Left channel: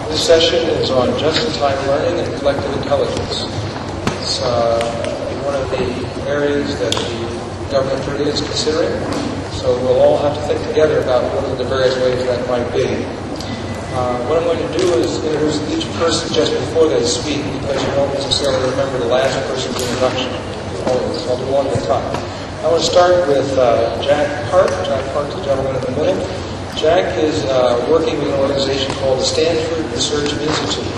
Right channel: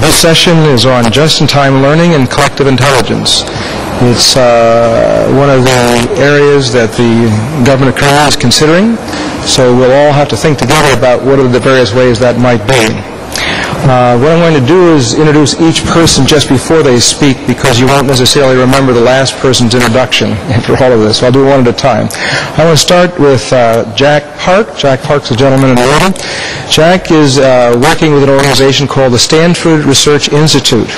This session is on just-in-time learning and collective intelligence. It's one of the areas that the government of Korea is considering, so we'll all have to think together about what are the various ways that might be. What I'm going to do is introduce each person just before they speak, because you won't necessarily remember the last person's introduction after all of this, so I'll do one at a time. I want to start with Jack Park. Jack Park's a gentleman in the middle. Jack is working with an organization called the Stanford Research Institute.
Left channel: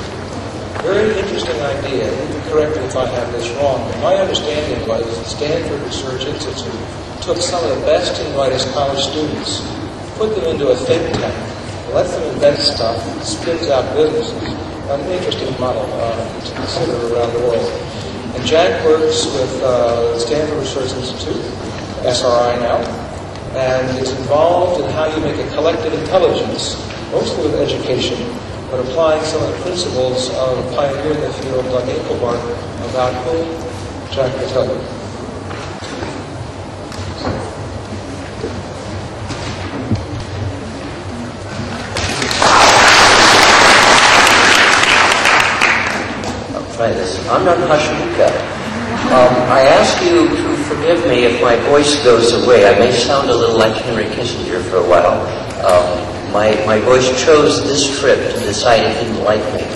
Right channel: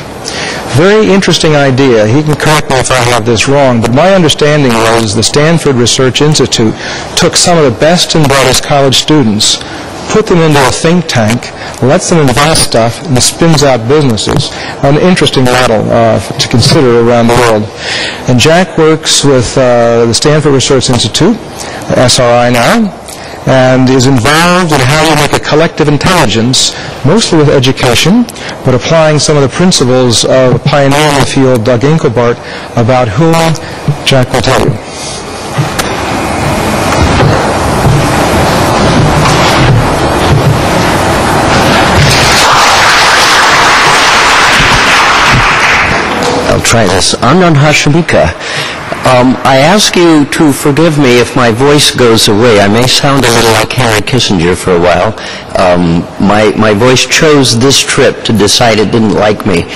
Very interesting idea. He can correct me if I have this wrong, but my understanding was the Stanford Research Institute took some of the best and brightest college students, put them into a think tank, lets them invest stuff, and spins out businesses. An interesting model to consider around the world. And Jack works with the Stanford Research Institute, SRI now, and is involved in how you make a collective intelligence, mostly with education, but applying some of the principles of a pioneer in the field, Doug Engelbart, about whom Jack will tell you. Try this. Anand Hashimika. I ask you to forgive me if my voice goes away. I may sound a little like Henry Kissinger for a while. My voice chose this trip to decide it didn't like me.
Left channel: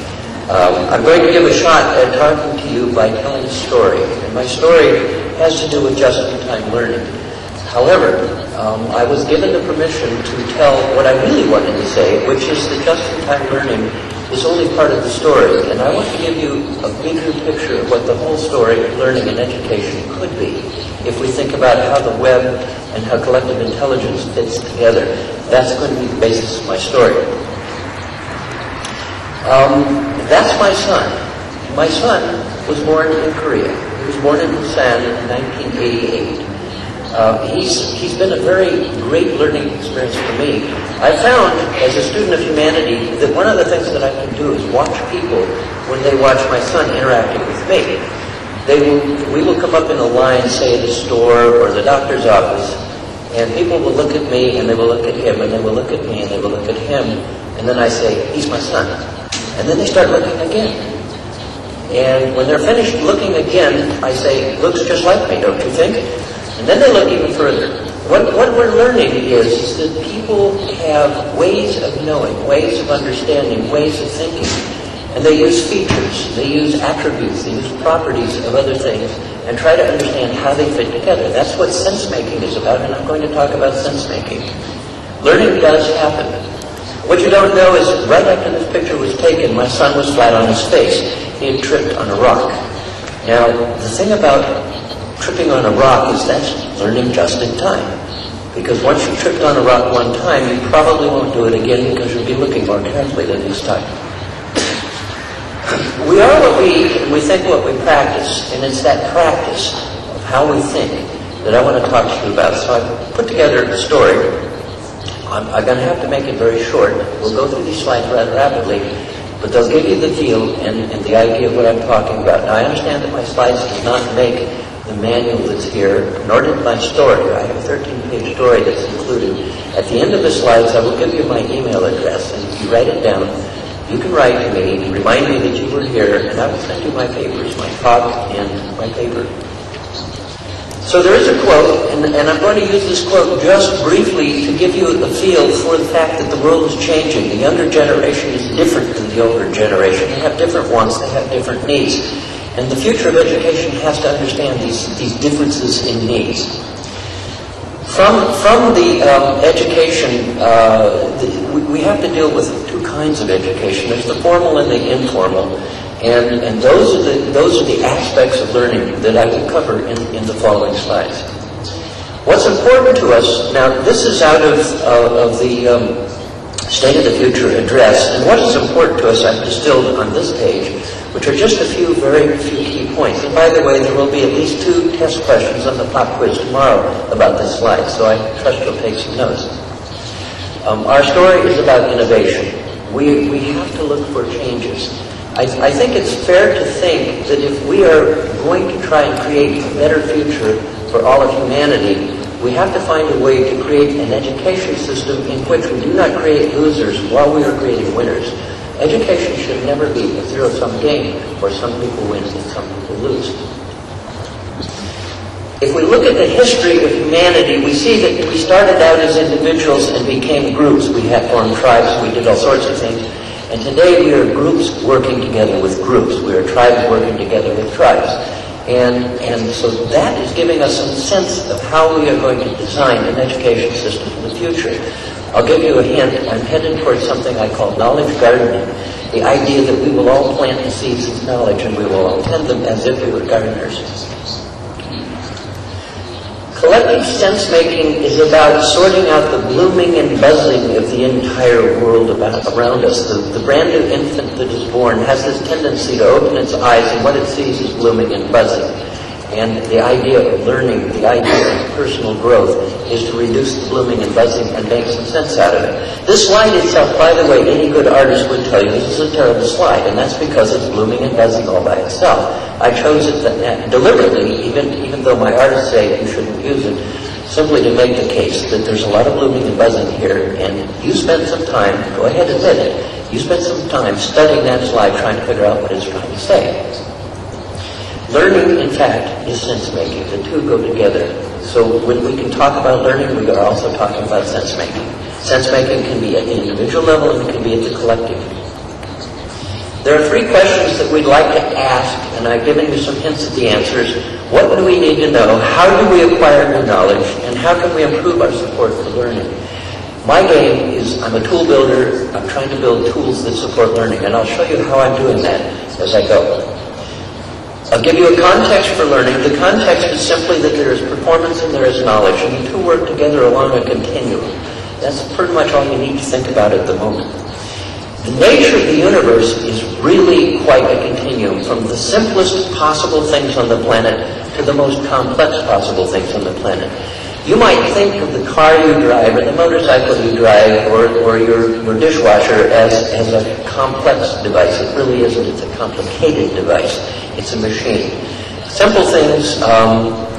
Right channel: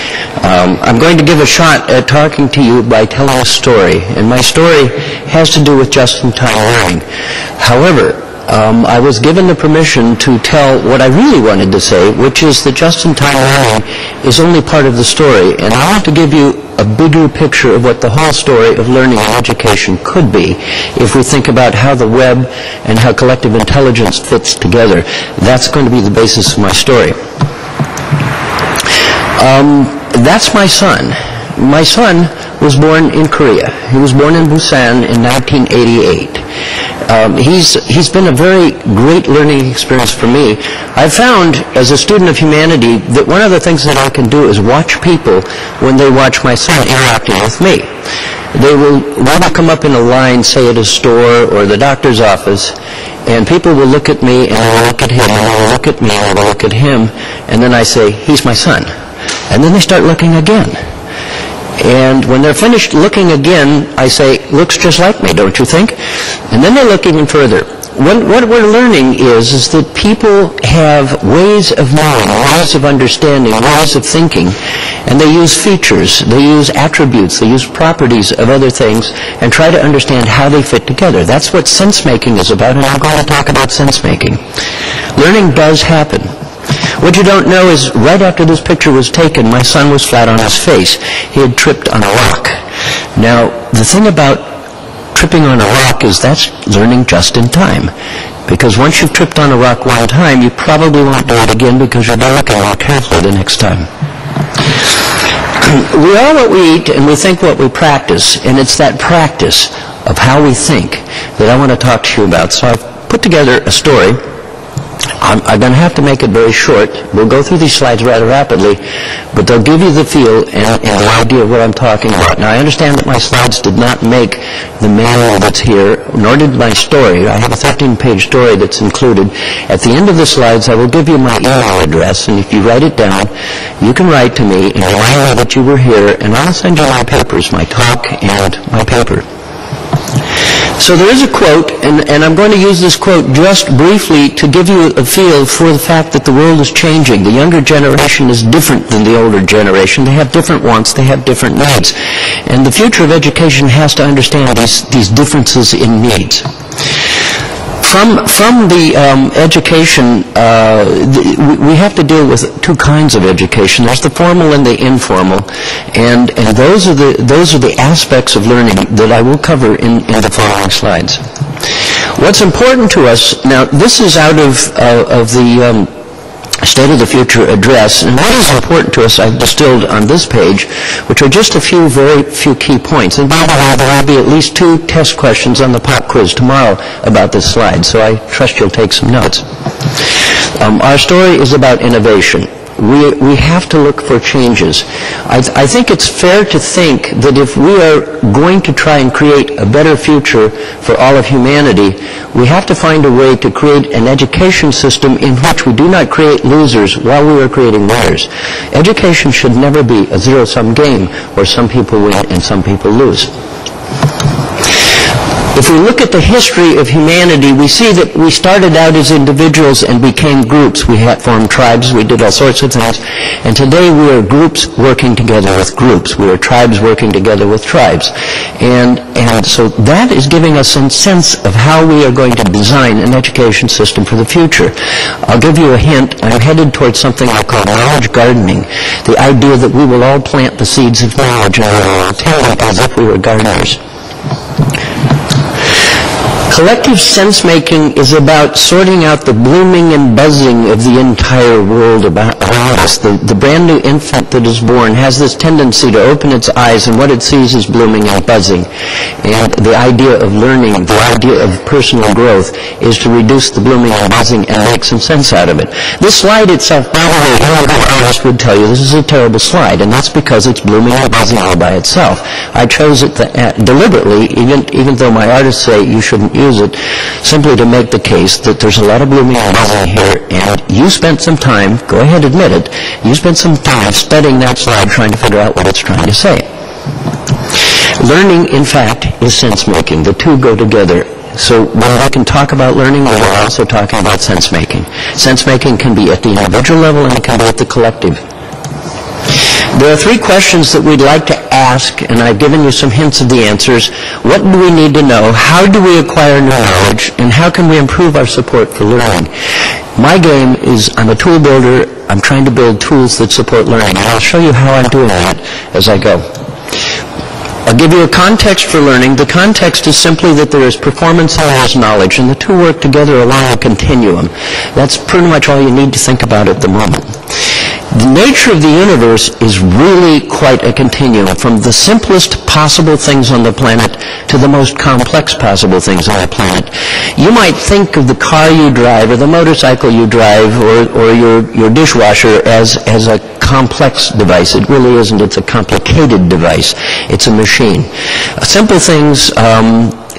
I'm going to give a shot at talking to you by telling a story, and my story has to do with just-in-time learning. However, I was given the permission to tell what I really wanted to say, which is that just-in-time learning is only part of the story, and I want to give you a bigger picture of what the whole story of learning and education could be if we think about how the web and how collective intelligence fits together. That's going to be the basis of my story. That's my son. My son was born in Korea. He was born in Busan in 1988. He's been a very great learning experience for me. I found, as a student of humanity, that one of the things that I can do is watch people when they watch my son interacting with me. We will come up in a line, say at a store or the doctor's office, and people will look at me and I will look at him, and I will look at me and I will look at him, and then I say, he's my son. And then they start looking again. And when they're finished looking again, I say, looks just like me, don't you think? And then they look even further. What we're learning is that people have ways of knowing, ways of understanding, ways of thinking, and they use features, they use attributes, they use properties of other things, and try to understand how they fit together. That's what sense-making is about, and I'm going to talk about sense-making. Learning does happen. What you don't know is, right after this picture was taken, my son was flat on his face. He had tripped on a rock. Now, the thing about tripping on a rock is that's learning just in time. Because once you've tripped on a rock one time, you probably won't do it again because you'll be looking more carefully the next time. We are what we eat and we think what we practice, and it's that practice of how we think that I want to talk to you about. So I've put together a story. I'm going to have to make it very short. We'll go through these slides rather rapidly, but they'll give you the feel and the idea of what I'm talking about. Now, I understand that my slides did not make the manual that's here, nor did my story. I have a 13-page story that's included. At the end of the slides, I will give you my email address, and if you write it down, you can write to me and remind me that you were here, and I'll send you my papers, my talk and my paper. So there is a quote, and I'm going to use this quote just briefly to give you a feel for the fact that the world is changing. The younger generation is different than the older generation. They have different wants, they have different needs. And the future of education has to understand these differences in needs. From the education, we have to deal with two kinds of education. There's the formal and the informal, and those are the aspects of learning that I will cover in the following slides. What's important to us now? This is out of the State of the Future address, and what is important to us I've distilled on this page, which are just very few key points. And by the way, there will be at least 2 test questions on the pop quiz tomorrow about this slide, so I trust you'll take some notes. Our story is about innovation. We have to look for changes. I think it's fair to think that if we are going to try and create a better future for all of humanity, we have to find a way to create an education system in which we do not create losers while we are creating winners. Education should never be a zero-sum game where some people win and some people lose. If we look at the history of humanity, we see that we started out as individuals and became groups. We had formed tribes, we did all sorts of things, and today we are groups working together with groups. We are tribes working together with tribes. And so that is giving us some sense of how we are going to design an education system for the future. I'll give you a hint. I'm headed towards something I call knowledge gardening, the idea that we will all plant the seeds of knowledge and we will all tend them as if we were gardeners. Collective sense-making is about sorting out the blooming and buzzing of the entire world around us. The brand new infant that is born has this tendency to open its eyes, and what it sees is blooming and buzzing. And the idea of learning, the idea of personal growth, is to reduce the blooming and buzzing and make some sense out of it. This slide itself, by the way, any good artist would tell you this is a terrible slide, and that's because it's blooming and buzzing all by itself. I chose it deliberately, even though my artists say you shouldn't use it, simply to make the case that there's a lot of blooming and buzzing here, and you spent some time, go ahead, admit it, you spent some time studying that slide trying to figure out what it's trying to say. Learning, in fact, is sense-making. The two go together. So when we can talk about learning, we're also talking about sense-making. Sense-making can be at the individual level and it can be at the collective. There are three questions that we'd like to ask, and I've given you some hints of the answers. What do we need to know? How do we acquire new knowledge? And how can we improve our support for learning? My game is I'm a tool builder. I'm trying to build tools that support learning, and I'll show you how I'm doing that as I go. I'll give you a context for learning. The context is simply that there is performance and there is knowledge, and the two work together along a continuum. That's pretty much all you need to think about at the moment. The nature of the universe is really quite a continuum, from the simplest possible things on the planet to the most complex possible things on the planet. You might think of the car you drive or the motorcycle you drive or your dishwasher as a complex device. It really isn't. It's a complicated device. It's a machine. Simple things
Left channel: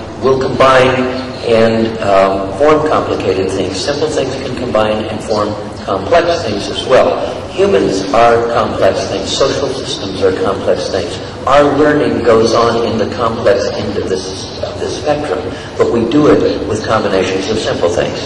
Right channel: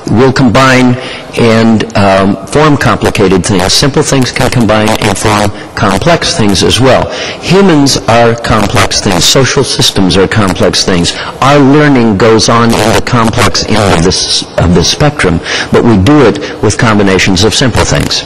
will combine and form complicated things. Simple things can combine and form complex things as well. Humans are complex things. Social systems are complex things. Our learning goes on in the complex end of the spectrum, but we do it with combinations of simple things.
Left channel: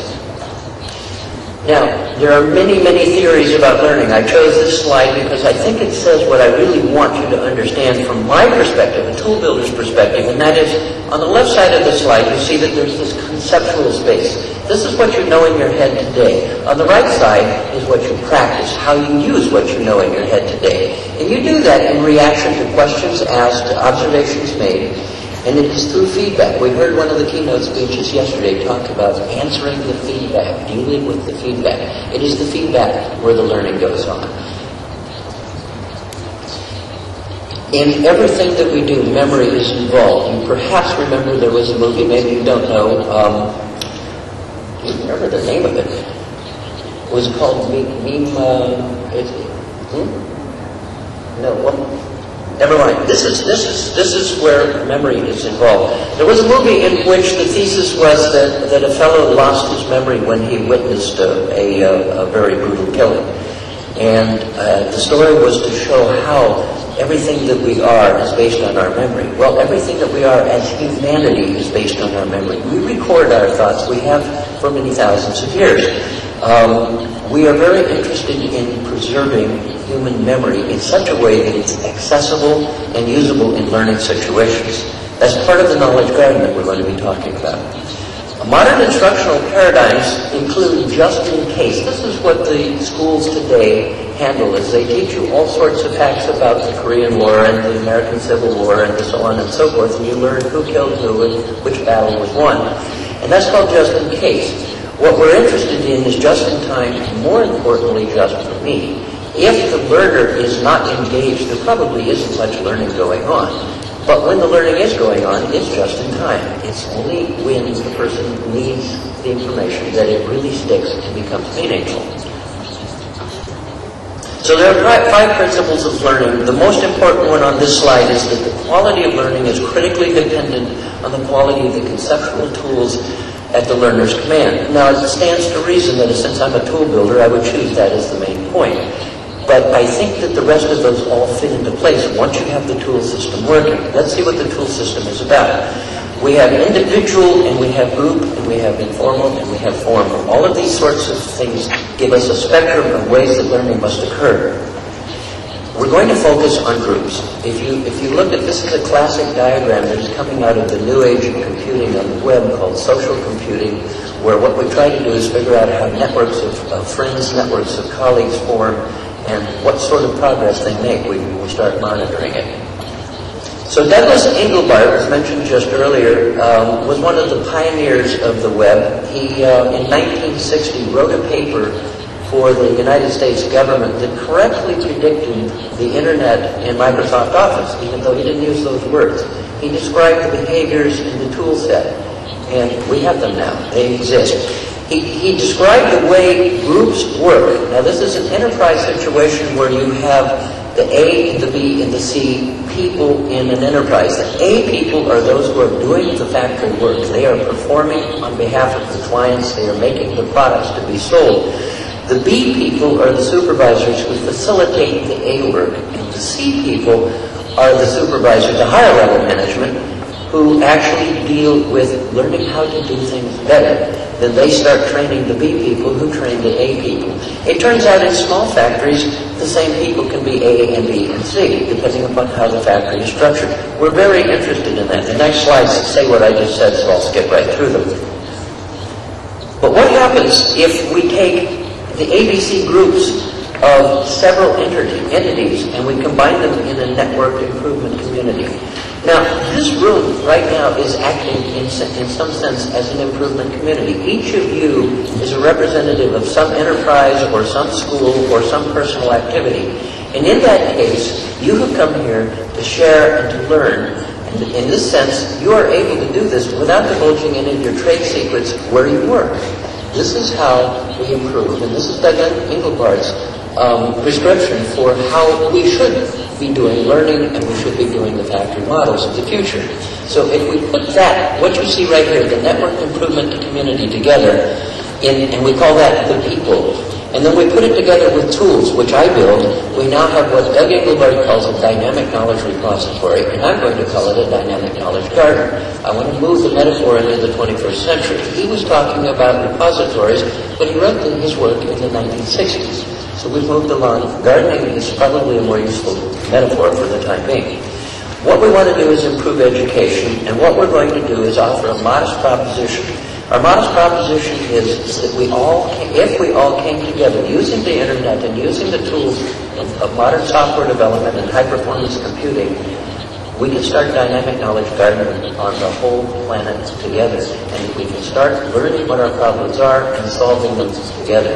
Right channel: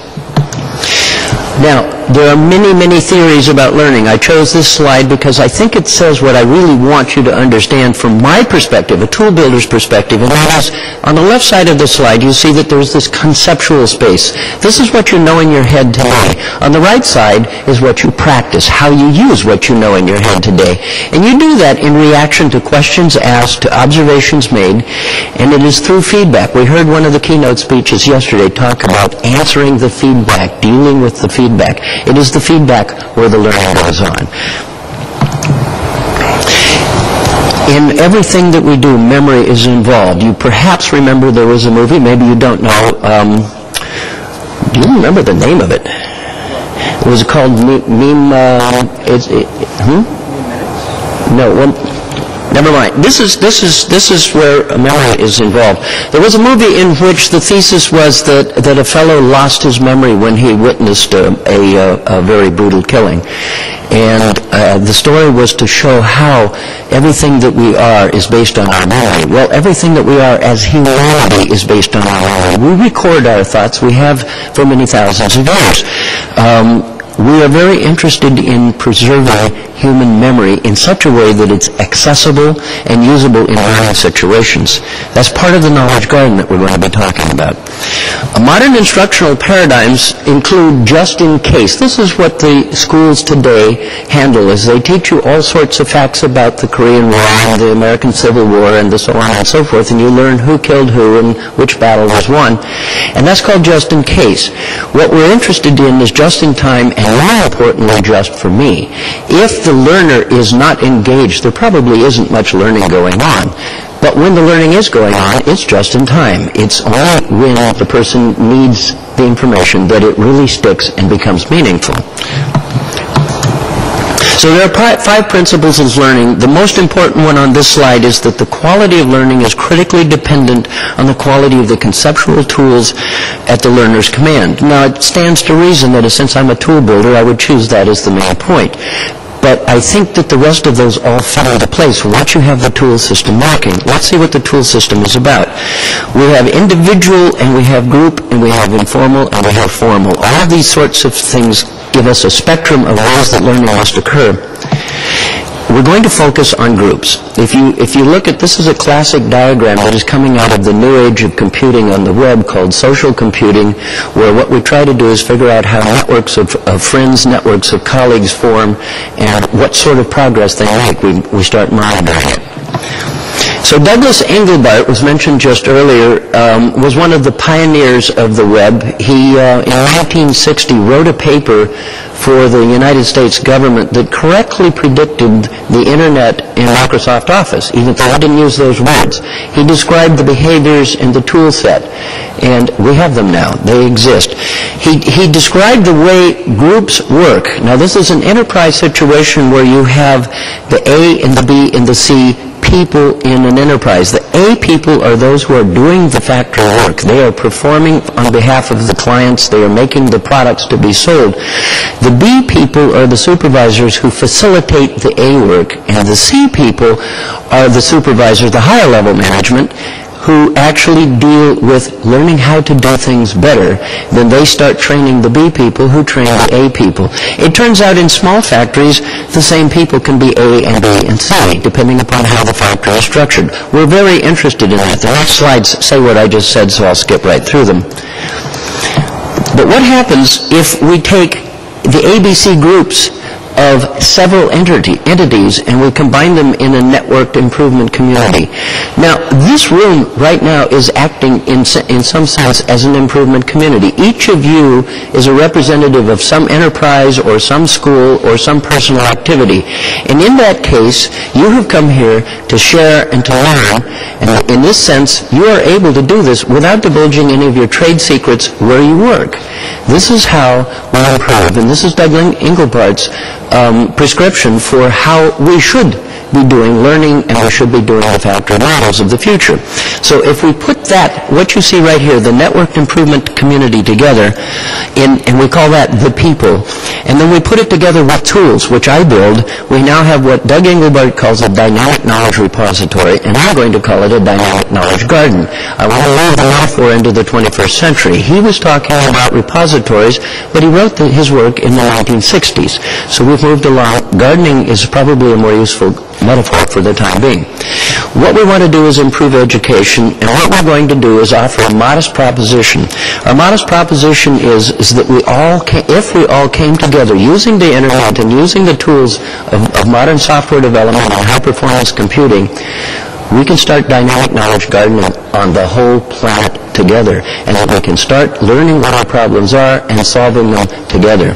Now, there are many, many theories about learning. I chose this slide because I think it says what I really want you to understand from my perspective, a tool builder's perspective, and that is, on the left side of the slide, you see that there's this conceptual space. This is what you know in your head today. On the right side is what you practice, how you use what you know in your head today. And you do that in reaction to questions asked, to observations made, and it is through feedback. We heard one of the keynote speeches yesterday talk about answering the feedback, dealing with the feedback. It is the feedback where the learning goes on. In everything that we do, memory is involved. You perhaps remember there was a movie, maybe you don't know. Do you remember the name of it? It was called No, well, never mind. This is where memory is involved. There was a movie in which the thesis was that a fellow lost his memory when he witnessed a very brutal killing. And the story was to show how everything that we are is based on our memory. Well, everything that we are as humanity is based on our memory. We record our thoughts. We have for many thousands of years. We are very interested in preserving human memory in such a way that it's accessible and usable in learning situations. That's part of the knowledge garden that we're going to be talking about. Modern instructional paradigms include just in case. This is what the schools today handle, is they teach you all sorts of facts about the Korean War and the American Civil War and so on and so forth, and you learn who killed who and which battle was won. And that's called just in case. What we're interested in is just in time, and more importantly, just for me. If the learner is not engaged, there probably isn't much learning going on. But when the learning is going on, it's just in time. It's only when the person needs the information that it really sticks and becomes meaningful. So there are 5 principles of learning. The most important one on this slide is that the quality of learning is critically dependent on the quality of the conceptual tools at the learner's command. Now, it stands to reason that since I'm a tool builder, I would choose that as the main point. But I think that the rest of those all fit into place once you have the tool system working. Let's see what the tool system is about. We have individual, and we have group, and we have informal, and we have formal. All of these sorts of things give us a spectrum of ways that learning must occur. We're going to focus on groups. If you look at, this is a classic diagram that is coming out of the new age of computing on the web called social computing, where what we try to do is figure out how networks of friends, networks of colleagues form, and what sort of progress they make. We start monitoring it. So Douglas Engelbart was mentioned just earlier, was one of the pioneers of the web. He, in 1960, wrote a paper for the United States government that correctly predicted the Internet in Microsoft Office, even though he didn't use those words. He described the behaviors in the tool set, and we have them now. They exist. He described the way groups work. Now, this is an enterprise situation where you have the A and the B and the C people in an enterprise. The A people are those who are doing the factory work. They are performing on behalf of the clients. They are making the products to be sold. The B people are the supervisors who facilitate the A work, and the C people are the supervisors, the higher level management, who actually deal with learning how to do things better. Then they start training the B people who train the A people. It turns out in small factories, the same people can be A and B and C, depending upon how the factory is structured. We're very interested in that. The next slides say what I just said, so I'll skip right through them. But what happens if we take the ABC groups of several entities and we combine them in a networked improvement community? Now, this room right now is acting in some sense as an improvement community. Each of you is a representative of some enterprise or some school or some personal activity. And in that case, you have come here to share and to learn. And in this sense, you are able to do this without divulging any of your trade secrets where you work. This is how we improve. And this is Douglas Engelbart's prescription for how we should be doing learning, and we should be doing the factory models of the future. So if we put that, what you see right here, the networked improvement community together, and we call that the people, and then we put it together with tools, which I build, we now have what Doug Engelbart calls a dynamic knowledge repository, and I'm going to call it a dynamic knowledge garden. I want to move the metaphor into the 21st century. He was talking about repositories, but he wrote his work in the 1960s. So we've moved along. Gardening is probably a more useful metaphor for the time being. What we want to do is improve education, and what we're going to do is offer a modest proposition. Our modest proposition is that if we all came together using the internet and using the tools of modern software development and high-performance computing, we can start dynamic knowledge gardening on the whole planet together, and that we can start learning what our problems are and solving them together.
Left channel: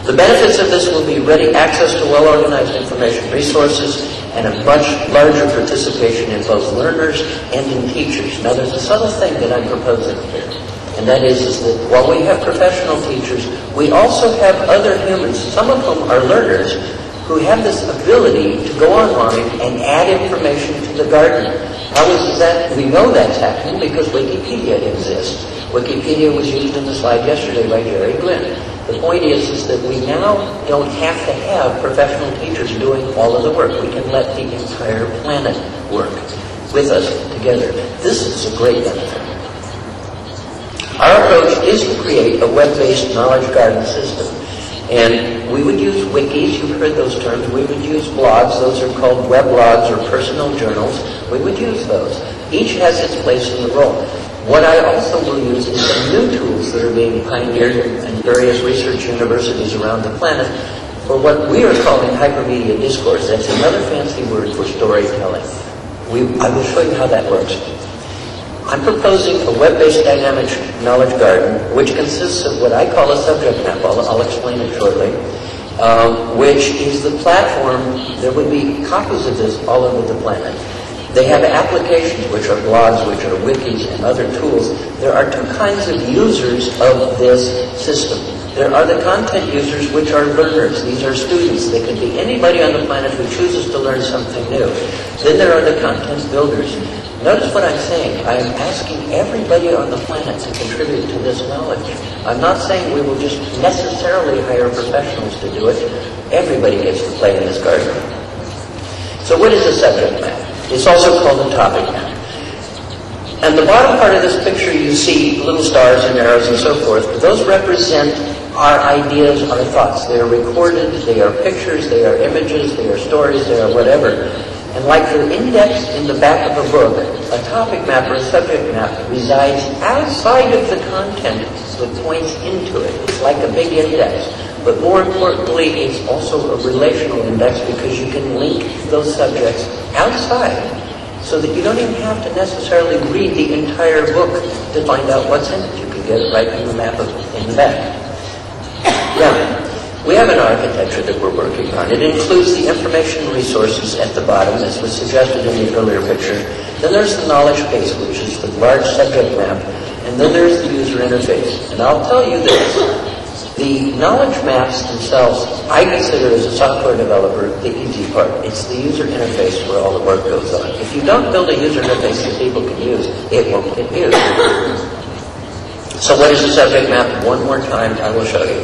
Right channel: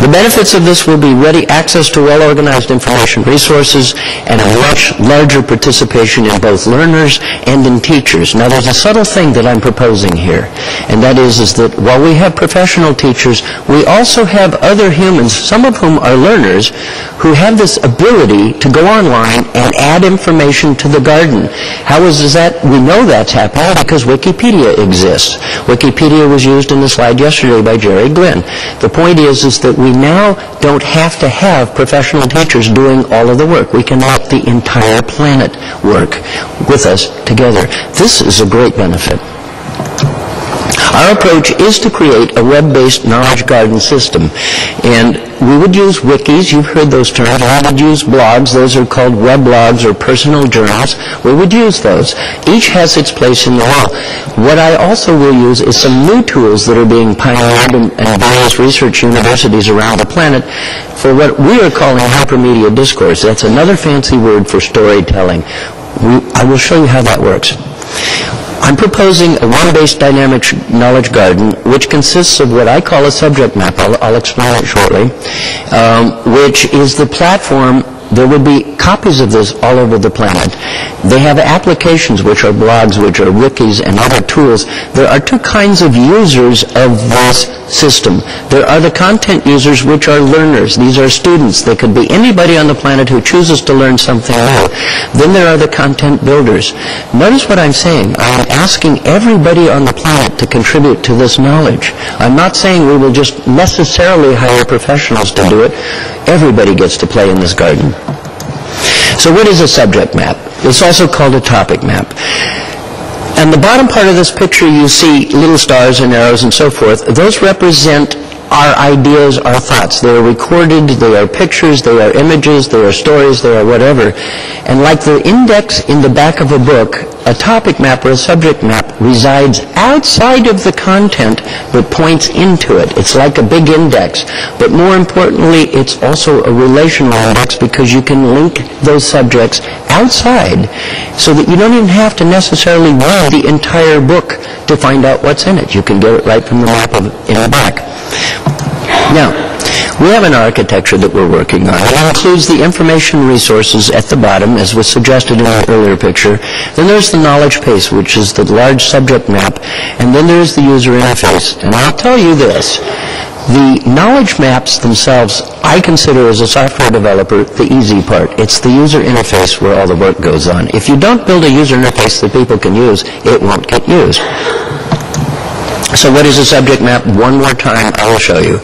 The benefits of this will be ready access to well-organized information resources and a much larger participation in both learners and in teachers. Now, there's a subtle thing that I'm proposing here, and that is that while we have professional teachers, we also have other humans, some of whom are learners, who have this ability to go online and add information to the garden. How is that? We know that's happening because Wikipedia exists. Wikipedia was used in the slide yesterday by Jerry Glenn. The point is that we now don't have to have professional teachers doing all of the work. We can let the entire planet work with us together. This is a great benefit. Our approach is to create a web-based knowledge garden system. And we would use wikis, you've heard those terms. We would use blogs, those are called weblogs or personal journals. We would use those. Each has its place in the world. What I also will use is some new tools that are being pioneered in various research universities around the planet for what we are calling hypermedia discourse. That's another fancy word for storytelling. I will show you how that works. I'm proposing a web-based dynamic knowledge garden, which consists of what I call a subject map. I'll explain it shortly, which is the platform There will be copies of this all over the planet. They have applications, which are blogs, which are wikis, and other tools. There are two kinds of users of this system. There are the content users, which are learners. These are students. They could be anybody on the planet who chooses to learn something new. Then there are the content builders. Notice what I'm saying. I'm asking everybody on the planet to contribute to this knowledge. I'm not saying we will just necessarily hire professionals to do it. Everybody gets to play in this garden. So what is a subject map? It's also called a topic map. And the bottom part of this picture, you see little stars and arrows and so forth. Those represent our ideas, our thoughts. They are recorded, they are pictures, they are images, they are stories, they are whatever. And like the index in the back of a book, a topic map or a subject map resides outside of the content but points into it. It's like a big index. But more importantly, it's also a relational index because you can link those subjects outside so that you don't even have to necessarily read the entire book to find out what's in it. You can get it right from the map in the back. Now, we have an architecture that we're working on. It includes the information resources at the bottom, as was suggested in the earlier picture. Then there's the knowledge base, which is the large subject map. And then there's the user interface. And I'll tell you this. The knowledge maps themselves, I consider as a software developer, the easy part. It's the user interface where all the work goes on. If you don't build a user interface that people can use, it won't get used. So what is a subject map? One more time, I will show you.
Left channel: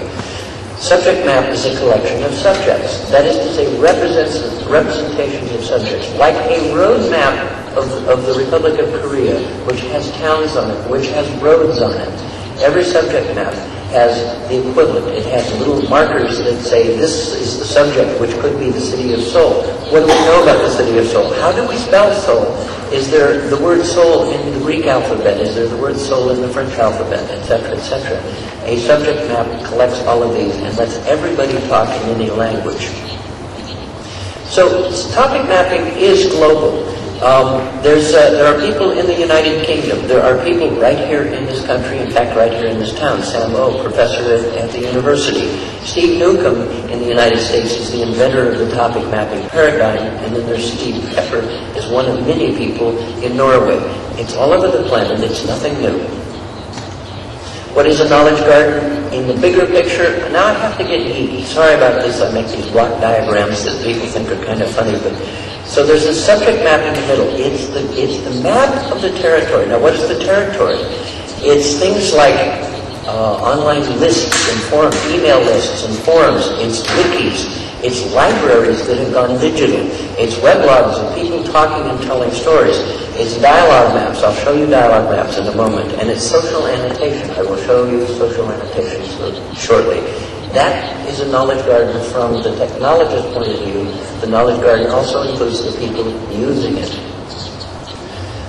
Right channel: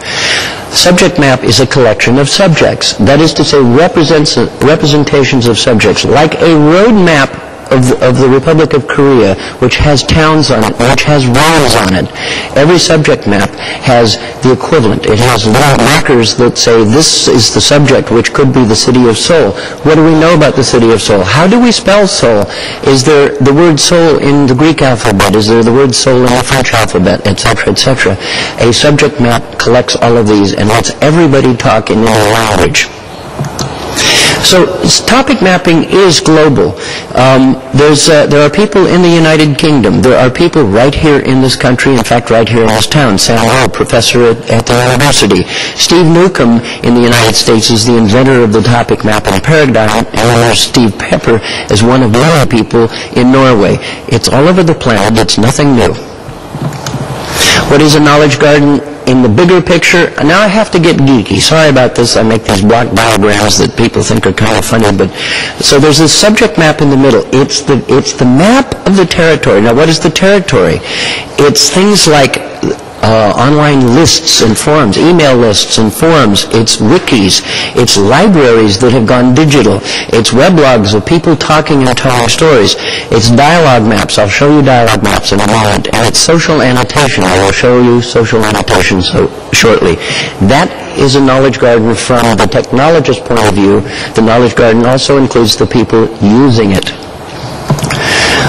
Subject map is a collection of subjects. That is to say, representations of subjects, like a road map of the Republic of Korea, which has towns on it, which has roads on it. Every subject map has the equivalent. It has little markers that say this is the subject, which could be the city of Seoul. What do we know about the city of Seoul? How do we spell Seoul? Is there the word Seoul in the Greek alphabet? Is there the word Seoul in the French alphabet, etc., etc.? A subject map collects all of these and lets everybody talk in their language. So topic mapping is global. There are people in the United Kingdom. There are people right here in this country, in fact, right here in this town. Sam Lowe, professor at the university. Steve Newcomb in the United States is the inventor of the topic mapping paradigm, and there's Steve Pepper as one of many people in Norway. It's all over the planet. It's nothing new. What is a knowledge garden? In the bigger picture, now I have to get geeky. Sorry about this. I make these block diagrams that people think are kind of funny. But so there's this subject map in the middle. It's the map of the territory. Now, what is the territory? It's things like online lists and forums, email lists and forums. It's wikis. It's libraries that have gone digital. It's weblogs of people talking and telling stories. It's dialogue maps. I'll show you dialogue maps in a moment. And it's social annotation. I will show you social annotation shortly. That is a knowledge garden from the technologist point of view. The knowledge garden also includes the people using it.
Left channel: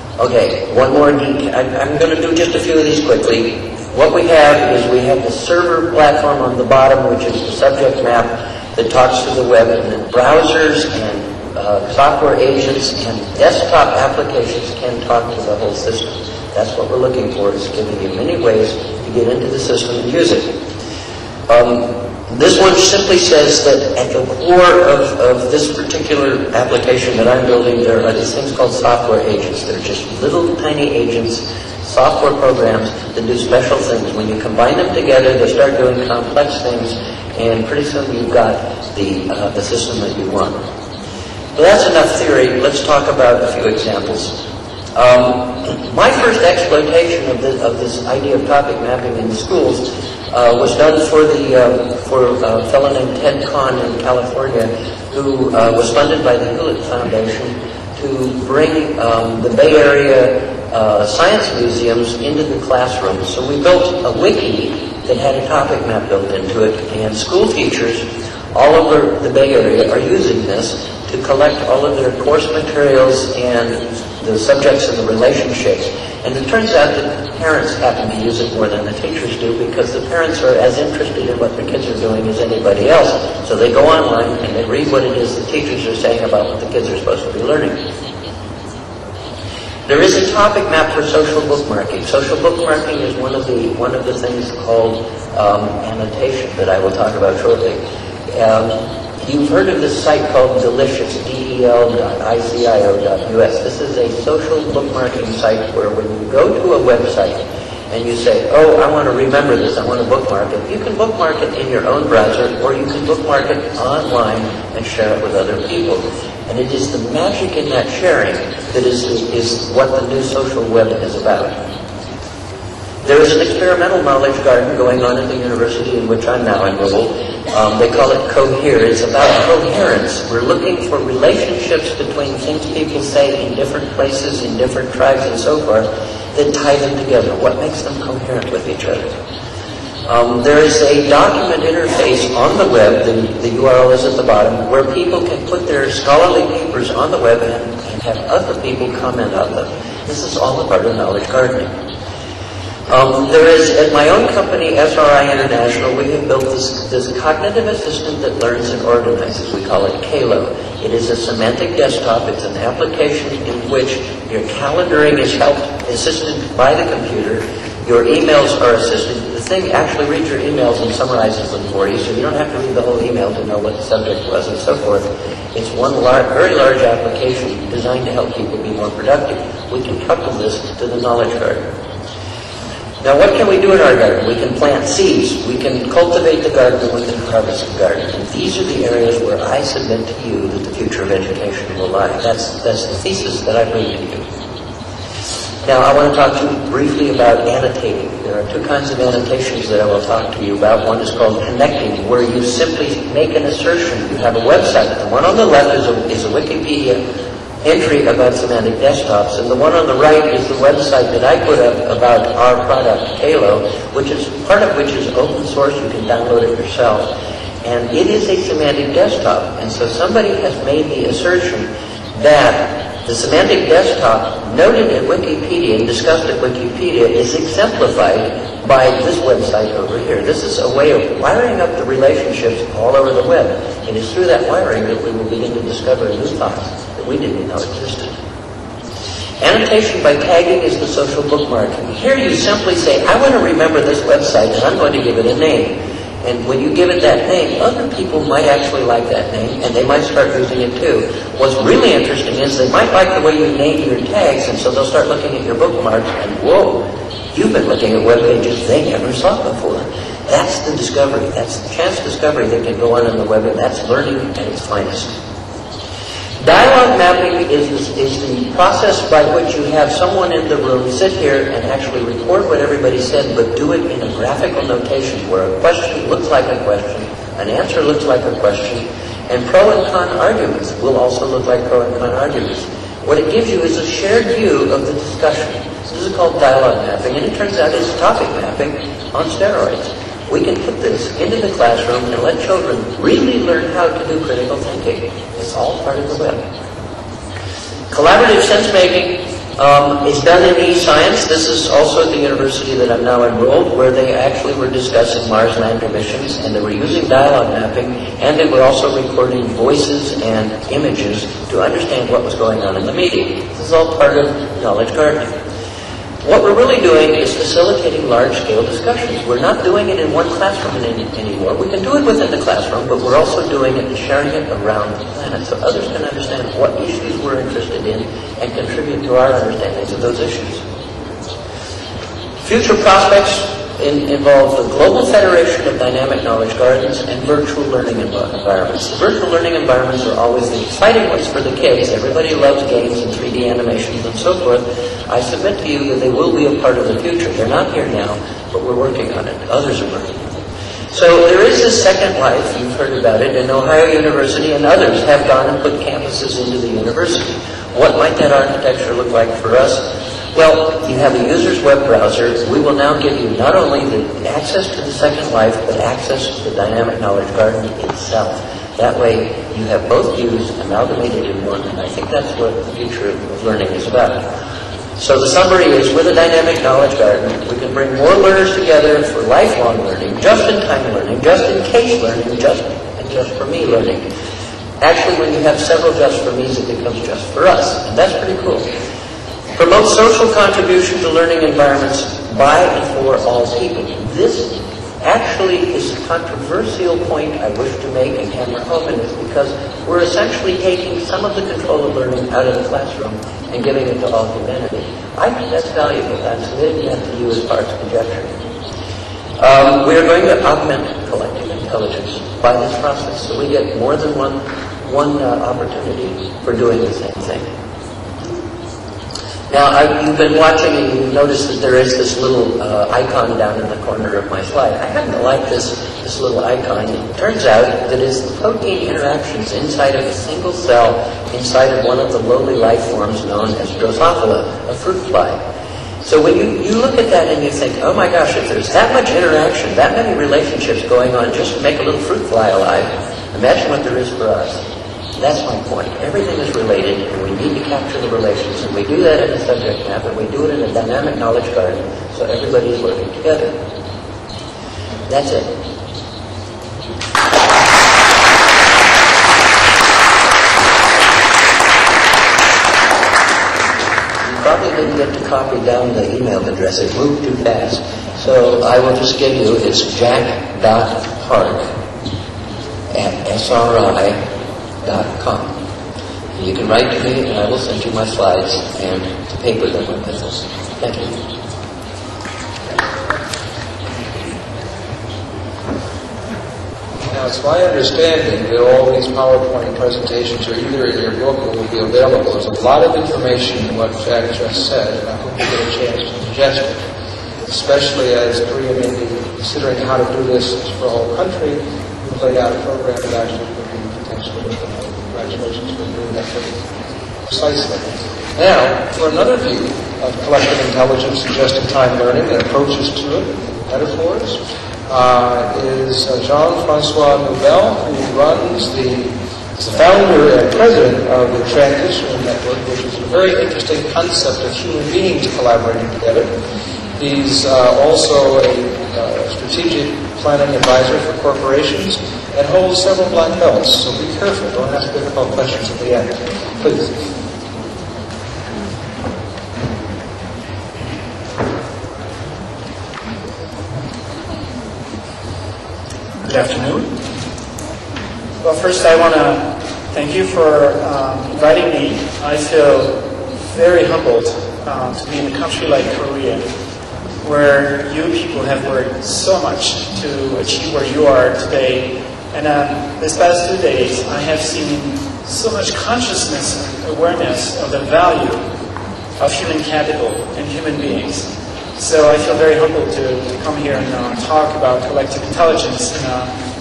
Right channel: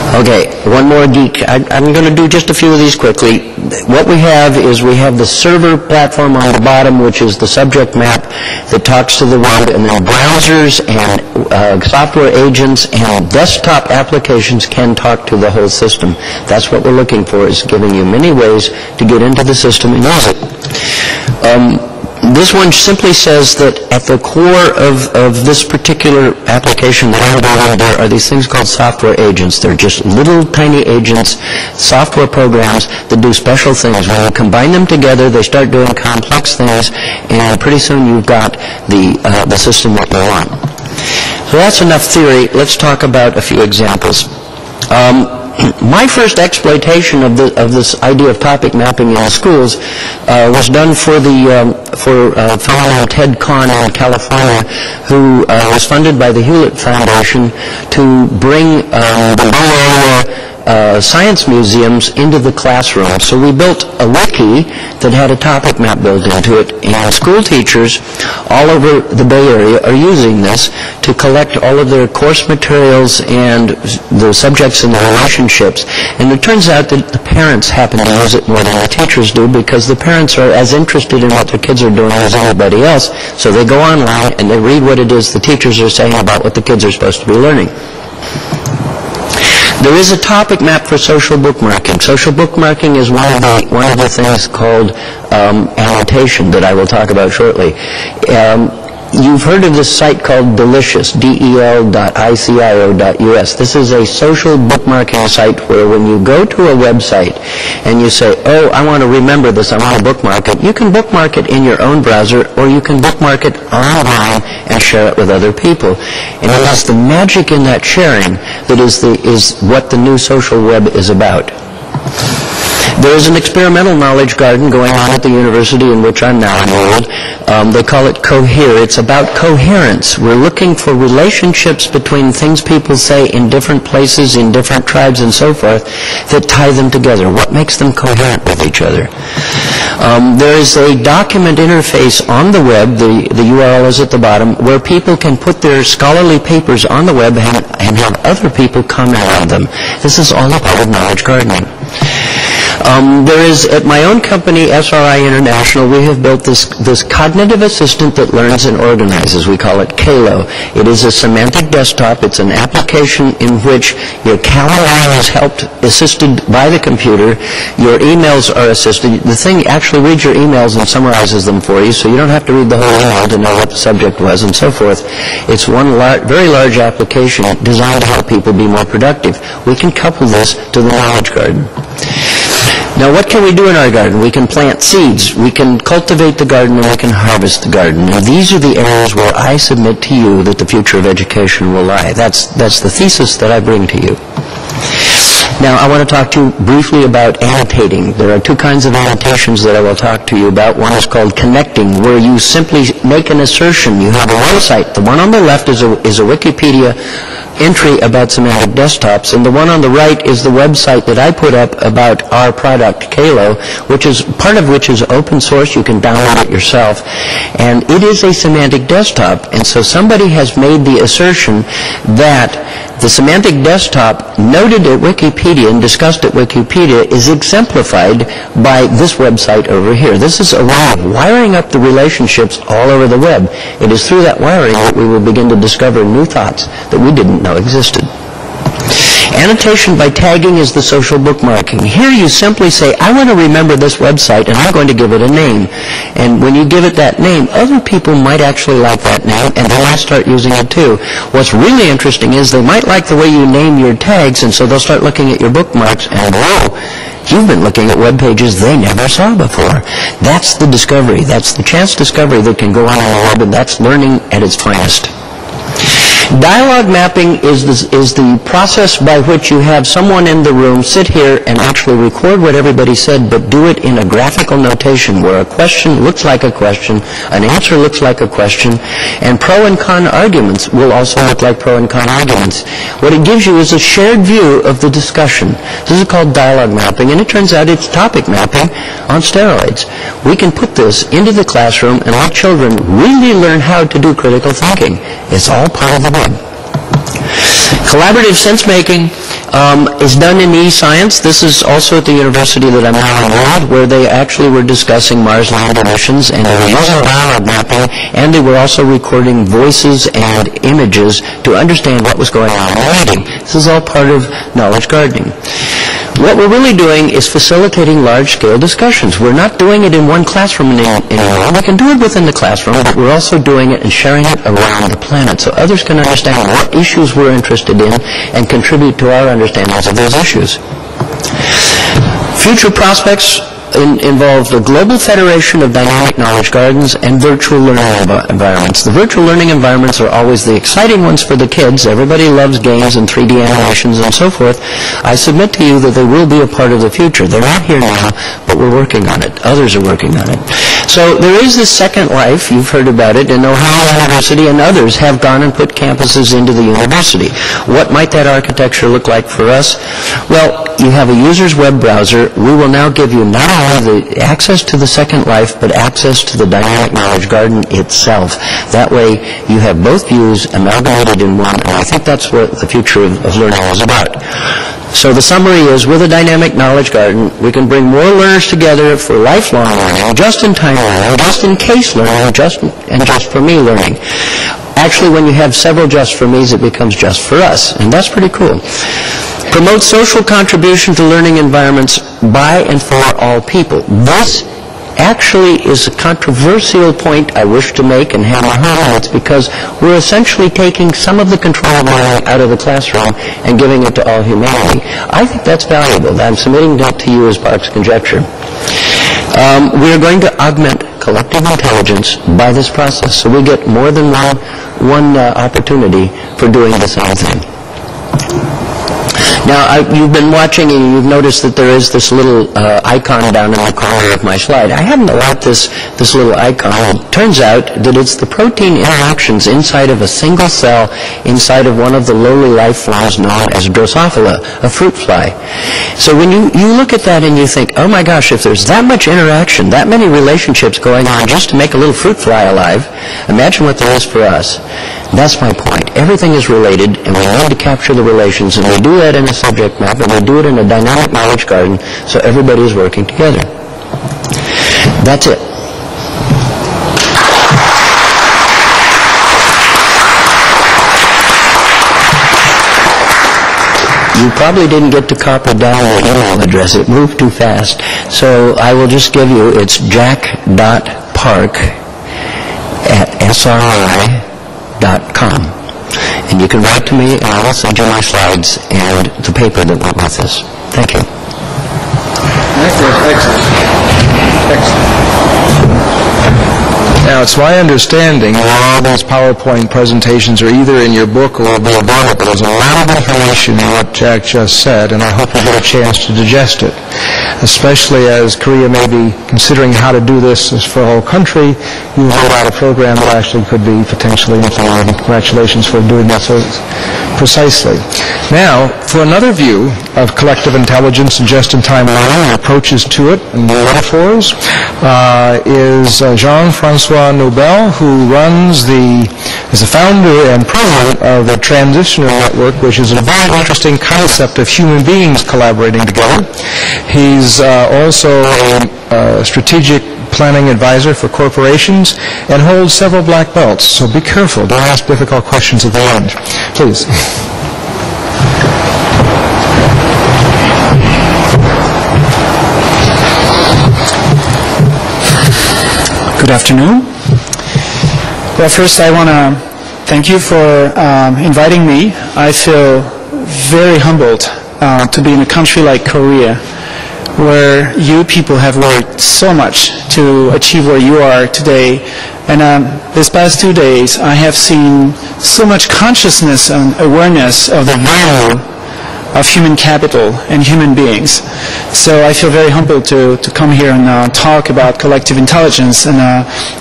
Okay, one more geek. I'm going to do just a few of these quickly. What we have is we have the server platform on the bottom, which is the subject map that talks to the web, and then browsers and software agents and desktop applications can talk to the whole system. That's what we're looking for, is giving you many ways to get into the system and use it. This one simply says that at the core of this particular application that I'm building, there are these things called software agents. They're just little tiny agents, software programs that do special things. When you combine them together, they start doing complex things, and pretty soon you've got the system that you want. So that's enough theory. Let's talk about a few examples. My first exploitation of this idea of topic mapping in schools was done for a fellow named Ted Kahn in California, who was funded by the Hewlett Foundation to bring the Bay Area science museums into the classroom. So we built a wiki that had a topic map built into it, and school teachers all over the Bay Area are using this to collect all of their course materials and the subjects and the relationships. And it turns out that the parents happen to use it more than the teachers do, because the parents are as interested in what their kids are doing as anybody else. So they go online and they read what it is the teachers are saying about what the kids are supposed to be learning. There is a topic map for social bookmarking. Social bookmarking is one of the things called annotation that I will talk about shortly. You've heard of this site called Delicious, del.icio.us. This is a social bookmarking site where when you go to a website and you say, oh, I want to remember this, I want to bookmark it, you can bookmark it in your own browser or you can bookmark it online and share it with other people. And it is the magic in that sharing that is what the new social web is about. There is an experimental knowledge garden going on at the university in which I'm now enrolled. They call it Cohere. It's about coherence. We're looking for relationships between things people say in different places, in different tribes, and so forth, that tie them together. What makes them coherent with each other? There is a document interface on the web, the URL is at the bottom, where people can put their scholarly papers on the web and have other people comment on them. This is all a part of knowledge gardening. There is, at my own company, SRI International, we have built this cognitive assistant that learns and organizes. We call it Kalo. It is a semantic desktop. It's an application in which your calendar is assisted by the computer. Your emails are assisted. The thing actually reads your emails and summarizes them for you, so you don't have to read the whole email to know what the subject was and so forth. It's one very large application designed to help people be more productive. We can couple this to the knowledge garden. Now, what can we do in our garden? We can plant seeds, we can cultivate the garden, and we can harvest the garden. And these are the areas where I submit to you that the future of education will lie. That's the thesis that I bring to you. Now, I want to talk to you briefly about annotating. There are two kinds of annotations that I will talk to you about. One is called connecting, where you simply make an assertion. You have a website. The one on the left is a Wikipedia entry about semantic desktops, and the one on the right is the website that I put up about our product, Kalo, which is part of which is open source. You can download it yourself, and it is a semantic desktop. And so somebody has made the assertion that the semantic desktop noted at Wikipedia and discussed at Wikipedia is exemplified by this website over here. This is a way of wiring up the relationships all over the web. It is through that wiring that we will begin to discover new thoughts that we didn't know existed. Annotation by tagging is the social bookmarking. Here you simply say, I want to remember this website and I'm going to give it a name. And when you give it that name, other people might actually like that name and they might start using it too. What's really interesting is they might like the way you name your tags, and so they'll start looking at your bookmarks and, whoa, you've been looking at web pages they never saw before. That's the discovery. That's the chance discovery that can go on the web, and that's learning at its finest. Dialogue mapping is the process by which you have someone in the room sit here and actually record what everybody said, but do it in a graphical notation where a question looks like a question, an answer looks like a question, and pro and con arguments will also look like pro and con arguments. What it gives you is a shared view of the discussion. This is called dialogue mapping, and it turns out it's topic mapping on steroids. We can put this into the classroom and let children really learn how to do critical thinking. It's all part of the web. Collaborative sense-making is done in e-science. This is also at the university that I'm now enrolled, where they actually were discussing Mars land emissions, and they were using dialogue mapping, and they were also recording voices and images to understand what was going on in the meeting. This is all part of knowledge gardening. What we're really doing is facilitating large-scale discussions. We're not doing it in one classroom anymore. We can do it within the classroom, but we're also doing it and sharing it around the planet so others can understand what issues we're interested in and contribute to our understandings of those issues. Future prospects involve the Global Federation of Dynamic Knowledge Gardens and virtual learning environments. The virtual learning environments are always the exciting ones for the kids. Everybody loves games and 3D animations and so forth. I submit to you that they will be a part of the future. They're not here now, but we're working on it. Others are working on it. So there is this Second Life. You've heard about it, and Ohio University and others have gone and put campuses into the university. What might that architecture look like for us? Well, you have a user's web browser. We will now give you not only the access to the Second Life, but access to the Dynamic Knowledge Garden itself. That way, you have both views amalgamated in one, and I think that's what the future of learning is about. So the summary is, with a Dynamic Knowledge Garden, we can bring more learners together for lifelong learning, just-in-time learning, just-in-case learning, just for me learning. Actually, when you have several just for me's, it becomes just for us, and that's pretty cool. Promote social contribution to learning environments by and for all people. This actually is a controversial point I wish to make and hammer home. It's because we're essentially taking some of the control of learning out of the classroom and giving it to all humanity. I think that's valuable. I'm submitting that to you as Bach's conjecture. We're going to augment collective intelligence by this process, so we get more than one opportunity for doing the same thing. Now, you've been watching and you've noticed that there is this little icon down in the corner of my slide. I happen to like this little icon. It turns out that it's the protein interactions inside of a single cell inside of one of the lowly life forms known as Drosophila, a fruit fly. So when you look at that and you think, oh my gosh, if there's that much interaction, that many relationships going on just to make a little fruit fly alive, imagine what there is for us. That's my point. Everything is related, and we need to capture the relations, and we do that in a subject map, and we do it in a dynamic knowledge garden, so everybody is working together. That's it. You probably didn't get to copy down the email address. It moved too fast. So I will just give you, it's jack.park@sri.com. And you can write to me, and I will send you my slides and the paper that went with this. Thank you. Excellent. Now, it's my understanding that all those PowerPoint presentations are either in your book or will be available. There's a lot of information in what Jack just said, and I hope you get a chance to digest it, especially as Korea may be considering how to do this for the whole country. You roll out a program that actually could be potentially implemented. Congratulations for doing that so precisely. Now, for another view of collective intelligence and just-in-time learning, and approaches to it, and new metaphors, is Jean-Francois Noubel, who is the founder and president of the Transitioner Network, which is a very interesting concept of human beings collaborating together. He's also a strategic planning advisor for corporations and holds several black belts, so be careful. Don't ask difficult questions at the end. Please. Good afternoon. Well, first I want to thank you for inviting me. I feel very humbled to be in a country like Korea, where you people have worked so much to achieve where you are today. And this past 2 days, I have seen so much consciousness and awareness of the value of human capital and human beings. So I feel very humbled to come here and talk about collective intelligence, and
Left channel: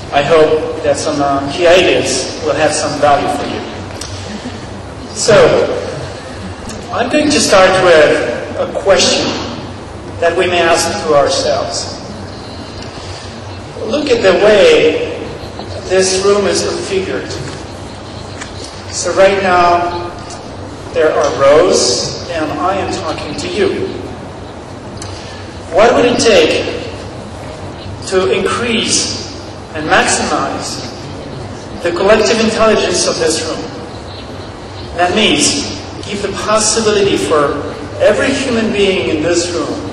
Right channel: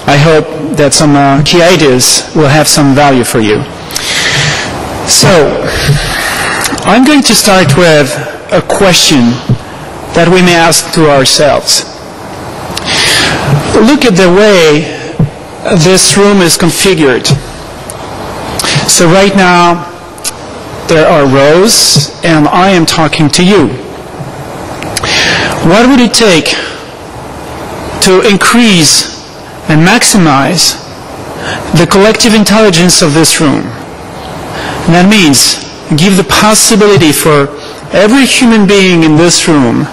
I hope that some key ideas will have some value for you. So I'm going to start with a question that we may ask to ourselves. Look at the way this room is configured. So right now, there are rows, and I am talking to you. What would it take to increase and maximize the collective intelligence of this room? And that means give the possibility for every human being in this room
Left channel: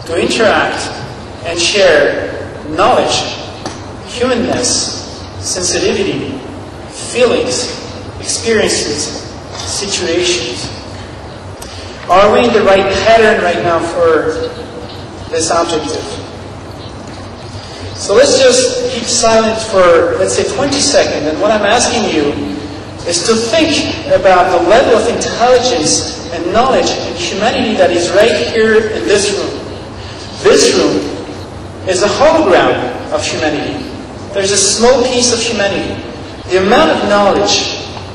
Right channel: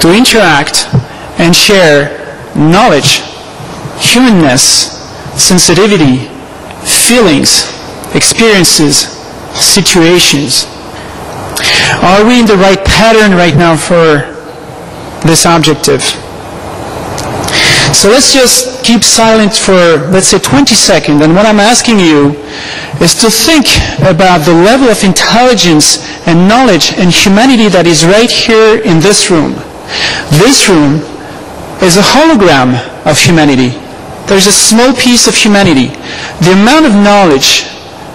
to interact and share knowledge, humanness, sensitivity, feelings, experiences, situations. Are we in the right pattern right now for this objective? So let's just keep silent for, let's say, 20 seconds. And what I'm asking you is to think about the level of intelligence and knowledge and humanity that is right here in this room. This room is a hologram of humanity. There's a small piece of humanity. The amount of knowledge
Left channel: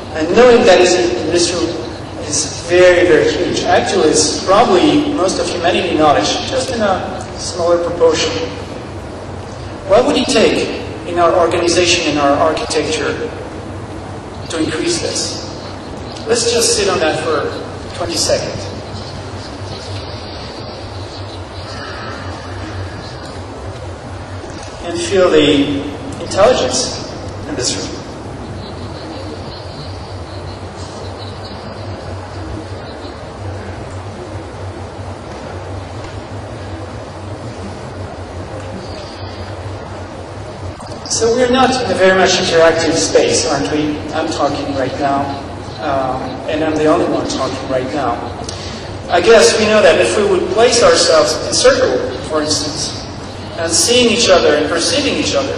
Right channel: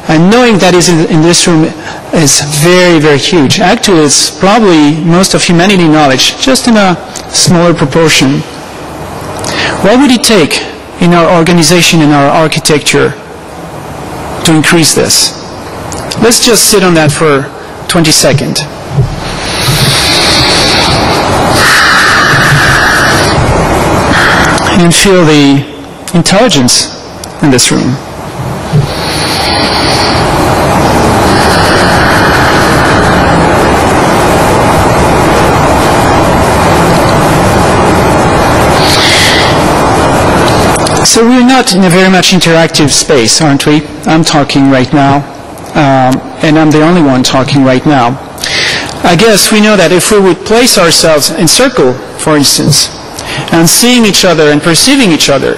and knowing that is in this room is very, very huge. Actually, it's probably most of humanity knowledge, just in a smaller proportion. What would it take in our organization, in our architecture, to increase this? Let's just sit on that for 20 seconds. And feel the intelligence in this room. So we're not in a very much interactive space, aren't we? I'm talking right now, and I'm the only one talking right now. I guess we know that if we would place ourselves in circle, for instance, and seeing each other and perceiving each other,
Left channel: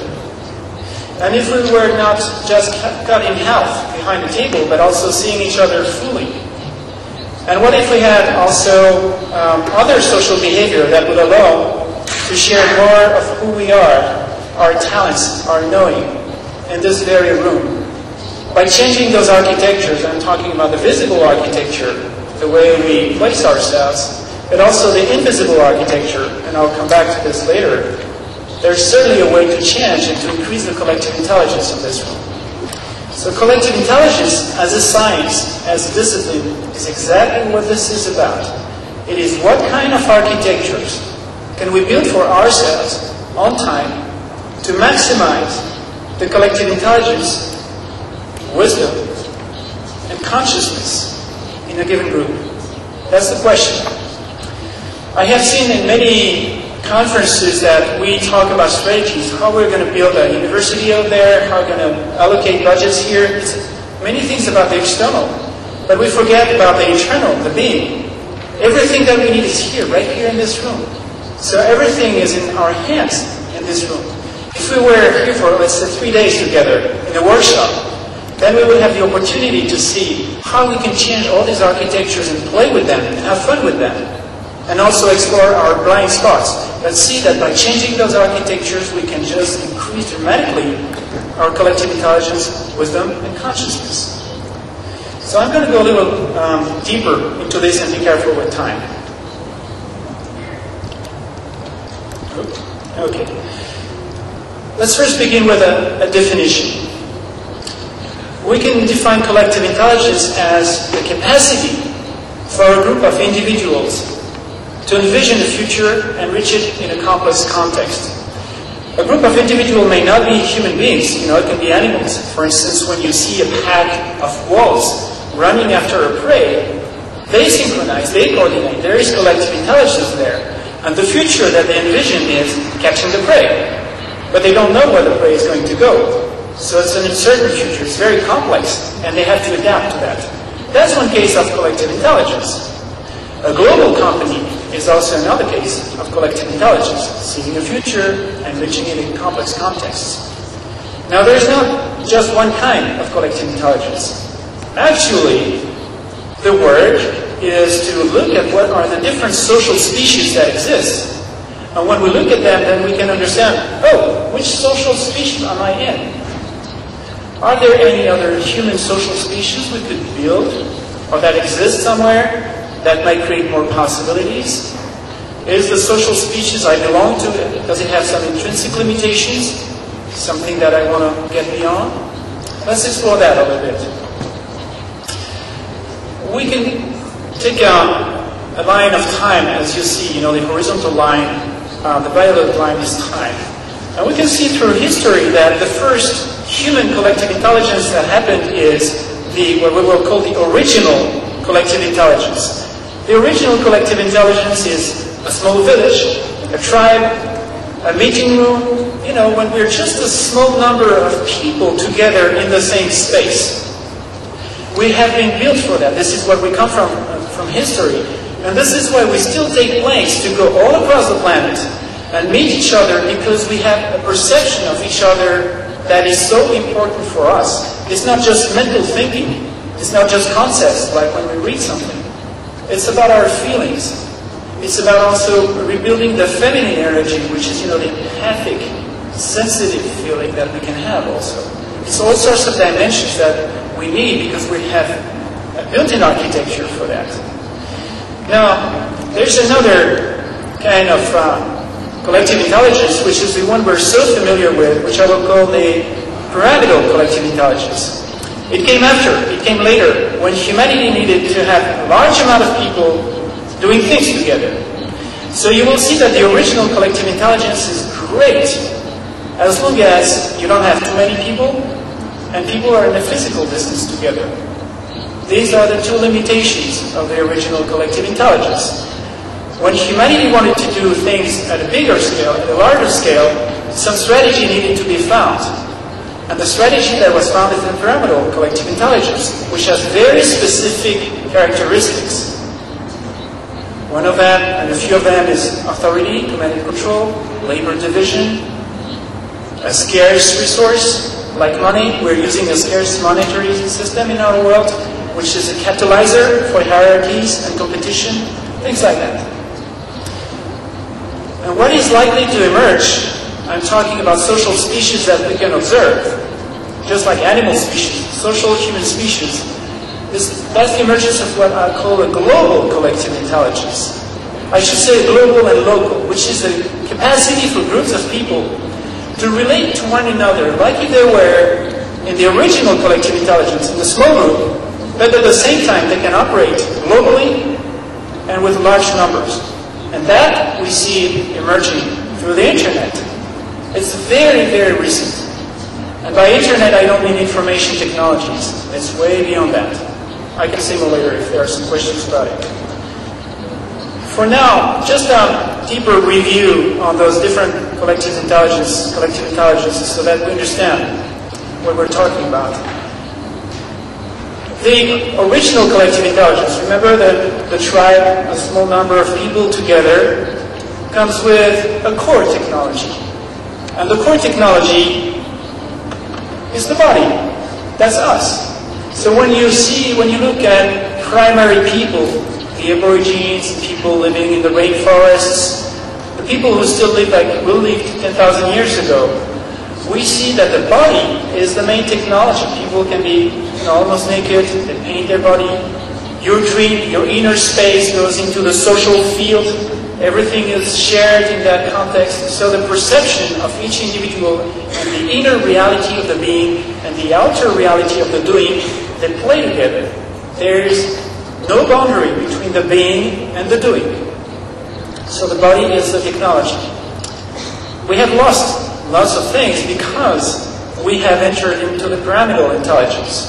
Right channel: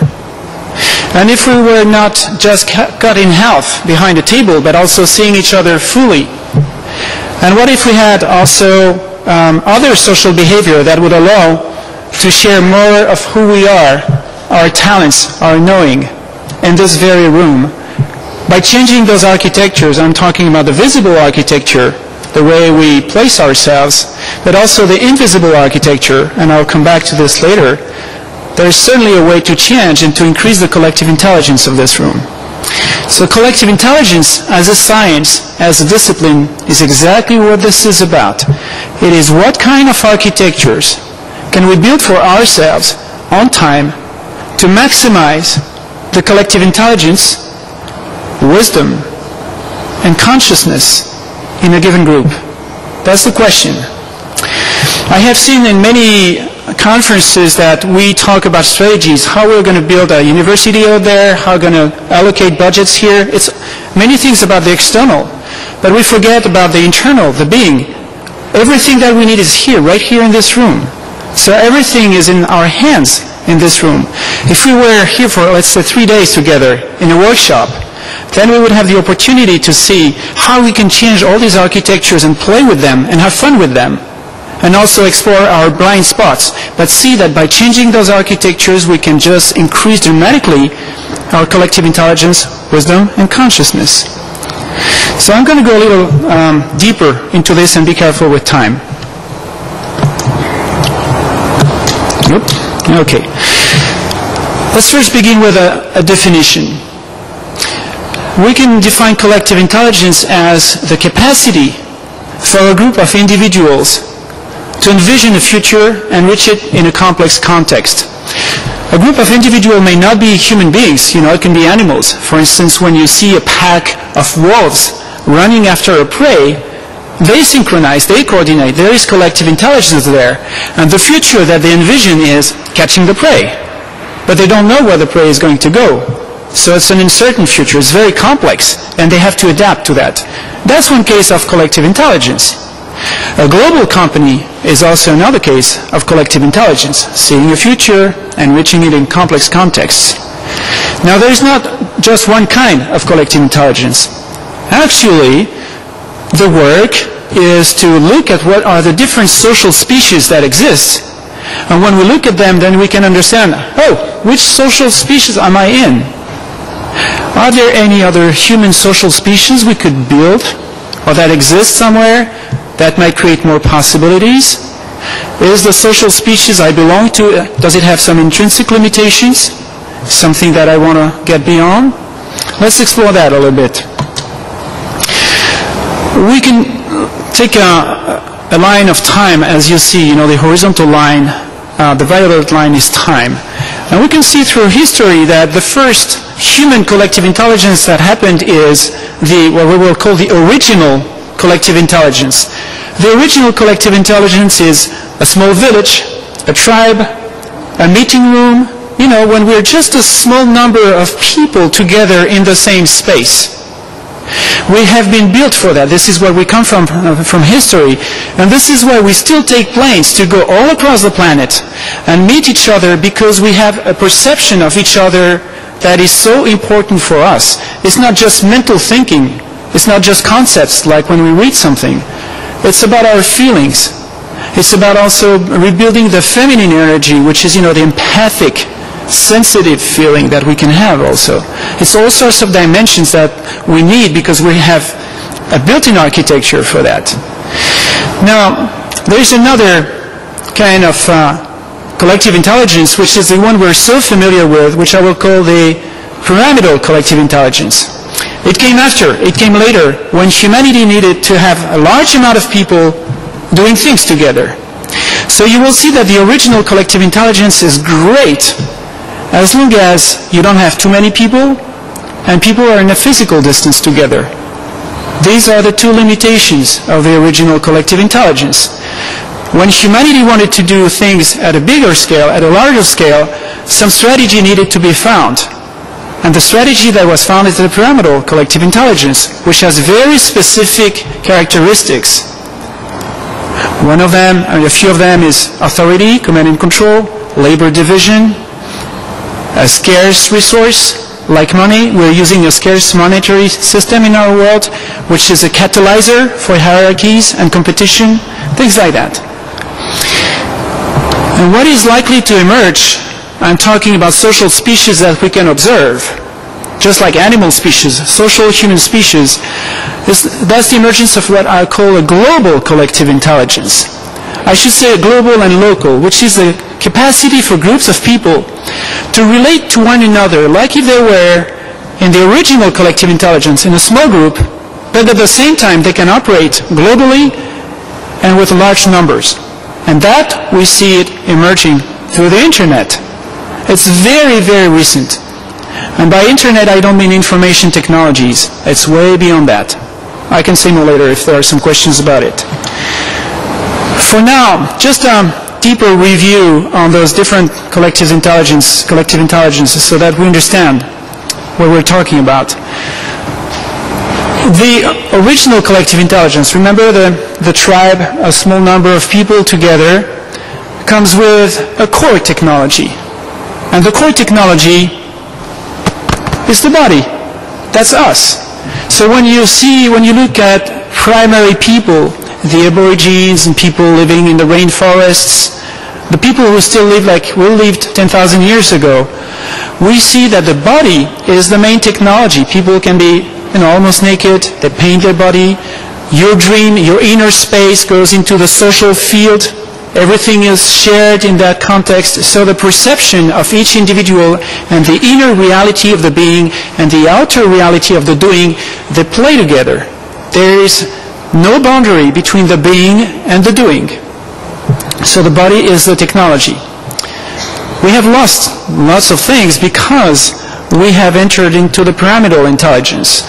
and if we were not just cut in half behind a table, but also seeing each other fully, and what if we had also other social behavior that would allow to share more of who we are, our talents, our knowing, in this very room? By changing those architectures, I'm talking about the visible architecture, the way we place ourselves, but also the invisible architecture, and I'll come back to this later. There's certainly a way to change and to increase the collective intelligence of this room. So collective intelligence as a science, as a discipline, is exactly what this is about. It is what kind of architectures can we build for ourselves on time to maximize the collective intelligence, wisdom, and consciousness in a given group? That's the question. I have seen in many conferences that we talk about strategies, how we're going to build a university out there, how we're going to allocate budgets here. It's many things about the external, but we forget about the internal, the being. Everything that we need is here, right here in this room. So everything is in our hands in this room. If we were here for, let's say, 3 days together in a workshop, then we would have the opportunity to see how we can change all these architectures and play with them and have fun with them, and also explore our blind spots. But see that by changing those architectures, we can just increase dramatically our collective intelligence, wisdom, and consciousness. So I'm going to go a little deeper into this, and be careful with time. Okay. Let's first begin with a definition. We can define collective intelligence as the capacity for a group of individuals to envision the future and reach it in a complex context. A group of individuals may not be human beings, it can be animals. For instance, when you see a pack of wolves running after a prey, they synchronize, they coordinate, there is collective intelligence there. And the future that they envision is catching the prey. But they don't know where the prey is going to go. So it's an uncertain future, it's very complex, and they have to adapt to that. That's one case of collective intelligence. A global company is also another case of collective intelligence, seeing a future and reaching it in complex contexts. Now, there is not just one kind of collective intelligence. Actually, the work is to look at what are the different social species that exist. And when we look at them, then we can understand, which social species am I in? Are there any other human social species we could build or that exist somewhere that might create more possibilities? Is the social species I belong to, does it have some intrinsic limitations? Something that I want to get beyond? Let's explore that a little bit. We can take a line of time, as you see, the horizontal line, the violet line is time. And we can see through history that the first human collective intelligence that happened is what we will call the original collective intelligence. The original collective intelligence is a small village, a tribe, a meeting room, when we're just a small number of people together in the same space. We have been built for that. This is where we come from history. And this is where we still take planes to go all across the planet and meet each other, because we have a perception of each other that is so important for us. It's not just mental thinking. It's not just concepts like when we read something. It's about our feelings. It's about also rebuilding the feminine energy, which is, the empathic, sensitive feeling that we can have also. It's all sorts of dimensions that we need, because we have a built-in architecture for that. Now, there's another kind of collective intelligence, which is the one we're so familiar with, which I will call the pyramidal collective intelligence. It came later, when humanity needed to have a large amount of people doing things together. So you will see that the original collective intelligence is great as long as you don't have too many people and people are in a physical distance together. These are the two limitations of the original collective intelligence. When humanity wanted to do things at a bigger scale, at a larger scale, some strategy needed to be found. And the strategy that was found is the pyramidal collective intelligence, which has very specific characteristics. One of them, and a few of them, is authority, command and control, labor division, a scarce resource like money. We're using a scarce monetary system in our world, which is a catalyzer for hierarchies and competition, things like that. And what is likely to emerge, I'm talking about social species that we can observe, just like animal species, social human species, that's the emergence of what I call a global collective intelligence. I should say global and local, which is the capacity for groups of people to relate to one another, like if they were in the original collective intelligence in a small group, but at the same time they can operate globally and with large numbers. And that, we see it emerging through the internet. It's very, very recent. And by internet, I don't mean information technologies. It's way beyond that. I can say more later if there are some questions about it. For now, just a deeper review on those different collective intelligences so that we understand what we're talking about. The original collective intelligence, remember the tribe, a small number of people together, comes with a core technology. And the core technology is the body. That's us. So when you look at primary people, the aborigines and people living in the rainforests, the people who still live like we lived 10,000 years ago, we see that the body is the main technology. People can be almost naked, they paint their body. Your dream, your inner space goes into the social field. Everything is shared in that context. So the perception of each individual and the inner reality of the being and the outer reality of the doing, they play together. There is no boundary between the being and the doing. So the body is the technology. We have lost lots of things because we have entered into the pyramidal intelligence.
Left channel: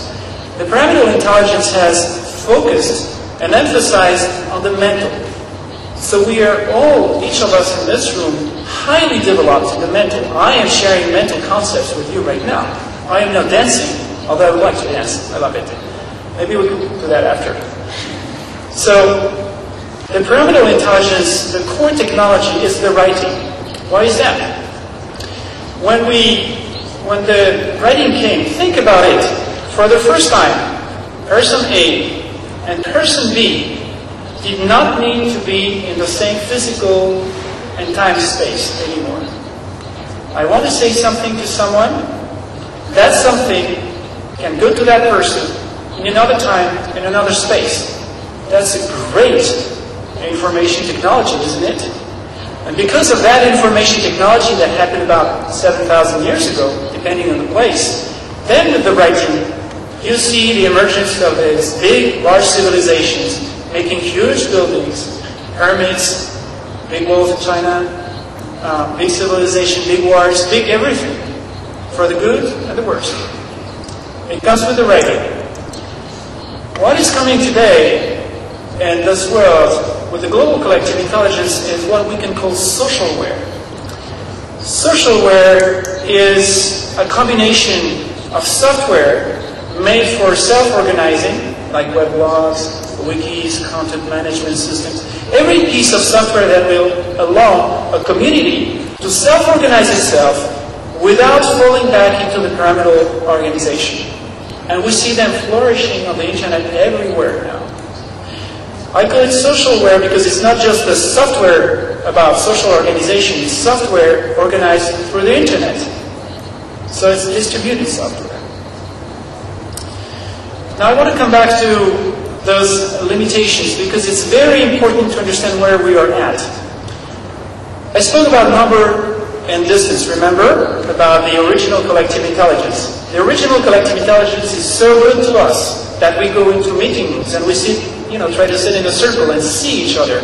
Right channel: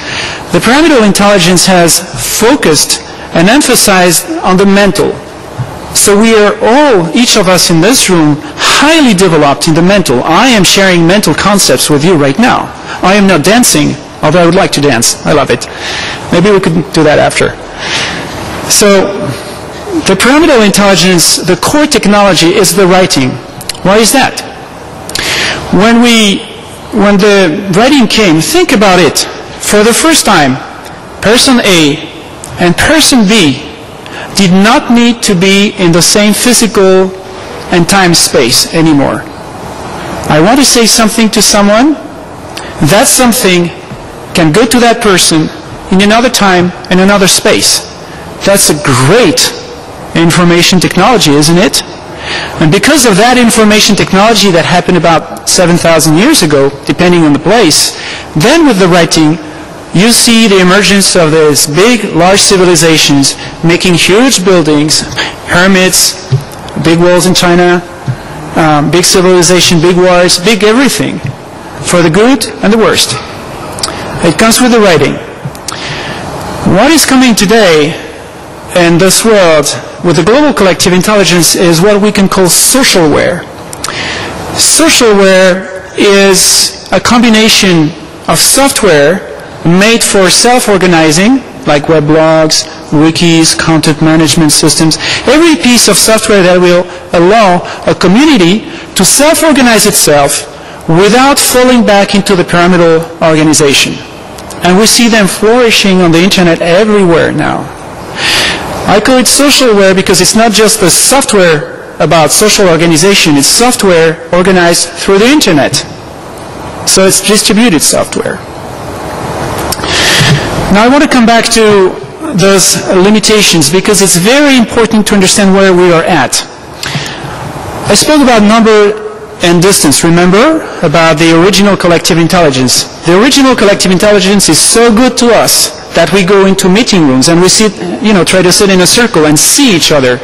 The pyramidal intelligence has focused and emphasized on the mental. So we are all, each of us in this room, highly developed in the mental. I am sharing mental concepts with you right now. I am not dancing, although I would like to dance. I love it. Maybe we could do that after. So the pyramidal intelligence, the core technology is the writing. Why is that? When the writing came, think about it. For the first time, person A and person B did not need to be in the same physical and time space anymore. I want to say something to someone, that something can go to that person in another time and another space. That's a great information technology, isn't it? And because of that information technology that happened about 7,000 years ago, depending on the place, then with the writing, you see the emergence of these big, large civilizations making huge buildings, pyramids, big walls in China, big civilization, big wars, big everything, for the good and the worst. It comes with the writing. What is coming today in this world with the global collective intelligence is what we can call socialware. Socialware is a combination of software made for self-organizing, like weblogs, wikis, content management systems. Every piece of software that will allow a community to self-organize itself without falling back into the pyramidal organization. And we see them flourishing on the internet everywhere now. I call it socialware because it's not just the software about social organization, it's software organized through the internet. So it's distributed software. Now I want to come back to those limitations because it's very important to understand where we are at. I spoke about number and distance, remember? About the original collective intelligence. The original collective intelligence is so good to us that we go into meeting rooms and we sit, try to sit in a circle and see each other.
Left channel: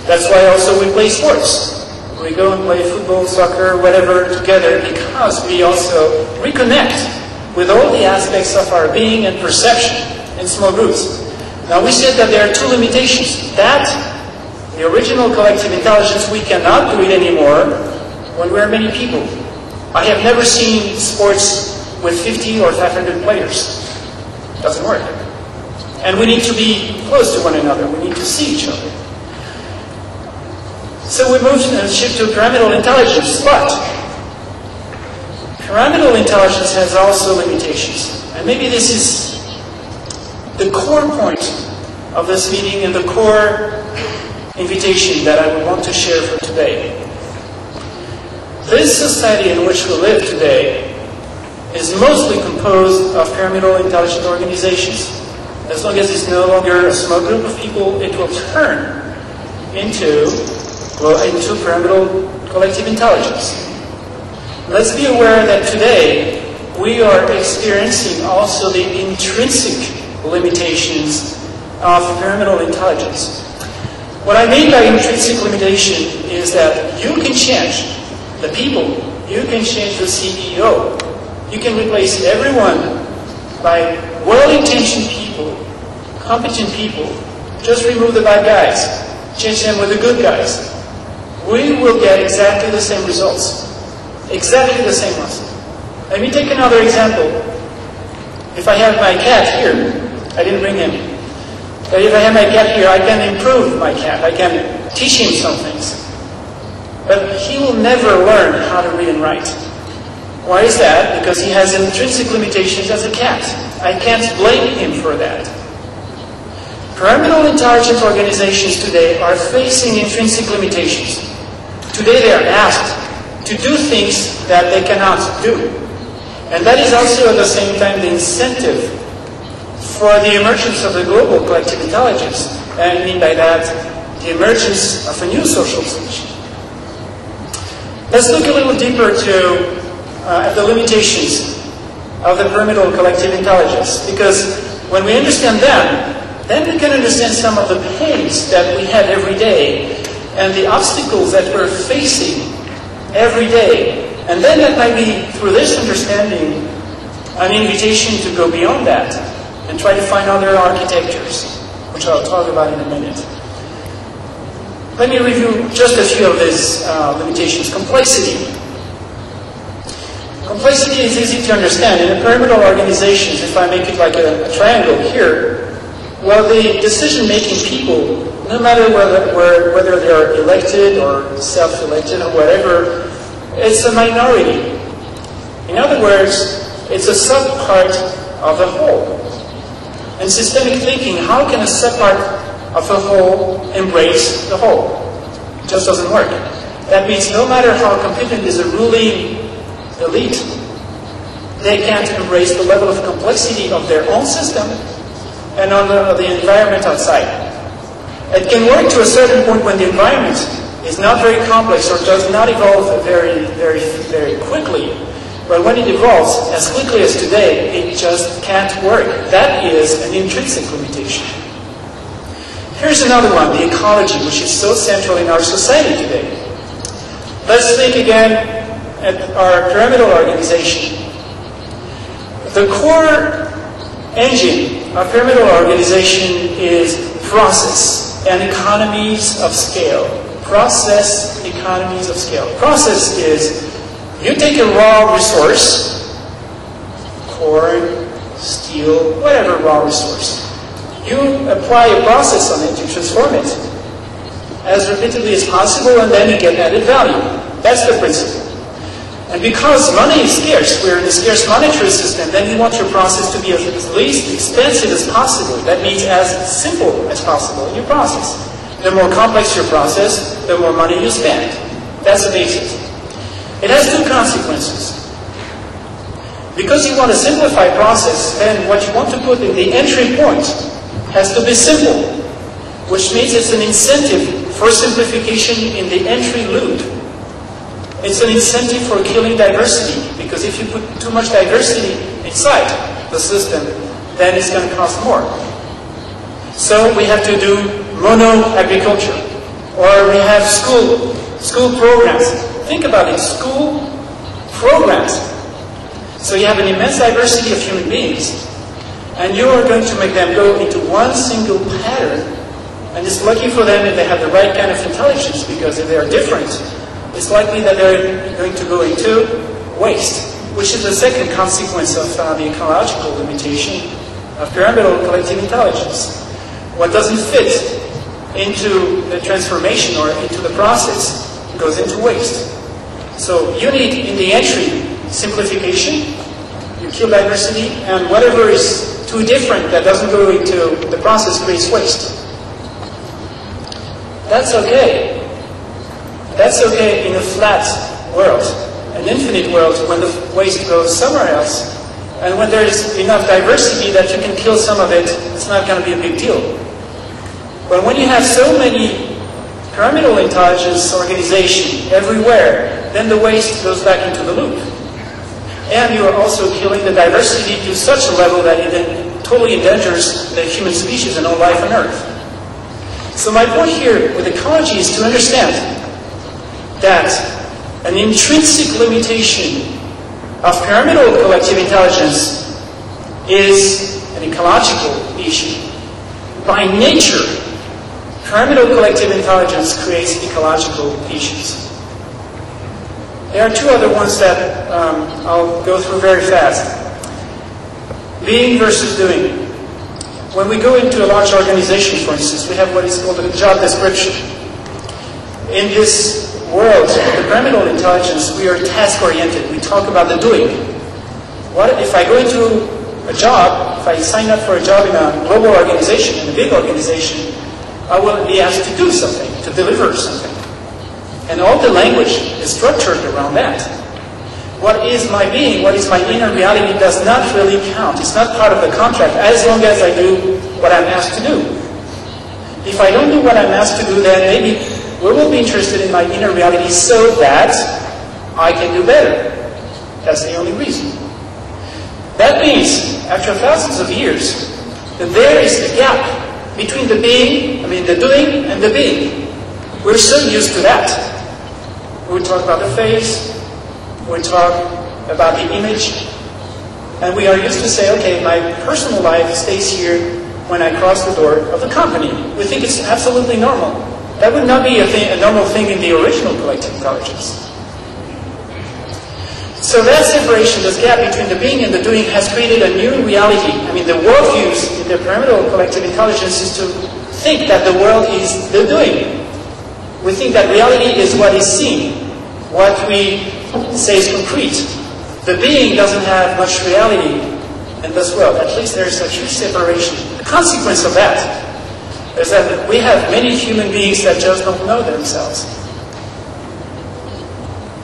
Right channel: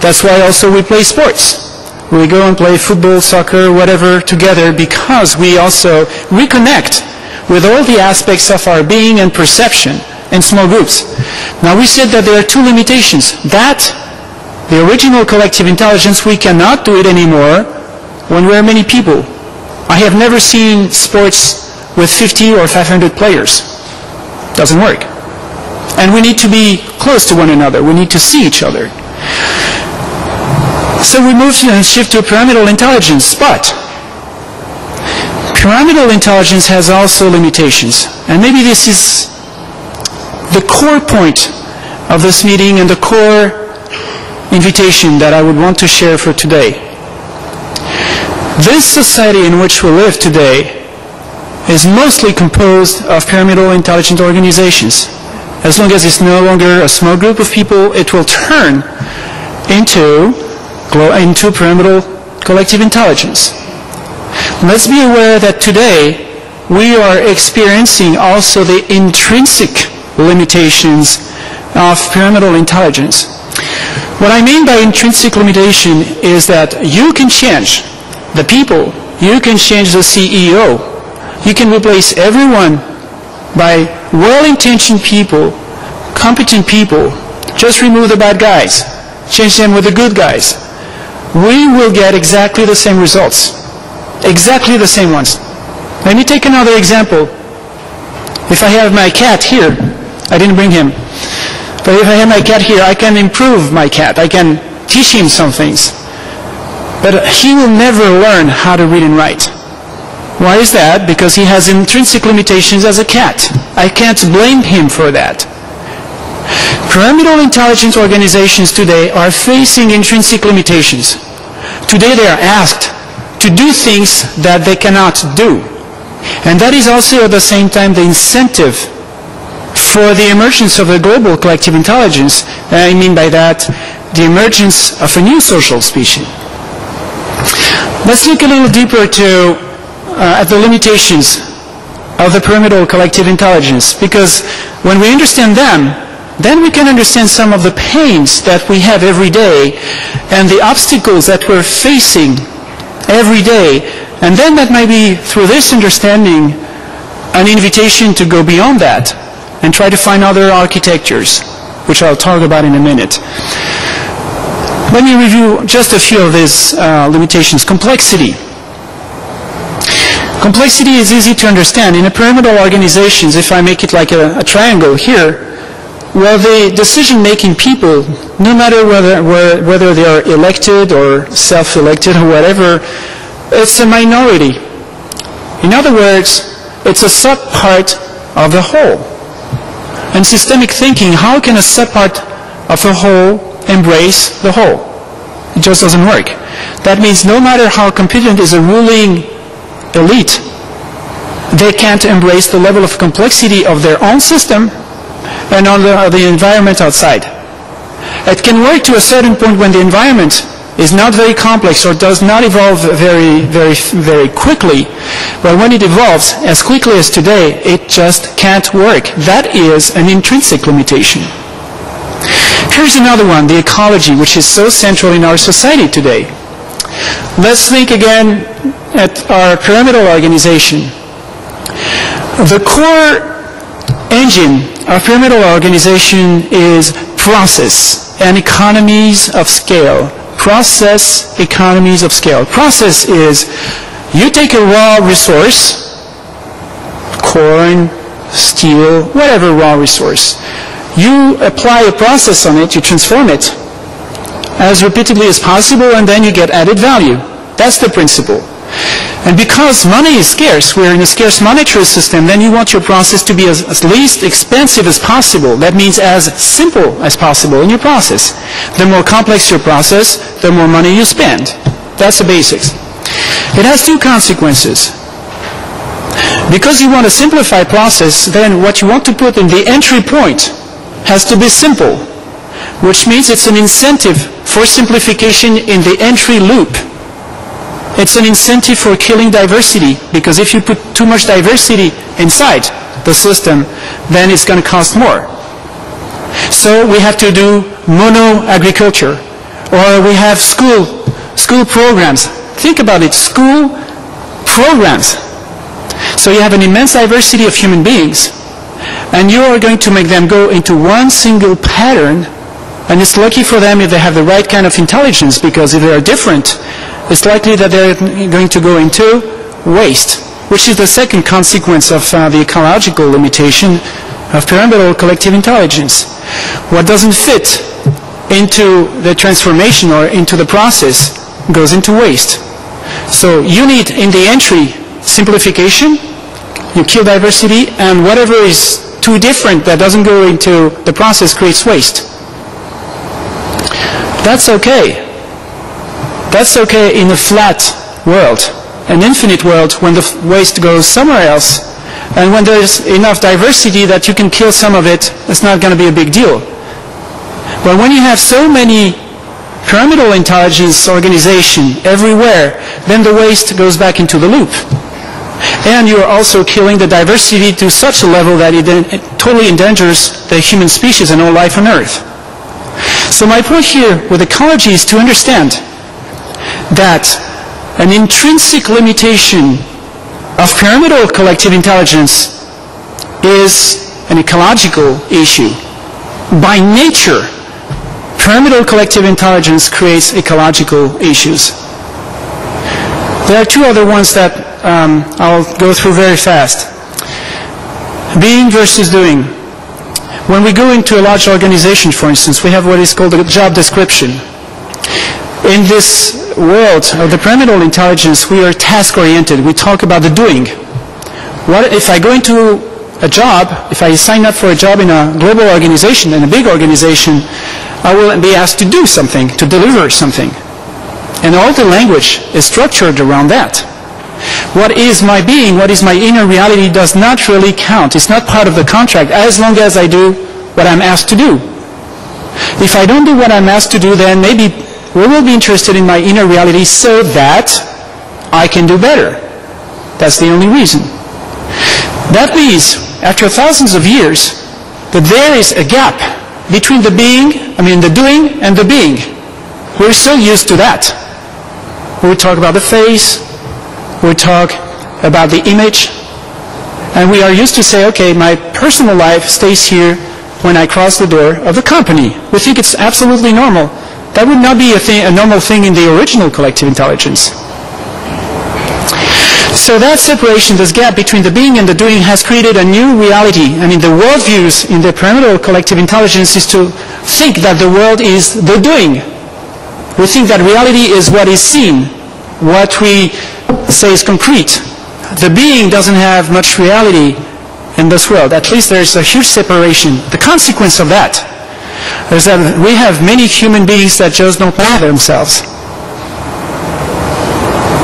That's why also we play sports. We go and play football, soccer, whatever together because we also reconnect with all the aspects of our being and perception in small groups. Now we said that there are two limitations. That, the original collective intelligence, we cannot do it anymore when we are many people. I have never seen sports with 50 or 500 players. Doesn't work. And we need to be close to one another. We need to see each other. So we move and shift to pyramidal intelligence, but pyramidal intelligence has also limitations. And maybe this is the core point of this meeting and the core invitation that I would want to share for today. This society in which we live today is mostly composed of pyramidal intelligent organizations. As long as it's no longer a small group of people, it will turn into pyramidal collective intelligence. Let's be aware that today we are experiencing also the intrinsic limitations of pyramidal intelligence. What I mean by intrinsic limitation is that you can change the people, you can change the CEO, you can replace everyone by well-intentioned people, competent people, just remove the bad guys, change them with the good guys. We will get exactly the same results, exactly the same ones. Let me take another example. If I have my cat here, I didn't bring him, but if I have my cat here, I can improve my cat. I can teach him some things. But he will never learn how to read and write. Why is that? Because he has intrinsic limitations as a cat. I can't blame him for that. Pyramidal intelligence organizations today are facing intrinsic limitations. Today they are asked to do things that they cannot do. And that is also at the same time the incentive for the emergence of a global collective intelligence. I mean by that the emergence of a new social species. Let's look a little deeper at the limitations of the pyramidal collective intelligence, because when we understand them, then we can understand some of the pains that we have every day and the obstacles that we're facing every day. And then that might be, through this understanding, an invitation to go beyond that and try to find other architectures, which I'll talk about in a minute. Let me review just a few of these limitations. Complexity. Complexity is easy to understand. In a pyramidal organizations, if I make it like a triangle here, well, the decision-making people, no matter whether they are elected or self-elected or whatever, it's a minority. In other words, it's a sub-part of the whole. And systemic thinking, how can a sub-part of a whole embrace the whole? It just doesn't work. That means no matter how competent is a ruling elite, they can't embrace the level of complexity of their own system and on the environment outside. It can work to a certain point when the environment is not very complex or does not evolve very quickly. But when it evolves as quickly as today, it just can't work. That is an intrinsic limitation. Here's another one, the ecology, which is so central in our society today. Let's think again at our pyramidal organization. The core engine of pyramidal organization is process and economies of scale. Process, economies of scale. Process is you take a raw resource, corn, steel, whatever raw resource. You apply a process on it, you transform it as repeatedly as possible, and then you get added value. That's the principle. And because money is scarce, we're in a scarce monetary system, then you want your process to be as least expensive as possible. That means as simple as possible in your process. The more complex your process, the more money you spend. That's the basics. It has two consequences. Because you want a simplified process, then what you want to put in the entry point has to be simple, which means it's an incentive for simplification in the entry loop. It's an incentive for killing diversity, because if you put too much diversity inside the system, then it's going to cost more. So we have to do mono-agriculture, or we have school programs. Think about it, school programs. So you have an immense diversity of human beings, and you are going to make them go into one single pattern, and it's lucky for them if they have the right kind of intelligence, because if they are different, it's likely that they're going to go into waste, which is the second consequence of the ecological limitation of pyramidal collective intelligence. What doesn't fit into the transformation or into the process goes into waste. So you need in the entry simplification, you kill diversity, and whatever is too different that doesn't go into the process creates waste. That's okay. That's okay in a flat world. An infinite world when the waste goes somewhere else, and when there's enough diversity that you can kill some of it, it's not going to be a big deal. But when you have so many pyramidal intelligence organization everywhere, then the waste goes back into the loop. And you're also killing the diversity to such a level that it totally endangers the human species and all life on Earth. So my point here with ecology is to understand that an intrinsic limitation of pyramidal collective intelligence is an ecological issue. By nature, pyramidal collective intelligence creates ecological issues. There are two other ones that I'll go through very fast. Being versus doing. When we go into a large organization, for instance, we have what is called a job description. In this world of the pyramidal intelligence, we are task-oriented. We talk about the doing. What if I go into a job, if I sign up for a job in a global organization, in a big organization, I will be asked to do something, to deliver something. And all the language is structured around that. What is my being, what is my inner reality does not really count. It's not part of the contract as long as I do what I'm asked to do. If I don't do what I'm asked to do, then maybe we will be interested in my inner reality so that I can do better. That's the only reason. That means, after thousands of years, that there is a gap between the doing and the being. We're so used to that. We talk about the face, we talk about the image, and we are used to say, okay, my personal life stays here when I cross the door of the company. We think it's absolutely normal. That would not be a normal thing in the original collective intelligence. So that separation, this gap between the being and the doing has created a new reality. I mean, the worldviews in the pyramidal collective intelligence is to think that the world is the doing. We think that reality is what is seen, what we say is concrete. The being doesn't have much reality in this world. At least there's a huge separation. The consequence of that is that we have many human beings that just don't know themselves.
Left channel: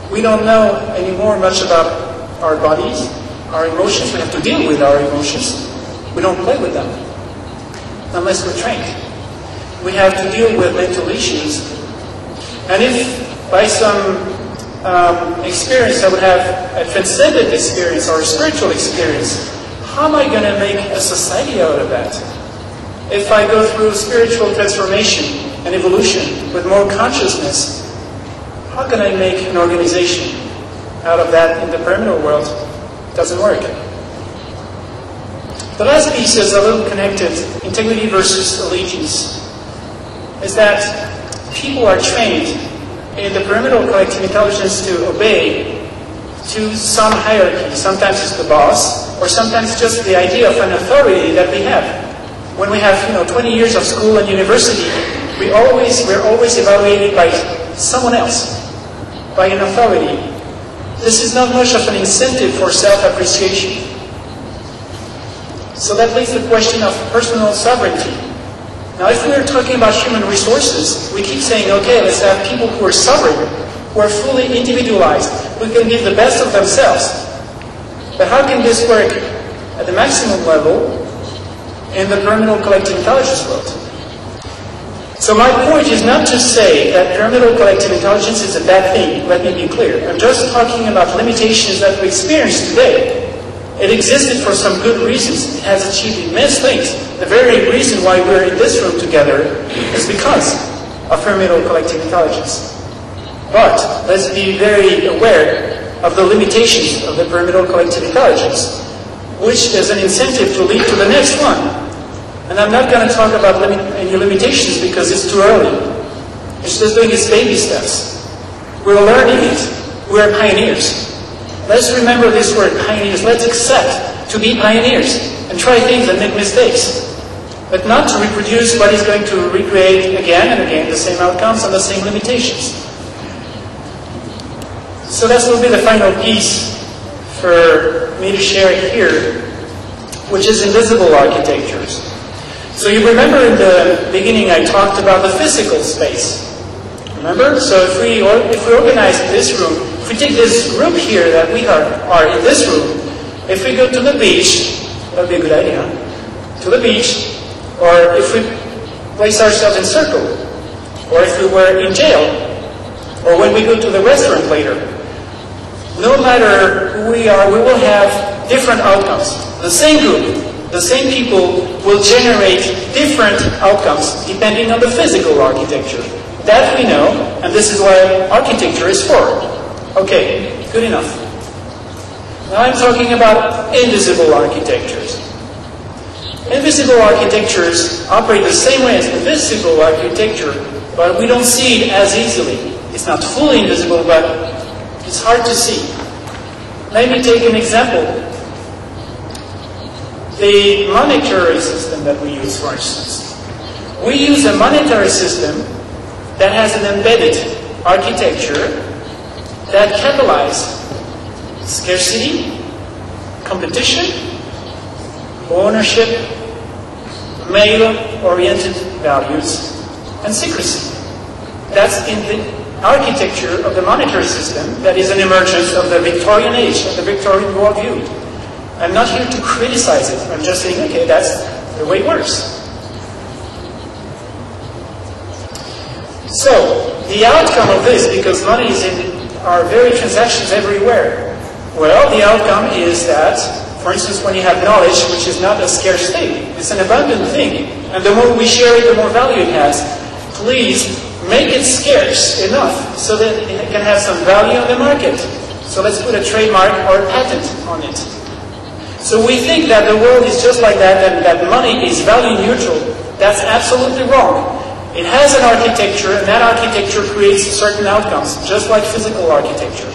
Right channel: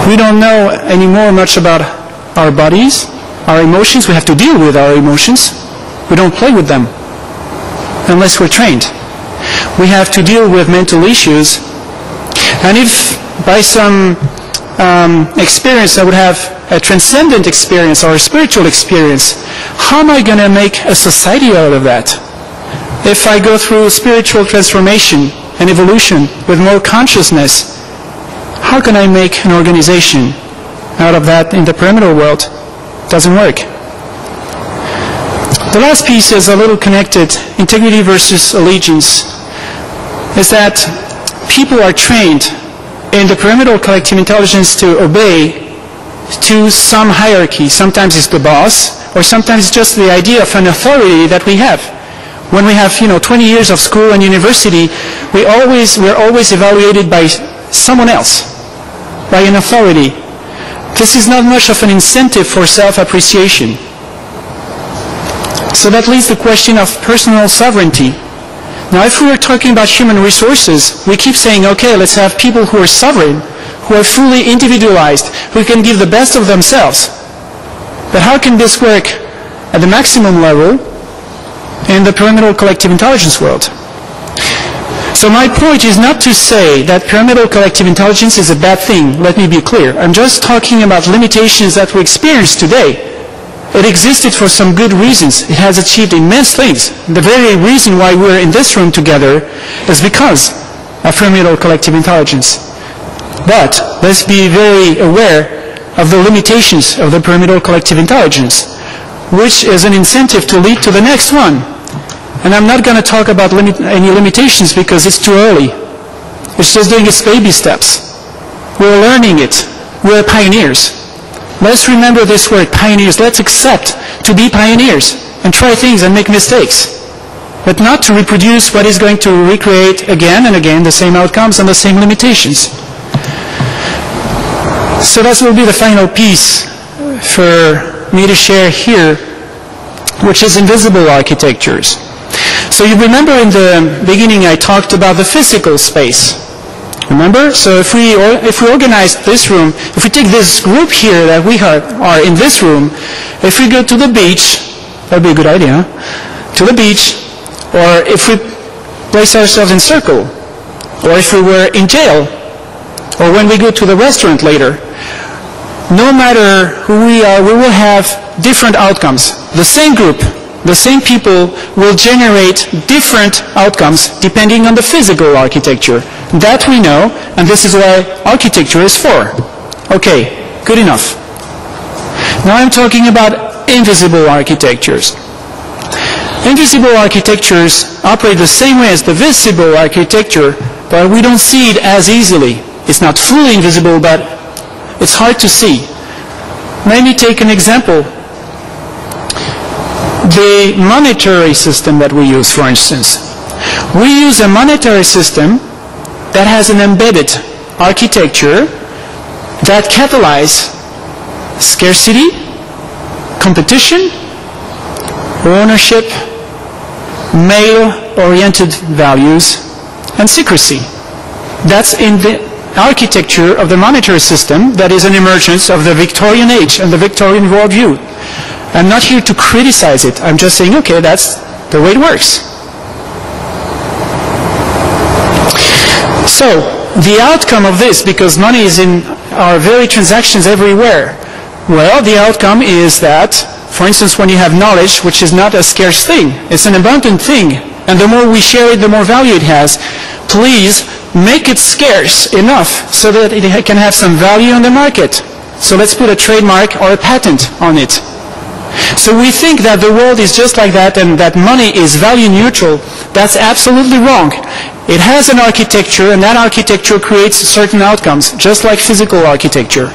We don't know anymore much about our bodies, our emotions. We have to deal with our emotions. We don't play with them unless we're trained. We have to deal with mental issues. And if by some experience I would have a transcendent experience or a spiritual experience, how am I going to make a society out of that? If I go through spiritual transformation and evolution with more consciousness, how can I make an organization out of that in the pyramidal world? It doesn't work. The last piece is a little connected, integrity versus allegiance, is that people are trained in the pyramidal collective intelligence to obey to some hierarchy. Sometimes it's the boss, or sometimes it's just the idea of an authority that we have. When we have 20 years of school and university, we're always evaluated by someone else, by an authority. This is not much of an incentive for self-appreciation. So that leaves the question of personal sovereignty. Now, if we are talking about human resources, we keep saying, okay, let's have people who are sovereign, who are fully individualized, who can give the best of themselves. But how can this work at the maximum level in the pyramidal collective intelligence world? So my point is not to say that pyramidal collective intelligence is a bad thing. Let me be clear. I'm just talking about limitations that we experience today. It existed for some good reasons. It has achieved immense things. The very reason why we're in this room together is because of pyramidal collective intelligence. But let's be very aware of the limitations of the pyramidal collective intelligence, which is an incentive to lead to the next one. And I'm not going to talk about any limitations because it's too early. It's just doing its baby steps. We're learning it. We're pioneers. Let's remember this word, pioneers. Let's accept to be pioneers and try things and make mistakes, but not to reproduce what is going to recreate again and again the same outcomes and the same limitations. So that will be the final piece for me to share here, which is invisible architectures. So you remember in the beginning I talked about the physical space. Remember? So if we organize this room, if we take this group here that we are in this room, if we go to the beach, that would be a good idea, to the beach, or if we place ourselves in circle, or if we were in jail, or when we go to the restaurant later, no matter who we are, we will have different outcomes. The same group, the same people will generate different outcomes depending on the physical architecture. That we know, and this is what architecture is for. Okay, good enough. Now I'm talking about invisible architectures. Invisible architectures operate the same way as the visible architecture, but we don't see it as easily. It's not fully invisible, but it's hard to see. Let me take an example. The monetary system that we use, for instance. We use a monetary system that has an embedded architecture that catalyzes scarcity, competition, ownership, male-oriented values, and secrecy. That's in the architecture of the monetary system that is an emergence of the Victorian age and the Victorian worldview. I'm not here to criticize it. I'm just saying, okay, that's the way it works. So, the outcome of this, because money is in our very transactions everywhere, well, the outcome is that, for instance, when you have knowledge, which is not a scarce thing, it's an abundant thing, and the more we share it, the more value it has. Please make it scarce enough so that it can have some value in the market. So let's put a trademark or a patent on it. So we think that the world is just like that and that money is value neutral. That's absolutely wrong. It has an architecture, and that architecture creates certain outcomes, just like physical architecture.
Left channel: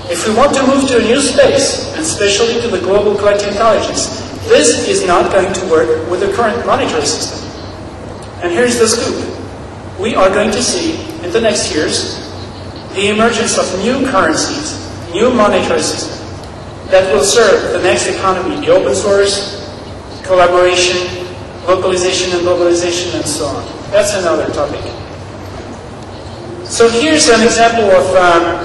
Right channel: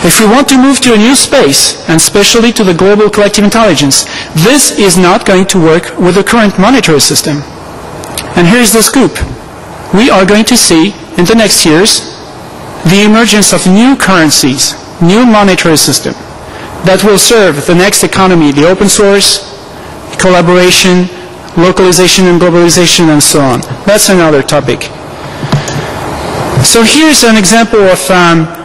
If we want to move to a new space, and especially to the global collective intelligence, this is not going to work with the current monetary system. And here's the scoop. We are going to see, in the next years, the emergence of new currencies, new monetary system, that will serve the next economy, the open source, collaboration, localization and globalization, and so on. That's another topic. So here's an example of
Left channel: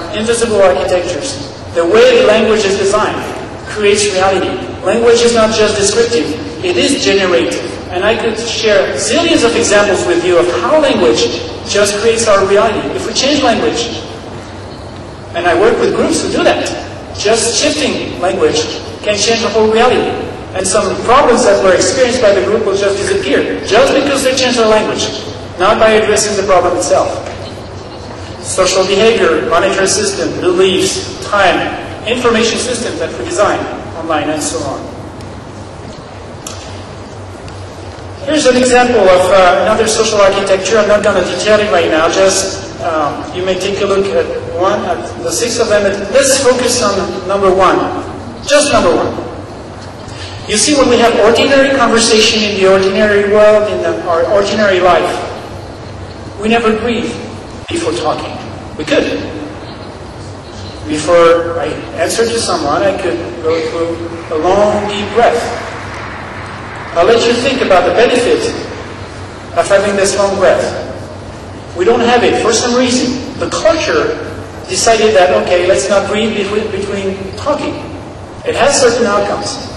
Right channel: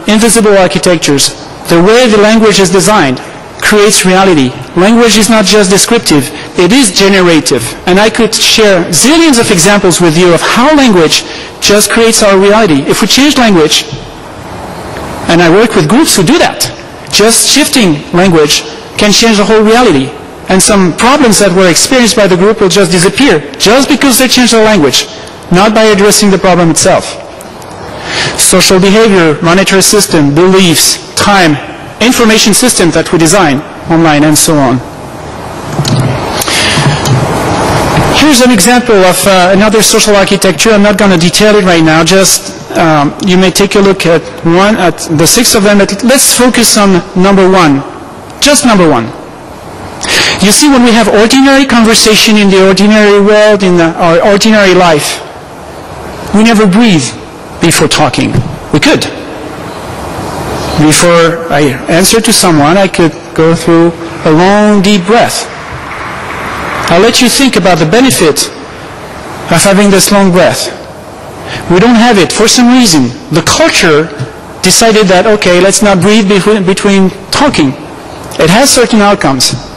invisible architectures. The way the language is designed creates reality. Language is not just descriptive, it is generative. And I could share zillions of examples with you of how language just creates our reality. If we change language, and I work with groups who do that, just shifting language can change the whole reality. And some problems that were experienced by the group will just disappear, just because they changed their language, not by addressing the problem itself. Social behavior, monetary system, beliefs, time, information systems that we design online, and so on. Here's an example of another social architecture. I'm not going to detail it right now, just you may take a look at the 6 of them. Let's focus on number 1, just number 1. You see, when we have ordinary conversation in the ordinary world, in our ordinary life, we never breathe before talking. We could. Before I answer to someone, I could go through a long, deep breath. I'll let you think about the benefit of having this long breath. We don't have it for some reason. The culture decided that, okay, let's not breathe between talking. It has certain outcomes.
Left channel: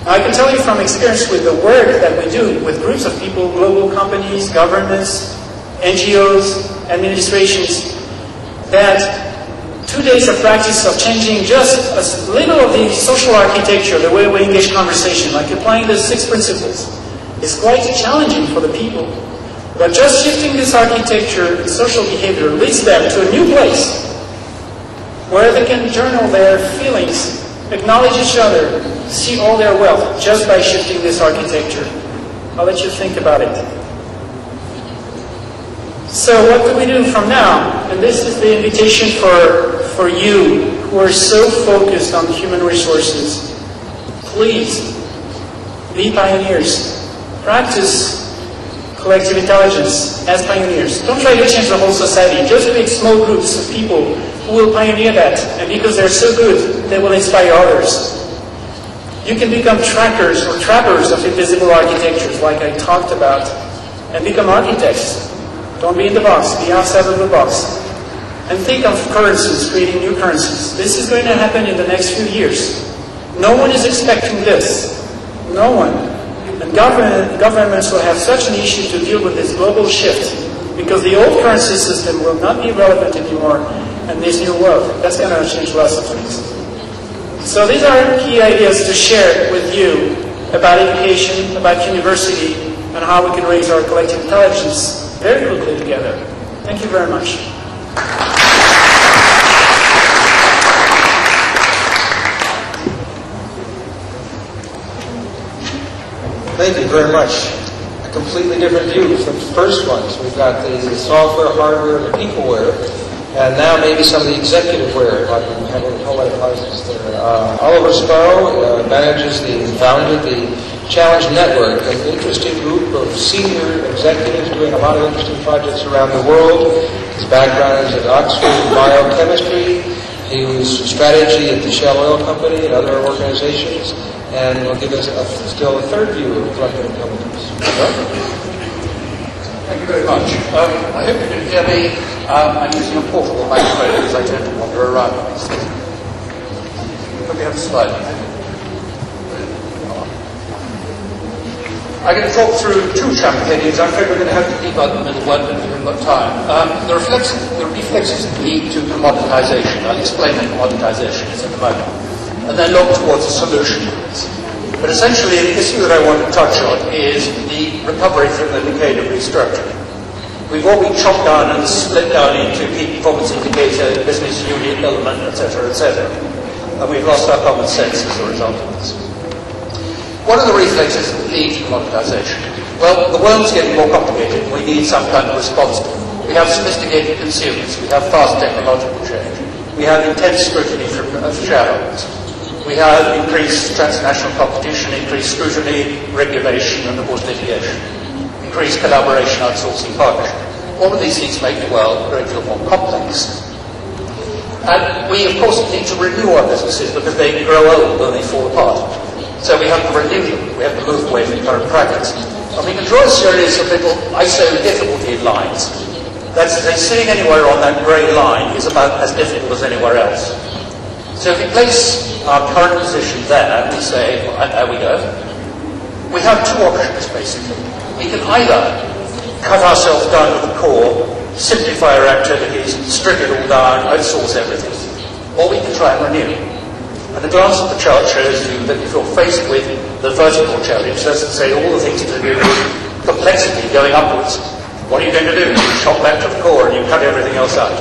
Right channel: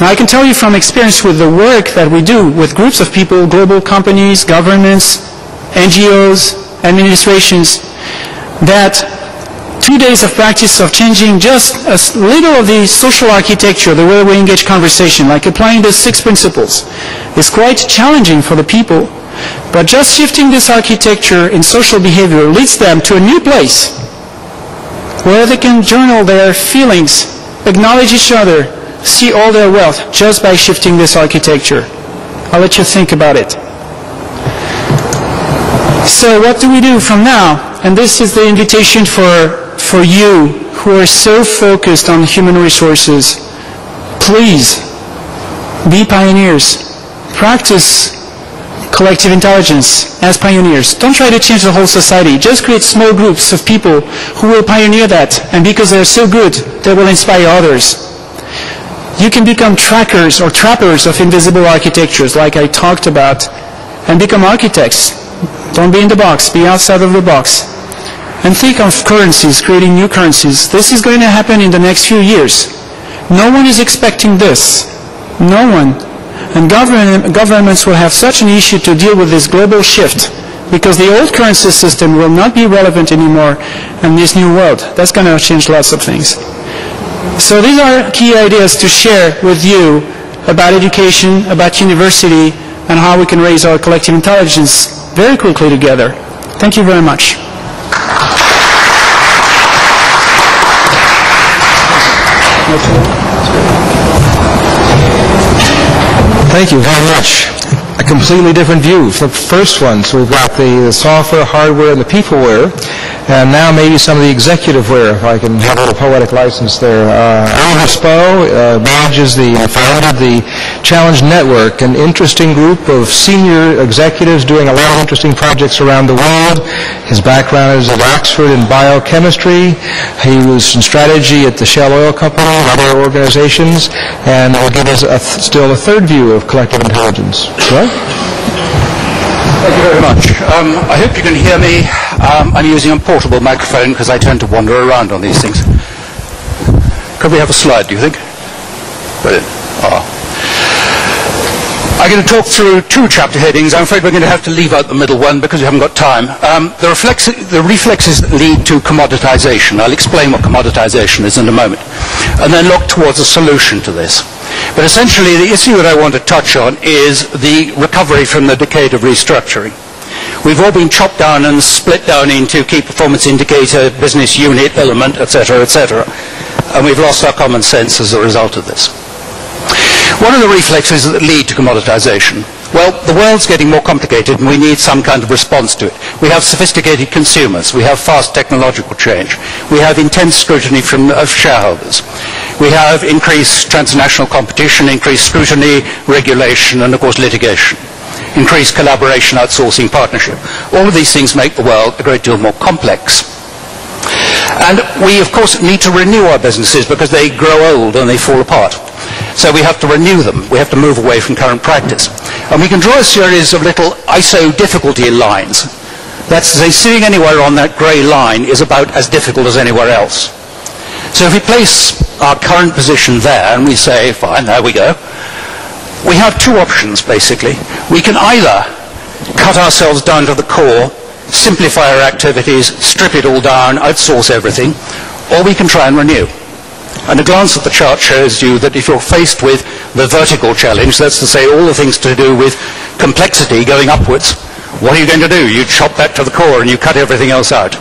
Now I can tell you from experience with the work that we do with groups of people, global companies, governments, NGOs, administrations, that 2 days of practice of changing just a little of the social architecture, the way we engage conversation, like applying the 6 principles, is quite challenging for the people. But just shifting this architecture in social behavior leads them to a new place where they can journal their feelings, acknowledge each other, see all their wealth just by shifting this architecture. I'll let you think about it. So what do we do from now? And this is the invitation for you who who are so focused on human resources, please be pioneers. Practice collective intelligence as pioneers. Don't try to change the whole society. Just create small groups of people who will pioneer that, and because they're so good, they will inspire others. You can become trackers or trappers of invisible architectures, like I talked about, and become architects. Don't be in the box, be outside of the box. And think of currencies, creating new currencies. This is going to happen in the next few years. No one is expecting this. No one. And governments will have such an issue to deal with this global shift because the old currency system will not be relevant anymore in this new world. That's going to change lots of things. So these are key ideas to share with you about education, about university, and how we can raise our collective intelligence very quickly together. Thank you very much. Thank you very much. A completely different view from the first one. So we've got the software, hardware, and the peopleware, and now maybe some of the executiveware, if I can have a little poetic license there. Oliver Sparrow founded the Challenge Network, an interesting group of senior executives doing a lot of interesting projects around the world. His background is at Oxford in biochemistry. He was in strategy at the Shell Oil Company and other organizations, and will give us still a third view of collective intelligence. Well? Thank you very much. I hope you can hear me. I'm using a portable microphone because I tend to wander around on these things. Could we have a slide, do you think? Brilliant. I'm going to talk through two chapter headings. I'm afraid we're going to have to leave out the middle one because we haven't got time. The reflexes that lead to commoditization. I'll explain what commoditization is in a moment. And then look towards a solution to this. But essentially, the issue that I want to touch on is the recovery from the decade of restructuring. We've all been chopped down and split down into key performance indicator, business unit, element, etc., etc. And we've lost our common sense as a result of this. What are the reflexes that lead to commoditization? Well, the world's getting more complicated and we need some kind of response to it. We have sophisticated consumers. We have fast technological change. We have intense scrutiny of shareholders. We have increased transnational competition, increased scrutiny, regulation, and of course litigation. Increased collaboration, outsourcing, partnership. All of these things make the world a great deal more complex. And we, of course, need to renew our businesses because they grow old and they fall apart. So we have to renew them. We have to move away from current practice. And we can draw a series of little ISO difficulty lines. That's to say, sitting anywhere on that grey line is about as difficult as anywhere else. So if we place our current position there and we say, fine, there we go, we have two options, basically. We can either cut ourselves down to the core, simplify our activities, strip it all down, outsource everything, or we can try and renew. And a glance at the chart shows you that if you're faced with the vertical challenge, that's to say all the things to do with complexity going upwards, what are you going to do? You chop that to the core and you cut everything else out.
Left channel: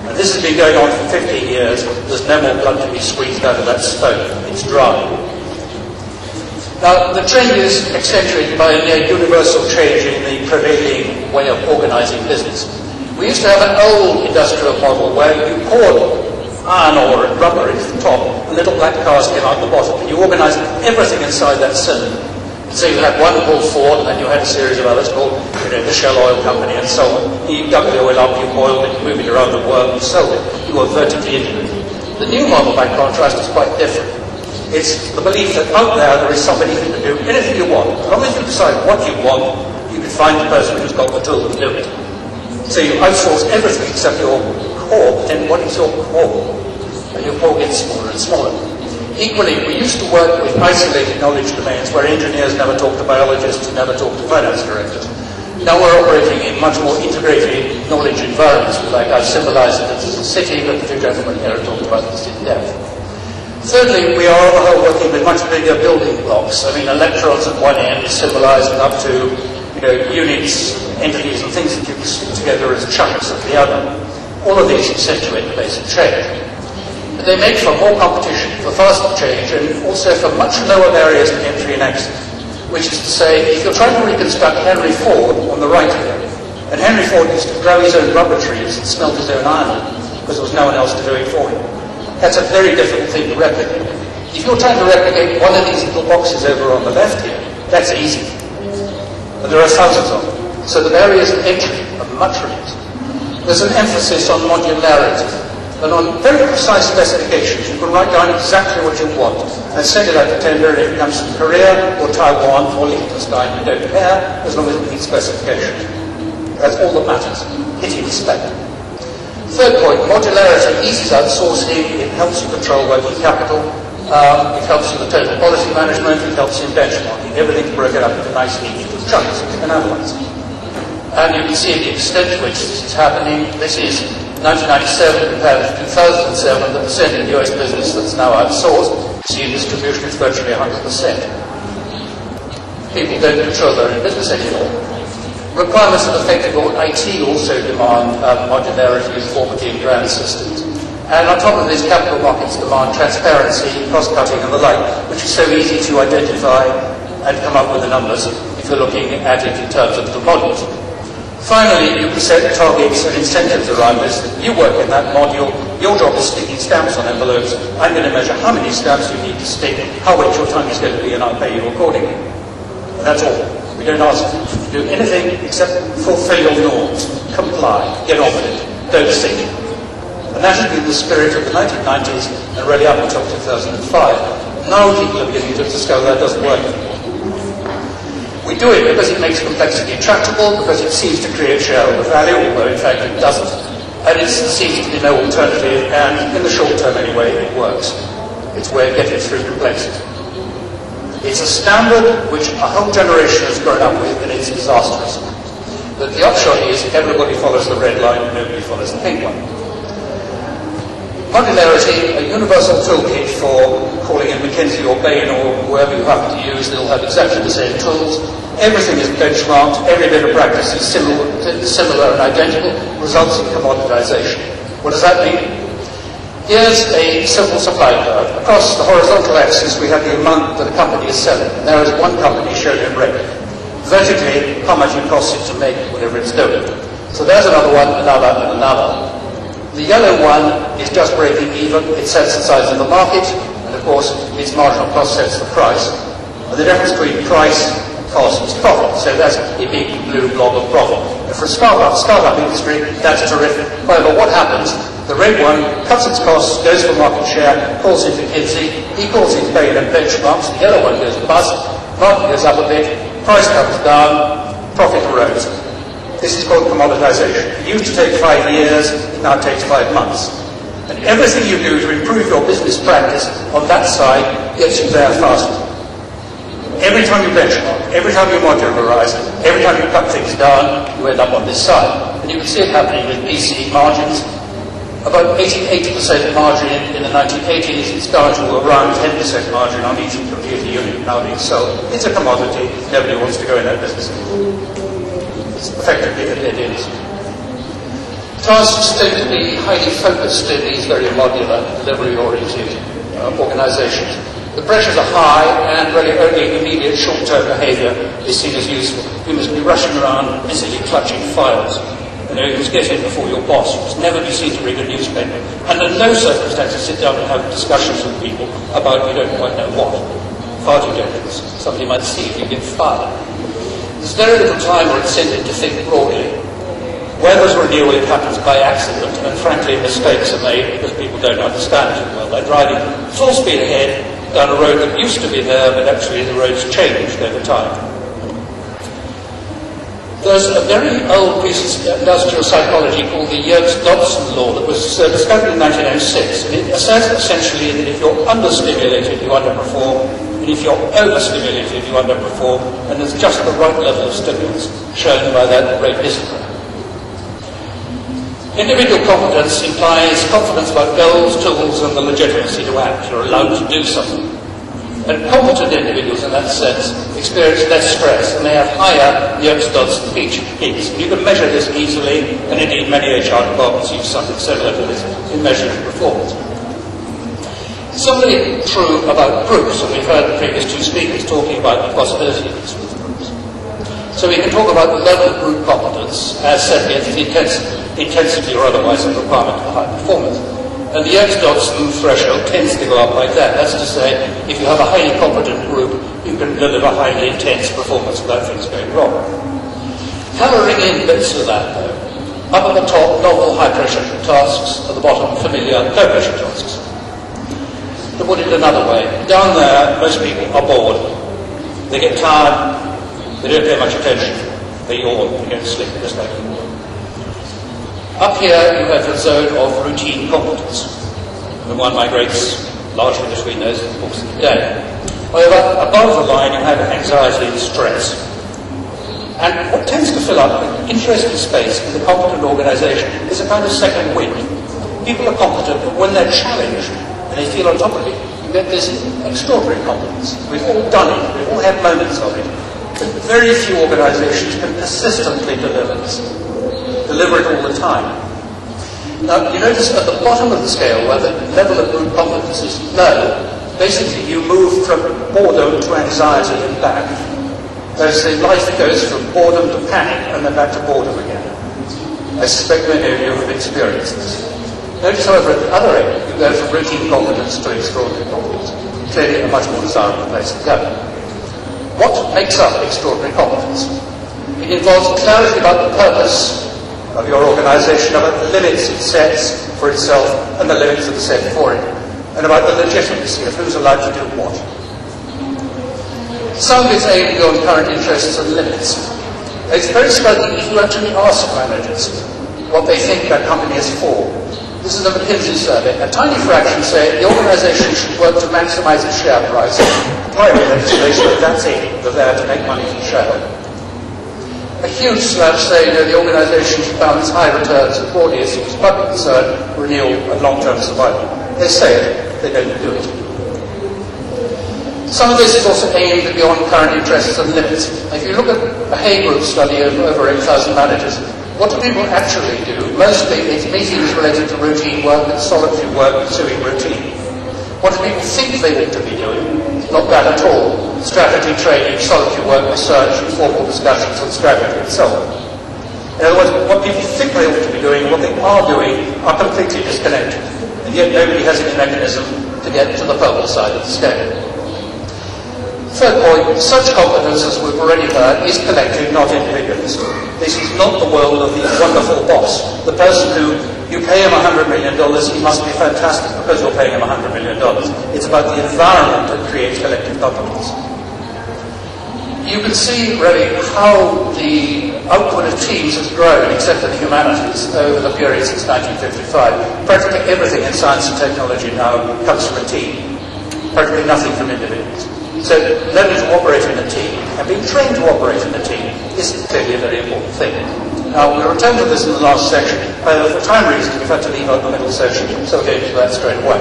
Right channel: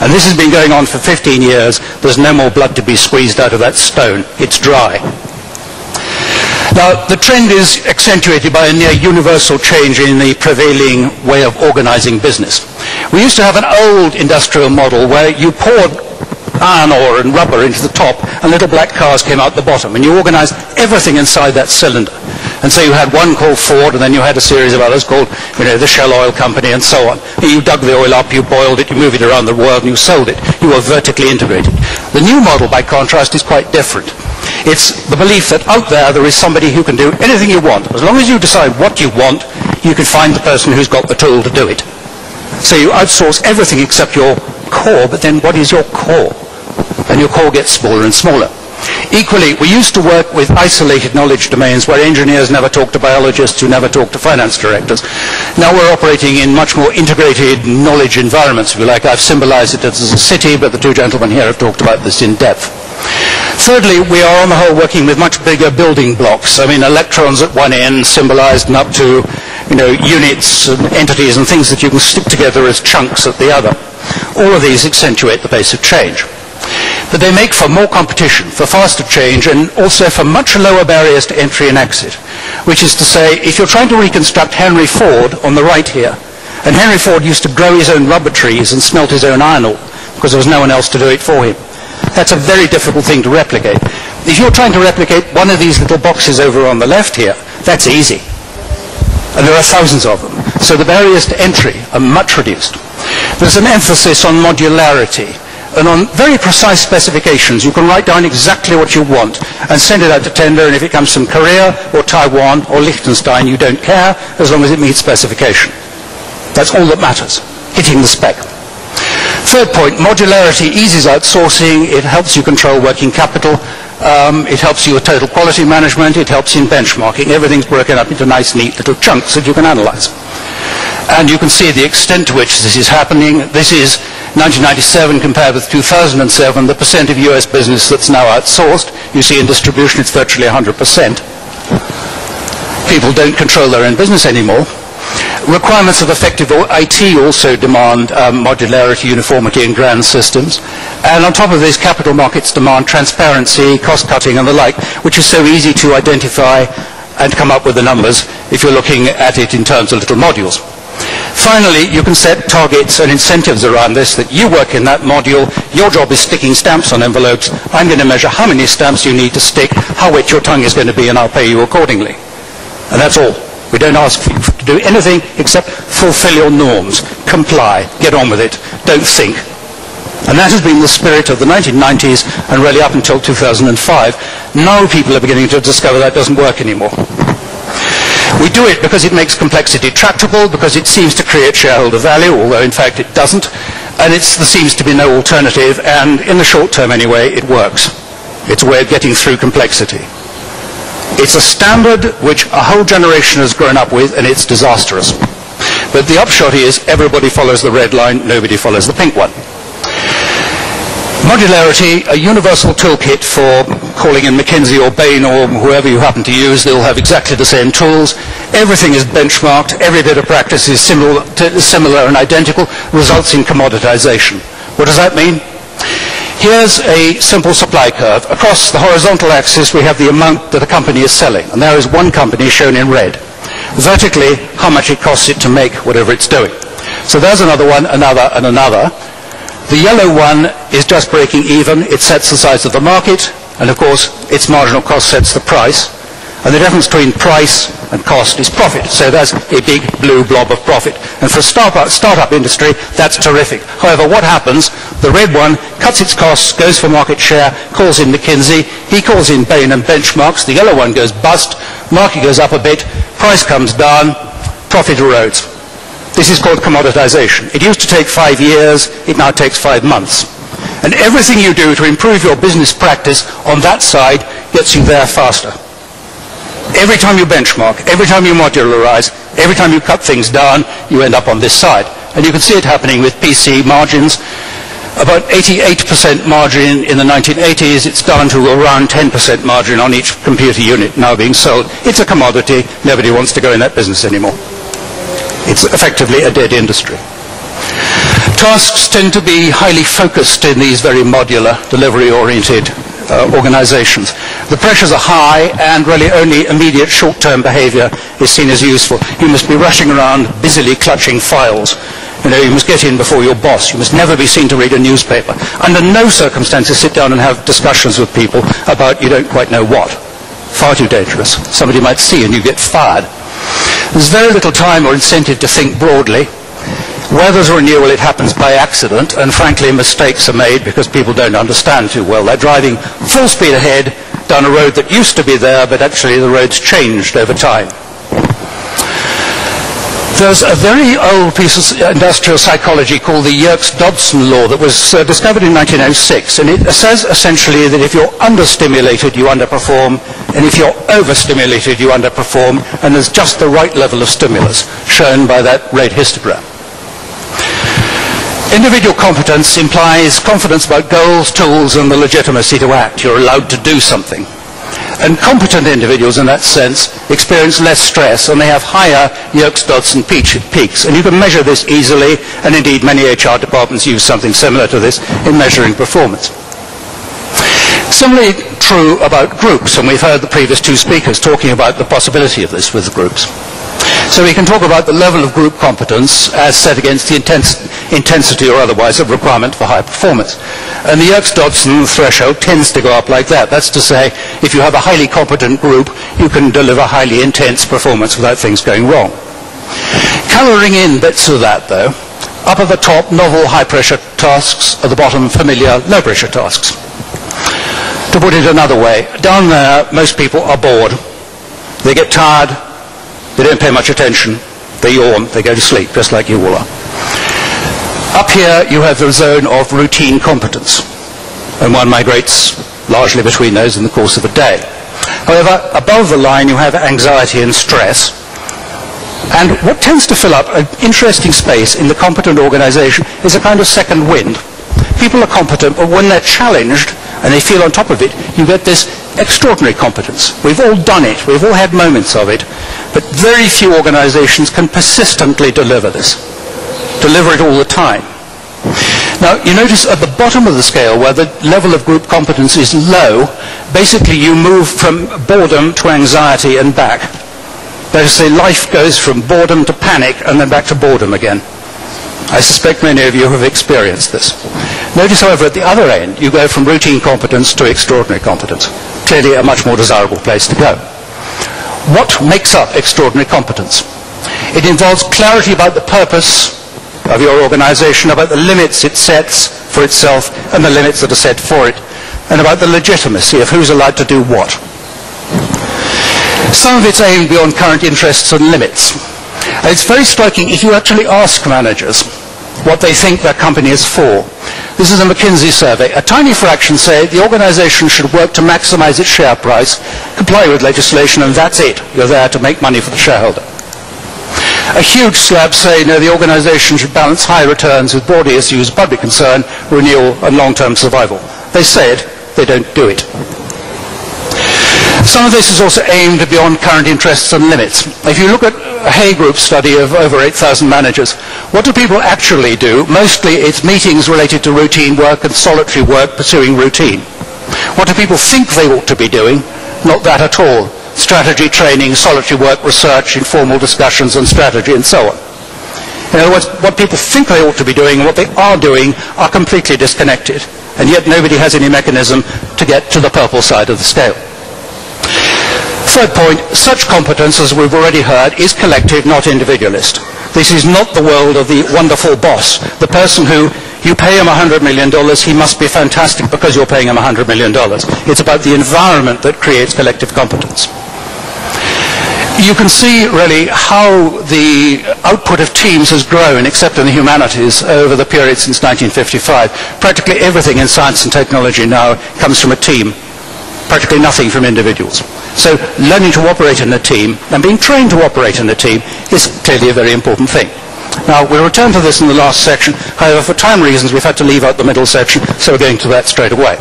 And this has been going on for 15 years. There's no more blood to be squeezed out of that stone. It's dry. Now, the trend is accentuated by a near universal change in the prevailing way of organizing business. We used to have an old industrial model where you poured iron ore and rubber into the top and little black cars came out the bottom. And you organized everything inside that cylinder. And so you had one called Ford, and then you had a series of others called, the Shell Oil Company, and so on. You dug the oil up, you boiled it, you moved it around the world, and you sold it. You were vertically integrated. The new model, by contrast, is quite different. It's the belief that out there is somebody who can do anything you want. As long as you decide what you want, you can find the person who's got the tool to do it. So you outsource everything except your core, but then what is your core? And your core gets smaller and smaller. Equally, we used to work with isolated knowledge domains where engineers never talked to biologists who never talked to finance directors. Now we're operating in much more integrated knowledge environments, if you like. I've symbolized it as a city, but the two gentlemen here have talked about this in depth. Thirdly, we are on the whole working with much bigger building blocks. I mean, electrons at one end symbolized and up to units and entities and things that you can stick together as chunks at the other. All of these accentuate the pace of change. But they make for more competition, for faster change, and also for much lower barriers to entry and exit. Which is to say, if you're trying to reconstruct Henry Ford on the right here, and Henry Ford used to grow his own rubber trees and smelt his own iron ore, because there was no one else to do it for him. That's a very difficult thing to replicate. If you're trying to replicate one of these little boxes over on the left here, that's easy. And there are thousands of them. So the barriers to entry are much reduced. There's an emphasis on modularity. And on very precise specifications, you can write down exactly what you want and send it out to tender, and if it comes from Korea or Taiwan or Liechtenstein, you don't care, as long as it meets specification. That's all that matters, hitting the spec. Third point, modularity eases outsourcing, it helps you control working capital, it helps you with total quality management, it helps you in benchmarking. Everything's broken up into nice, neat little chunks that you can analyze. And you can see the extent to which this is happening. This is 1997 compared with 2007, the percent of US business that's now outsourced. You see in distribution it's virtually 100%. People don't control their own business anymore. Requirements of effective IT also demand modularity, uniformity in grand systems. And on top of this, capital markets demand transparency, cost cutting and the like, which is so easy to identify and come up with the numbers if you're looking at it in terms of little modules. Finally, you can set targets and incentives around this, that you work in that module, your job is sticking stamps on envelopes, I'm going to measure how many stamps you need to stick, how wet your tongue is going to be, and I'll pay you accordingly. And that's all. We don't ask you to do anything except fulfill your norms, comply, get on with it, don't think. And that has been the spirit of the 1990s and really up until 2005. Now people are beginning to discover that doesn't work anymore. We do it because it makes complexity tractable, because it seems to create shareholder value, although in fact it doesn't, and there seems to be no alternative, and in the short term anyway, it works. It's a way of getting through complexity. It's a standard which a whole generation has grown up with, and it's disastrous. But the upshot is everybody follows the red line, nobody follows the pink one. Modularity, a universal toolkit for calling in McKinsey or Bain or whoever you happen to use. They'll have exactly the same tools. Everything is benchmarked. Every bit of practice is similar and identical, results in commoditization. What does that mean? Here's a simple supply curve. Across the horizontal axis, we have the amount that a company is selling. And there is one company shown in red. Vertically, how much it costs it to make whatever it's doing. So there's another one, another, and another. The yellow one is just breaking even. It sets the size of the market, and of course, its marginal cost sets the price. And the difference between price and cost is profit. So that's a big blue blob of profit. And for startup industry, that's terrific. However, what happens? The red one cuts its costs, goes for market share, calls in McKinsey. He calls in Bain and benchmarks. The yellow one goes bust. Market goes up a bit. Price comes down. Profit erodes. This is called commoditization. It used to take 5 years, it now takes 5 months. And everything you do to improve your business practice on that side gets you there faster. Every time you benchmark, every time you modularize, every time you cut things down, you end up on this side. And you can see it happening with PC margins. About 88% margin in the 1980s, it's down to around 10% margin on each computer unit now being sold. It's a commodity, nobody wants to go in that business anymore. It's effectively a dead industry. Tasks tend to be highly focused in these very modular, delivery-oriented organizations. The pressures are high, and really only immediate short-term behavior is seen as useful. You must be rushing around, busily clutching files. You must get in before your boss. You must never be seen to read a newspaper. Under no circumstances sit down and have discussions with people about you don't quite know what. Far too dangerous. Somebody might see and you get fired. There's very little time or incentive to think broadly. Where there's a renewal, it happens by accident, and frankly, mistakes are made because people don't understand too well. They're driving full speed ahead down a road that used to be there, but actually the road's changed over time. There's a very old piece of industrial psychology called the Yerkes-Dodson law that was discovered in 1906, and it says essentially that if you're understimulated, you underperform, and if you're overstimulated, you underperform, and there's just the right level of stimulus, shown by that red histogram. Individual competence implies confidence about goals, tools, and the legitimacy to act. You're allowed to do something. And competent individuals, in that sense, experience less stress, and they have higher Yerkes-Dodson peaks. And you can measure this easily, and indeed many HR departments use something similar to this in measuring performance. Similarly true about groups, and we've heard the previous two speakers talking about the possibility of this with groups. So we can talk about the level of group competence as set against the intensity or otherwise of requirement for high performance. And the Yerkes-Dodson threshold tends to go up like that. That's to say, if you have a highly competent group, you can deliver highly intense performance without things going wrong. Colouring in bits of that, though, up at the top, novel high-pressure tasks, at the bottom, familiar low-pressure tasks. To put it another way, down there, most people are bored. They get tired, they don't pay much attention, they yawn, they go to sleep, just like you all are. Up here, you have the zone of routine competence, and one migrates largely between those in the course of a day. However, above the line, you have anxiety and stress. And what tends to fill up an interesting space in the competent organization is a kind of second wind. People are competent, but when they're challenged and they feel on top of it, you get this extraordinary competence. We've all done it, we've all had moments of it, but very few organizations can persistently deliver this. Deliver it all the time. Now, you notice at the bottom of the scale, where the level of group competence is low, basically you move from boredom to anxiety and back. That is to say, life goes from boredom to panic and then back to boredom again. I suspect many of you have experienced this. Notice, however, at the other end, you go from routine competence to extraordinary competence. Clearly a much more desirable place to go. What makes up extraordinary competence? It involves clarity about the purpose of your organization, about the limits it sets for itself and the limits that are set for it, and about the legitimacy of who's allowed to do what. Some of it's aimed beyond current interests and limits. And it's very striking if you actually ask managers what they think their company is for. This is a McKinsey survey. A tiny fraction say the organization should work to maximize its share price, comply with legislation, and that's it. You're there to make money for the shareholder. A huge slab say, no, the organization should balance high returns with broader issues, public concern, renewal, and long-term survival. They said, they don't do it. Some of this is also aimed beyond current interests and limits. If you look at a Hay Group study of over 8,000 managers, what do people actually do? Mostly it's meetings related to routine work and solitary work pursuing routine. What do people think they ought to be doing? Not that at all. Strategy, training, solitary work, research, informal discussions on strategy, and so on. In other words, what people think they ought to be doing and what they are doing are completely disconnected. And yet nobody has any mechanism to get to the purple side of the scale. Third point, such competence, as we've already heard, is collective, not individualist. This is not the world of the wonderful boss, the person who you pay him $100 million, he must be fantastic because you're paying him $100 million. It's about the environment that creates collective competence. You can see really how the output of teams has grown, except in the humanities, over the period since 1955. Practically everything in science and technology now comes from a team, practically nothing from individuals. So learning to operate in a team and being trained to operate in a team is clearly a very important thing. Now, we'll return to this in the last section. However, for time reasons, we've had to leave out the middle section, so we're going to that straight away.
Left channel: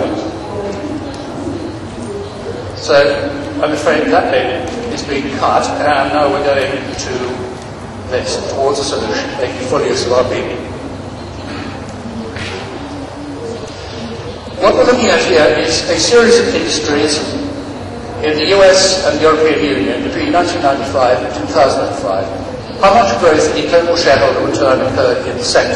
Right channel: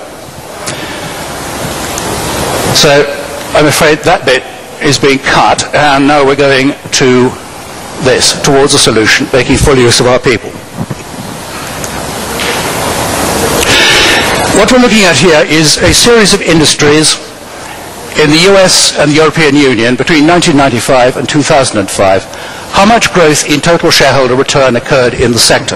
So I'm afraid that bit is being cut, and now we're going to this, towards a solution, making full use of our people. What we're looking at here is a series of industries in the US and the European Union between 1995 and 2005, how much growth in total shareholder return occurred in the sector.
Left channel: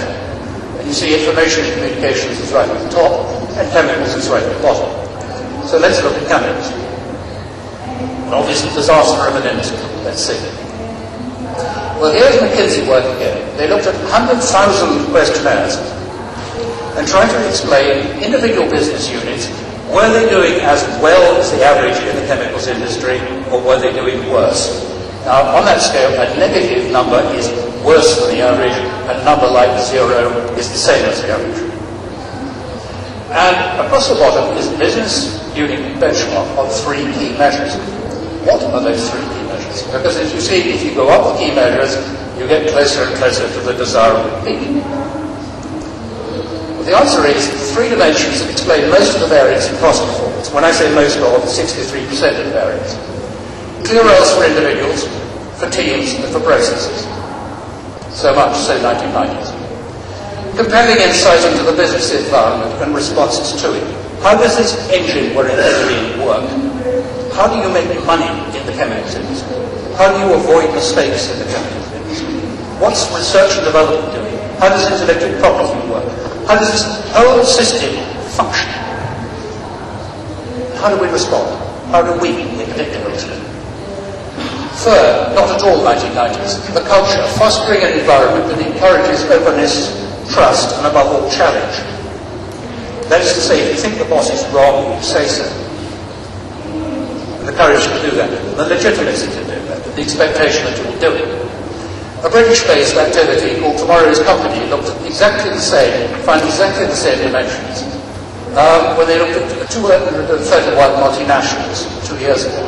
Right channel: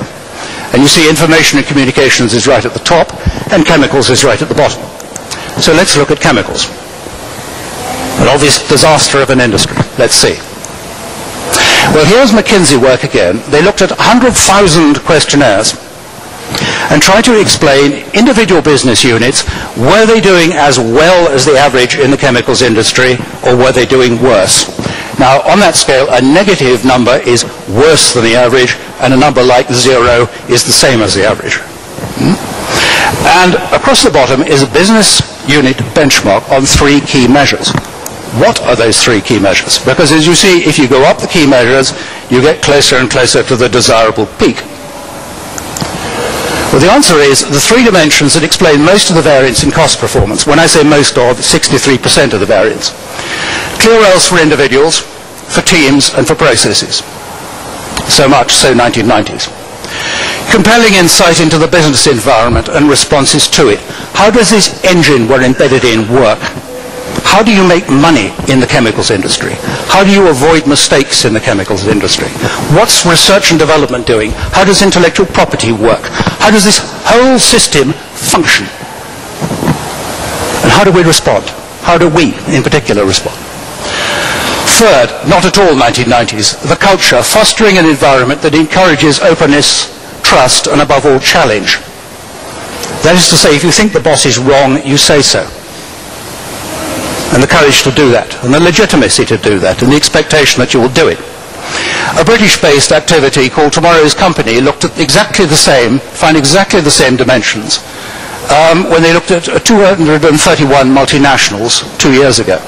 And you see information and communications is right at the top, and chemicals is right at the bottom. So let's look at chemicals. An obvious disaster of an industry. Let's see. Well, here's McKinsey work again. They looked at 100,000 questionnaires and tried to explain individual business units, were they doing as well as the average in the chemicals industry, or were they doing worse? Now, on that scale, a negative number is worse than the average, and a number like 0 is the same as the average. And across the bottom is a business unit benchmark on 3 key measures. What are those 3 key measures? Because as you see, if you go up the key measures, you get closer and closer to the desirable peak. Well, the answer is the 3 dimensions that explain most of the variance in cost performance. When I say most of, 63% of the variance. Clear roles for individuals, for teams, and for processes. So much so 1990s. Compelling insight into the business environment and responses to it. How does this engine we're embedded in work? How do you make money in the chemicals industry? How do you avoid mistakes in the chemicals industry? What's research and development doing? How does intellectual property work? How does this whole system function. And how do we respond? How do we, in particular, respond? Third, not at all 1990s, the culture, fostering an environment that encourages openness, trust, and above all, challenge. That is to say, if you think the boss is wrong, you say so. And the courage to do that, and the legitimacy to do that, and the expectation that you will do it. A British-based activity called Tomorrow's Company looked at exactly the same, found exactly the same dimensions when they looked at 231 multinationals 2 years ago.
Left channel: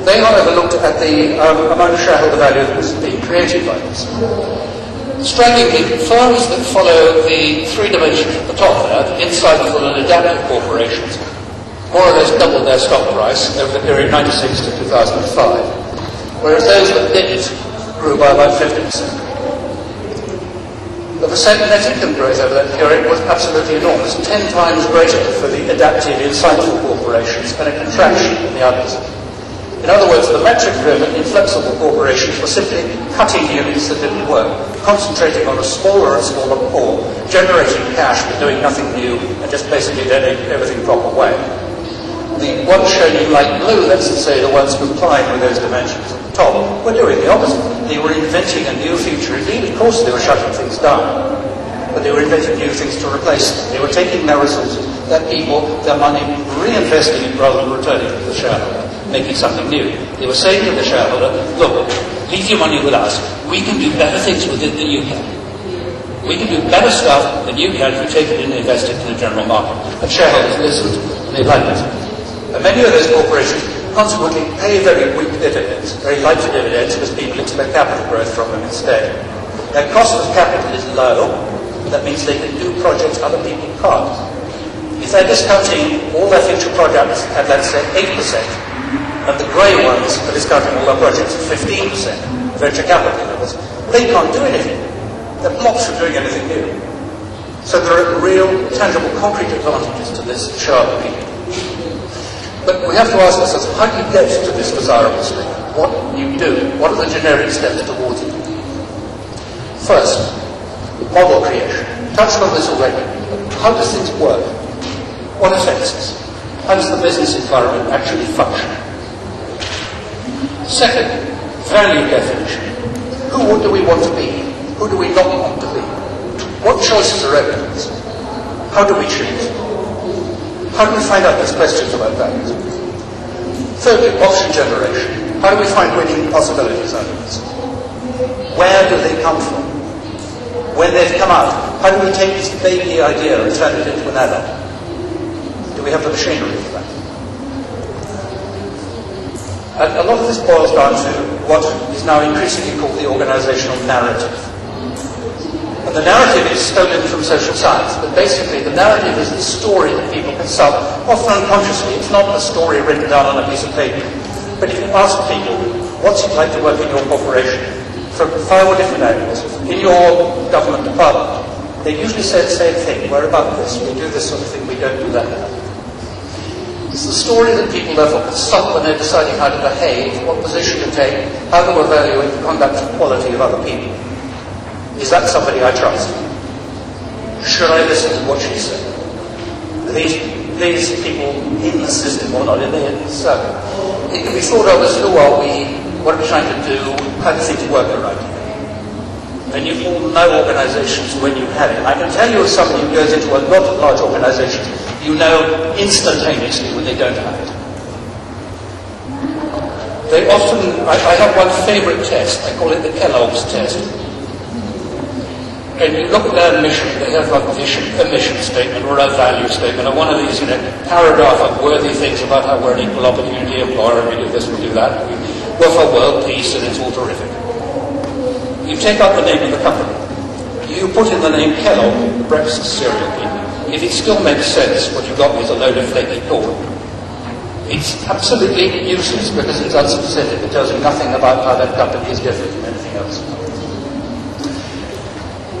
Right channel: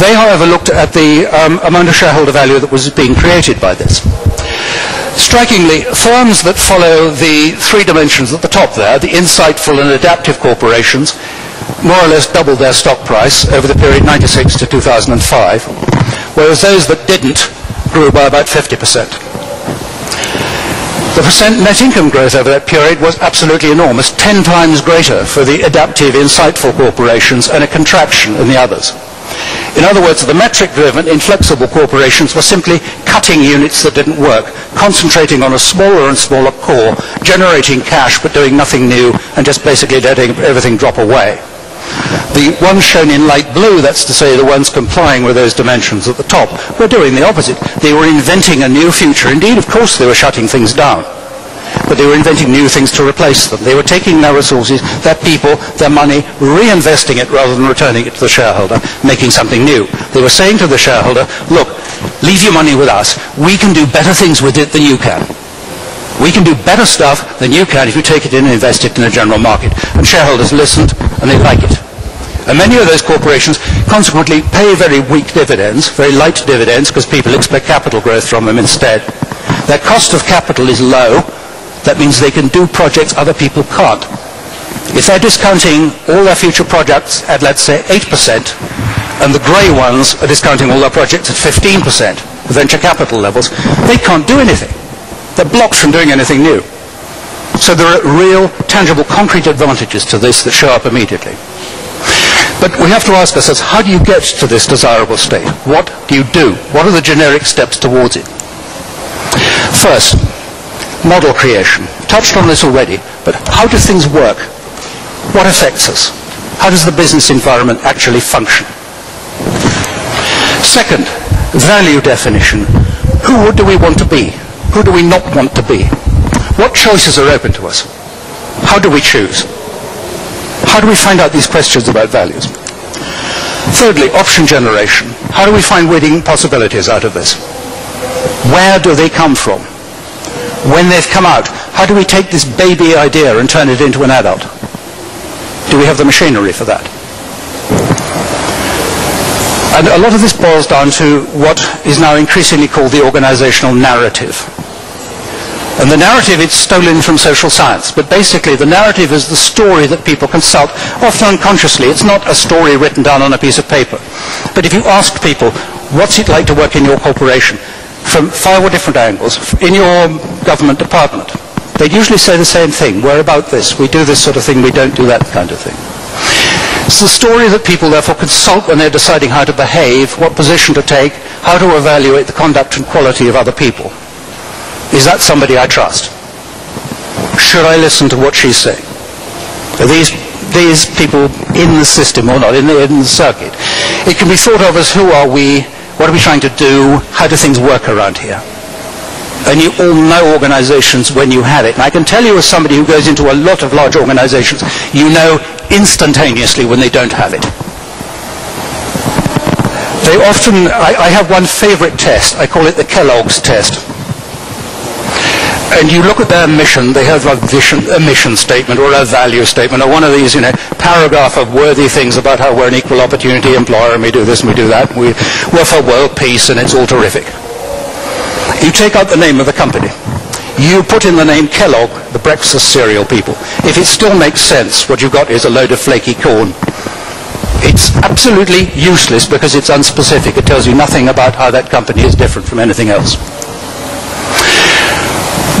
They, however, looked at the amount of shareholder value that was being created by this. Strikingly, firms that follow the three dimensions at the top there, the insightful and adaptive corporations, more or less doubled their stock price over the period 96 to 2005, whereas those that didn't grew by about 50%. The percent net income growth over that period was absolutely enormous, 10 times greater for the adaptive, insightful corporations and a contraction in the others. In other words, the metric-driven, inflexible corporations were simply cutting units that didn't work, concentrating on a smaller and smaller core, generating cash but doing nothing new, and just basically letting everything drop away. The ones shown in light blue, that's to say the ones complying with those dimensions at the top, were doing the opposite. They were inventing a new future. Indeed, of course, they were shutting things down. But they were inventing new things to replace them. They were taking their resources, their people, their money, reinvesting it rather than returning it to the shareholder, making something new. They were saying to the shareholder, look, leave your money with us. We can do better things with it than you can. We can do better stuff than you can if you take it in and invest it in the general market. And shareholders listened, and they like it. And many of those corporations consequently pay very weak dividends, very light dividends, because people expect capital growth from them instead. Their cost of capital is low. That means they can do projects other people can't. If they're discounting all their future projects at, let's say, 8%, and the grey ones are discounting all their projects at 15%, venture capital levels, they can't do anything. They're blocked from doing anything new. So there are real, tangible, concrete advantages to this that show up immediately. But we have to ask ourselves, how do you get to this desirable state? What do you do? What are the generic steps towards it? First, model creation. Touched on this already, but how do things work? What affects us? How does the business environment actually function? Second, value definition. Who do we want to be? Who do we not want to be? What choices are open to us? How do we choose? How do we find out these questions about values? Thirdly, option generation. How do we find winning possibilities out of this? Where do they come from? When they've come out, how do we take this baby idea and turn it into an adult? Do we have the machinery for that? And a lot of this boils down to what is now increasingly called the organizational narrative. And the narrative, it's stolen from social science, but basically the narrative is the story that people consult, often unconsciously. It's not a story written down on a piece of paper. But if you ask people, what's it like to work in your corporation, from 5 or different angles, in your government department, they'd usually say the same thing. We're about this. We do this sort of thing. We don't do that kind of thing. It's the story that people therefore consult when they're deciding how to behave, what position to take, how to evaluate the conduct and quality of other people. Is that somebody I trust? Should I listen to what she's saying? Are these people in the system or not, in the circuit? It can be thought of as who are we, what are we trying to do, how do things work around here? And you all know organizations when you have it. And I can tell you as somebody who goes into a lot of large organizations, you know instantaneously when they don't have it. They often, I have one favorite test, I call it the Kellogg's test. And you look at their mission, they have like a mission statement or a value statement or one of these, paragraph of worthy things about how we're an equal opportunity employer and we do this and we do that. We're for world peace and it's all terrific. You take out the name of the company. You put in the name Kellogg, the breakfast cereal people. If it still makes sense, what you've got is a load of flaky corn. It's absolutely useless because it's unspecific. It tells you nothing about how that company is different from anything else.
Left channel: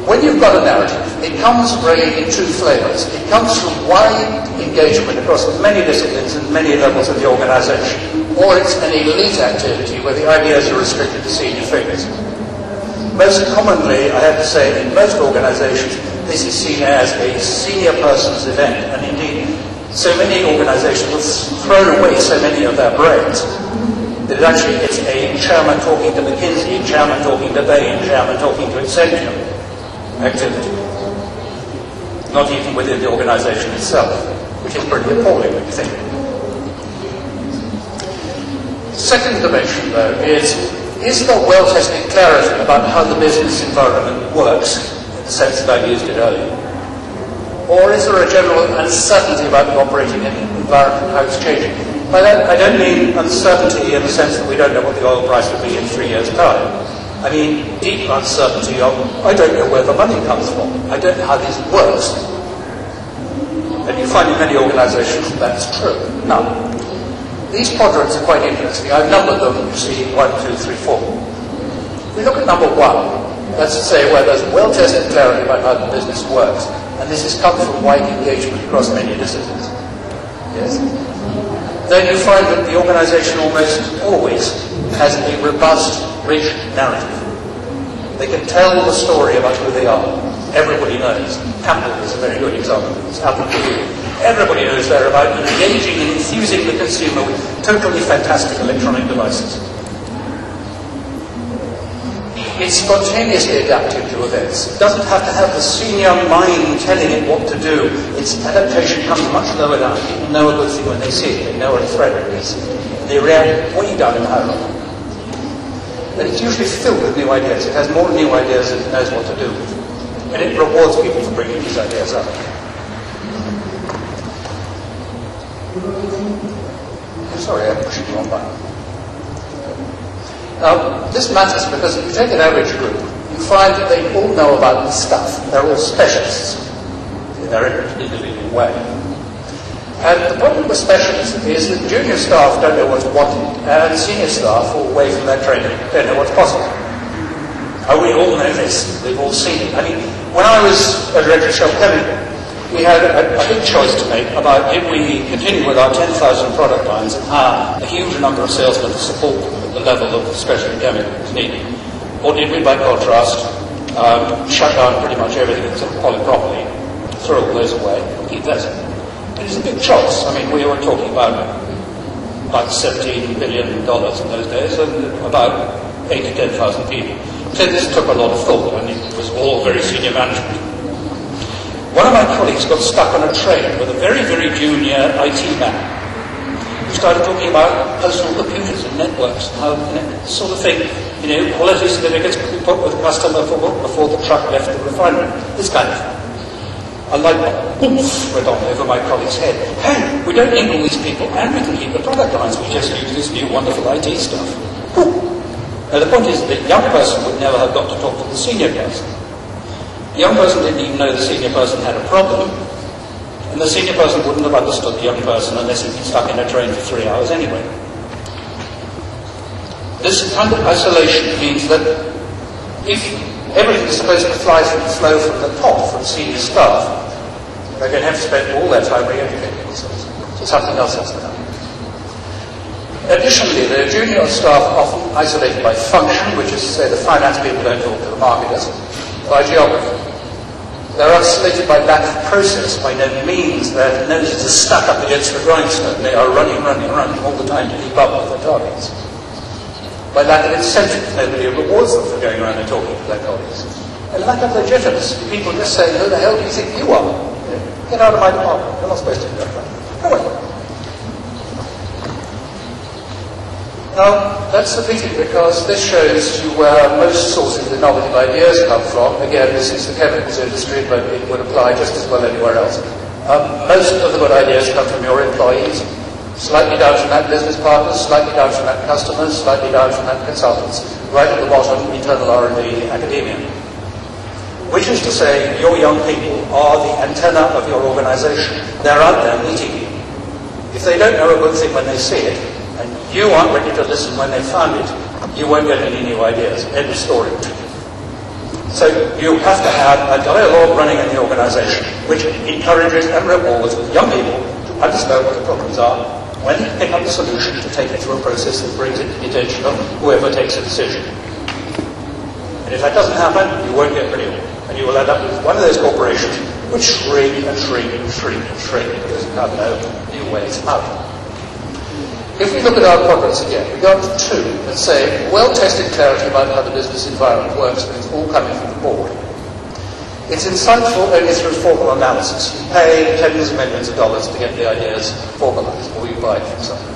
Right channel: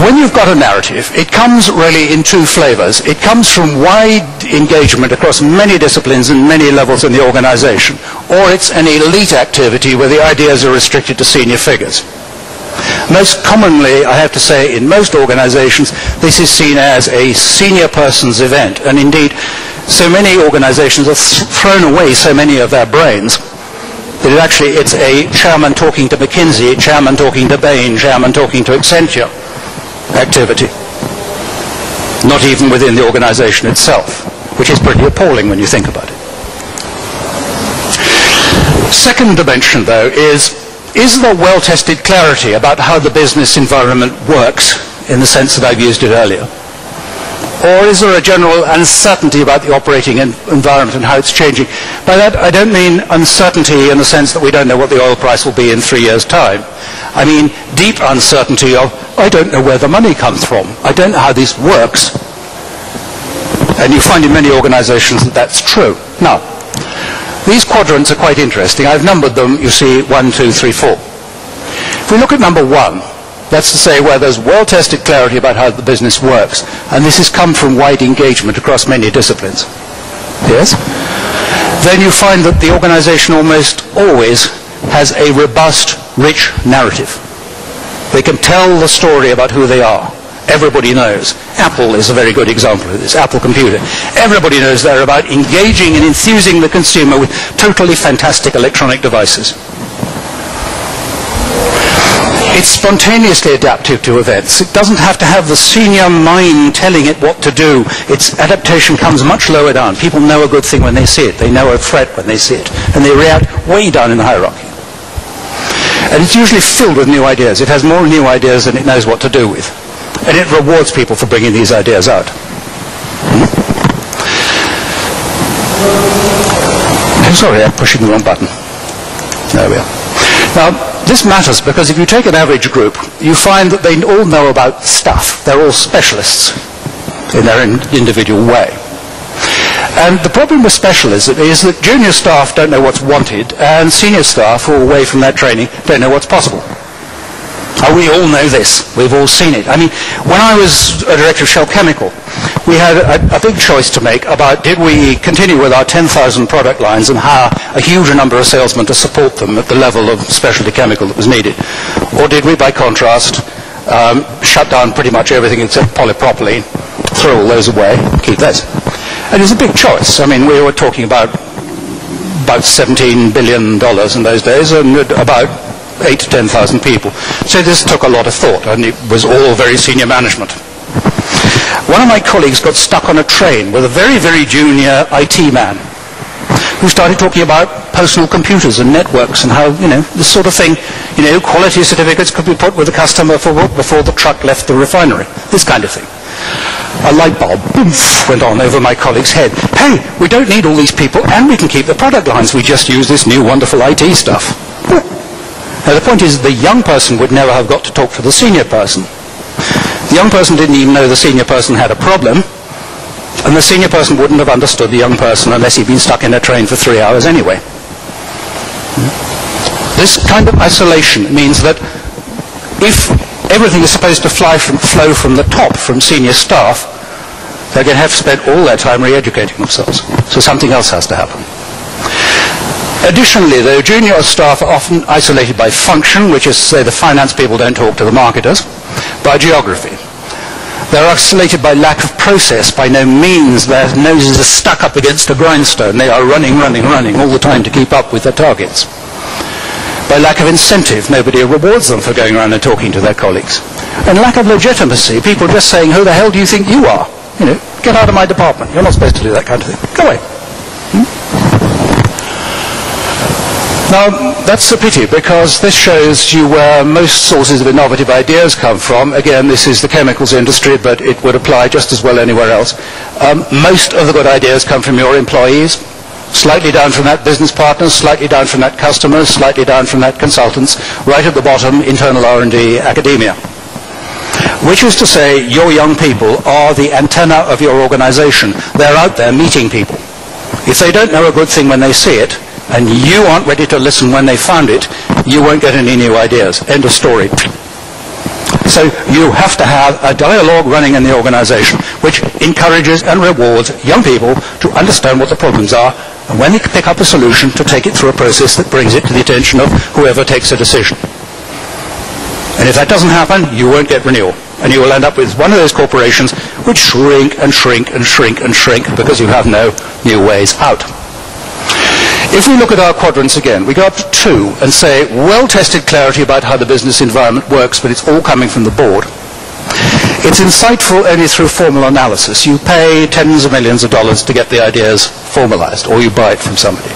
When you've got a narrative, it comes really in two flavors. It comes from wide engagement across many disciplines and many levels in the organization, or it's an elite activity where the ideas are restricted to senior figures. Most commonly, I have to say, in most organizations, this is seen as a senior person's event. And indeed, so many organizations have thrown away so many of their brains that it's a chairman talking to McKinsey, chairman talking to Bain, chairman talking to Accenture activity. Not even within the organization itself, which is pretty appalling when you think about it. Second dimension, though, is there well-tested clarity about how the business environment works in the sense that I've used it earlier? Or is there a general uncertainty about the operating environment and how it's changing? By that, I don't mean uncertainty in the sense that we don't know what the oil price will be in 3 years' time. I mean deep uncertainty of, I don't know where the money comes from. I don't know how this works. And you find in many organizations that that's true. Now, these quadrants are quite interesting. I've numbered them, you see, 1, 2, 3, 4. If we look at number 1, that's to say where there's well-tested clarity about how the business works, and this has come from wide engagement across many disciplines. Yes? Then you find that the organization almost always has a robust, rich narrative. They can tell the story about who they are. Everybody knows. Apple is a very good example of this, Apple Computer. Everybody knows they're about engaging and enthusing the consumer with totally fantastic electronic devices. It's spontaneously adaptive to events. It doesn't have to have the senior mind telling it what to do. Its adaptation comes much lower down. People know a good thing when they see it. They know a threat when they see it. And they react way down in the hierarchy. And it's usually filled with new ideas. It has more new ideas than it knows what to do with. And it rewards people for bringing these ideas out. I'm sorry, I'm pushing the wrong button. There we are. Now, this matters because if you take an average group, you find that they all know about stuff. They're all specialists in their individual way. And the problem with specialism is that junior staff don't know what's wanted, and senior staff who are away from their training don't know what's possible. And we all know this. We've all seen it. I mean, when I was a director of Shell Chemical, we had a big choice to make about did we continue with our 10,000 product lines and hire a huge number of salesmen to support them at the level of specialty chemical that was needed, or did we, by contrast, shut down pretty much everything except polypropylene, throw all those away, keep this. And it was a big choice. I mean, we were talking about $17 billion in those days and about 8,000 to 10,000 people. So this took a lot of thought, and it was all very senior management. One of my colleagues got stuck on a train with a very, very junior IT man who started talking about personal computers and networks and how, this sort of thing, quality certificates could be put with the customer before the truck left the refinery, this kind of thing. A light bulb, boof, went on over my colleague's head. Hey, we don't need all these people, and we can keep the product lines. We just use this new wonderful IT stuff. Ooh. Now, the point is the young person would never have got to talk to the senior person. The young person didn't even know the senior person had a problem, and the senior person wouldn't have understood the young person unless he'd been stuck in a train for 3 hours anyway. This kind of isolation means that if everything is supposed to flow from the top, from senior staff, they're going to have to spend all their time re-educating themselves. So something else has to happen. Additionally, the junior staff are often isolated by function, which is to say the finance people don't talk to the marketers, by geography. They're isolated by lack of process. By no means their noses are stuck up against the grindstone. They are running all the time to keep up with their targets. By lack of incentive, nobody rewards them for going around and talking to their colleagues. And lack of legitimacy, people just saying, who the hell do you think you are? Get out of my department. You're not supposed to do that kind of thing. Go away. Now, that's a pity, because this shows you where most sources of innovative ideas come from. Again, this is the chemicals industry, but it would apply just as well anywhere else. Most of the good ideas come from your employees, slightly down from that business partners, slightly down from that customers, slightly down from that consultants, right at the bottom, internal R&D, academia. Which is to say, your young people are the antenna of your organization. They're out there meeting people. If they don't know a good thing when they see it, and you aren't ready to listen when they found it, you won't get any new ideas. End of story. So you have to have a dialogue running in the organization which encourages and rewards young people to understand what the problems are, and when they pick up a solution, to take it through a process that brings it to the attention of whoever takes a decision. And if that doesn't happen, you won't get renewal. And you will end up with one of those corporations which shrink and shrink and shrink and shrink because you have no new ways out. If we look at our quadrants again, we go up to 2 and say, well-tested clarity about how the business environment works, but it's all coming from the board. It's insightful only through formal analysis. You pay tens of millions of dollars to get the ideas formalized, or you buy it from somebody.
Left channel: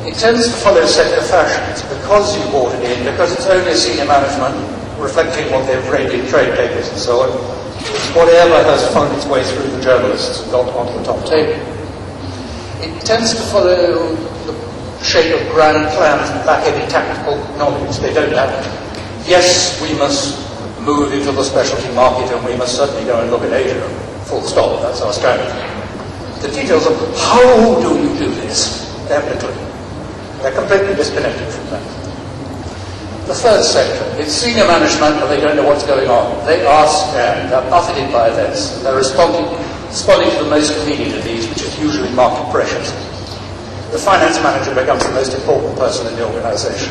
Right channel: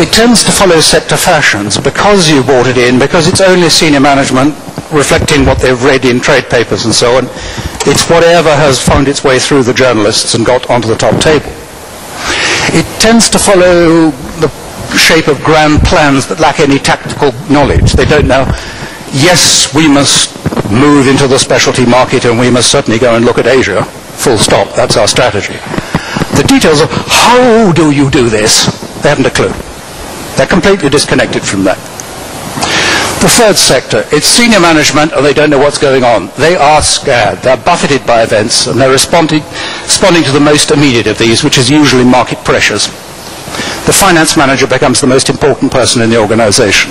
It tends to follow sector fashions because you bought it in, because it's only senior management reflecting what they've read in trade papers and so on. It's whatever has found its way through the journalists and got onto the top table. It tends to follow the shape of grand plans that lack any tactical knowledge. They don't know, yes, we must move into the specialty market and we must certainly go and look at Asia, full stop, that's our strategy. The details of how do you do this, they haven't a clue. They're completely disconnected from that. The third sector, it's senior management and they don't know what's going on. They are scared, they're buffeted by events and they're responding to the most immediate of these, which is usually market pressures. The finance manager becomes the most important person in the organization.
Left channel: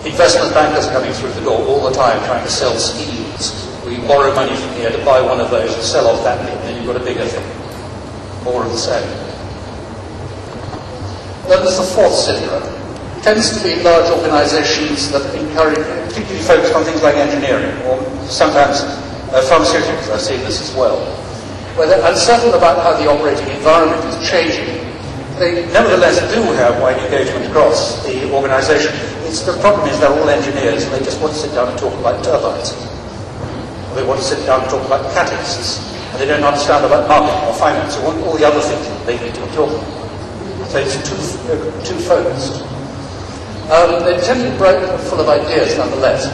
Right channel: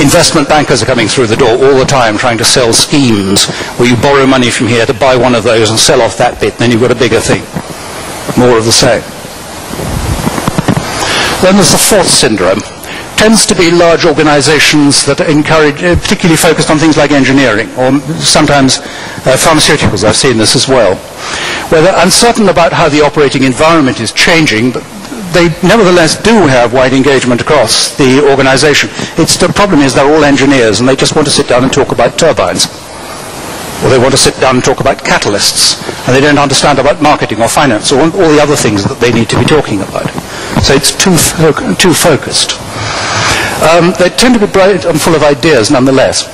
Investment bankers are coming through the door all the time trying to sell schemes where you borrow money from here to buy one of those and sell off that bit, and then you've got a bigger thing. More of the same. Then there's the fourth syndrome. Tends to be large organizations that encourage, particularly focused on things like engineering, or sometimes pharmaceuticals. I've seen this as well, where they're uncertain about how the operating environment is changing, but they nevertheless do have wide engagement across the organization. The problem is they're all engineers and they just want to sit down and talk about turbines. Or they want to sit down and talk about catalysts. And they don't understand about marketing or finance or all the other things that they need to be talking about. So it's too focused. They tend to be bright and full of ideas nonetheless.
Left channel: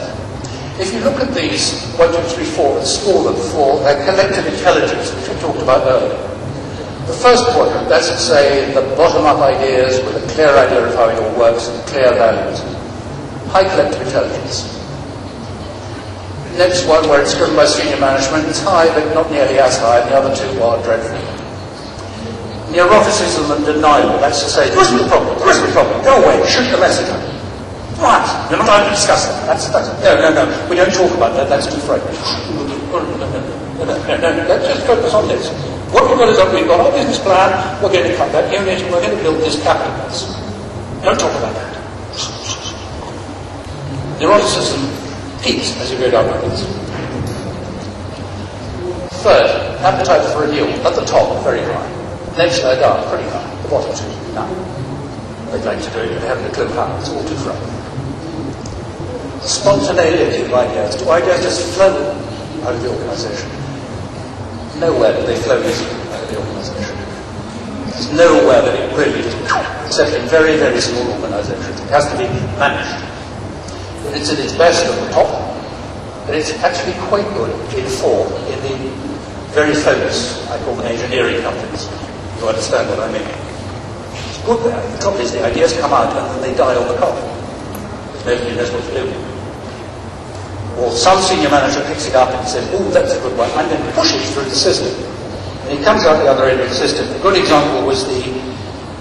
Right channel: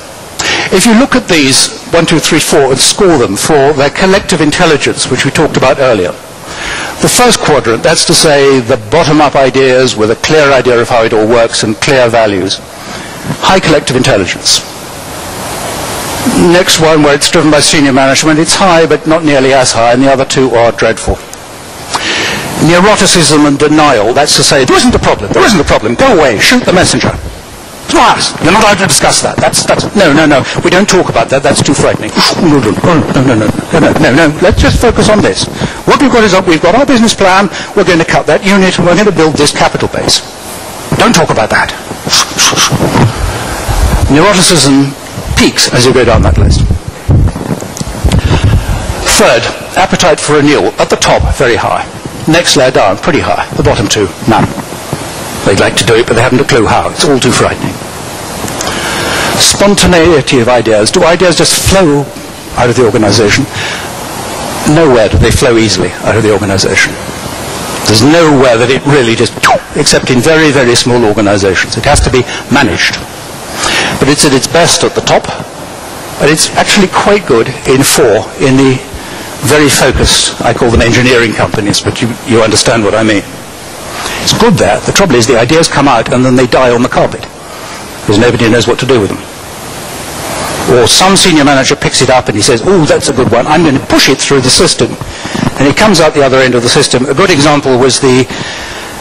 If you look at these 1, 2, 3, 4 and score them for their collective intelligence, which we talked about earlier, the first quadrant, that's to say the bottom-up ideas with a clear idea of how it all works and clear values. High collective intelligence. Next one, where it's driven by senior management, it's high but not nearly as high, and the other two are dreadful. Neuroticism and denial, that's to say, there isn't a problem, go away, shoot the messenger. It's not us, you're not allowed to discuss that. No, we don't talk about that, that's too frightening. No, let's just focus on this. What we've got is we've got our business plan, we're going to cut that unit, and we're going to build this capital base. Don't talk about that. Neuroticism peaks as you go down that list. Third, appetite for renewal. At the top, very high. Next layer down, pretty high. The bottom two, none. They'd like to do it, but they haven't a clue how. It's all too frightening. Spontaneity of ideas. Do ideas just flow out of the organization? Nowhere do they flow easily out of the organization. There's nowhere that it really just, except in very, very small organizations. It has to be managed. But it's at its best at the top, and it's actually quite good in 4 in the very focused, I call them engineering companies, but you understand what I mean. It's good there. The trouble is the ideas come out and then they die on the carpet because nobody knows what to do with them. Or some senior manager picks it up and he says, oh, that's a good one, I'm going to push it through the system. And it comes out the other end of the system. A good example was the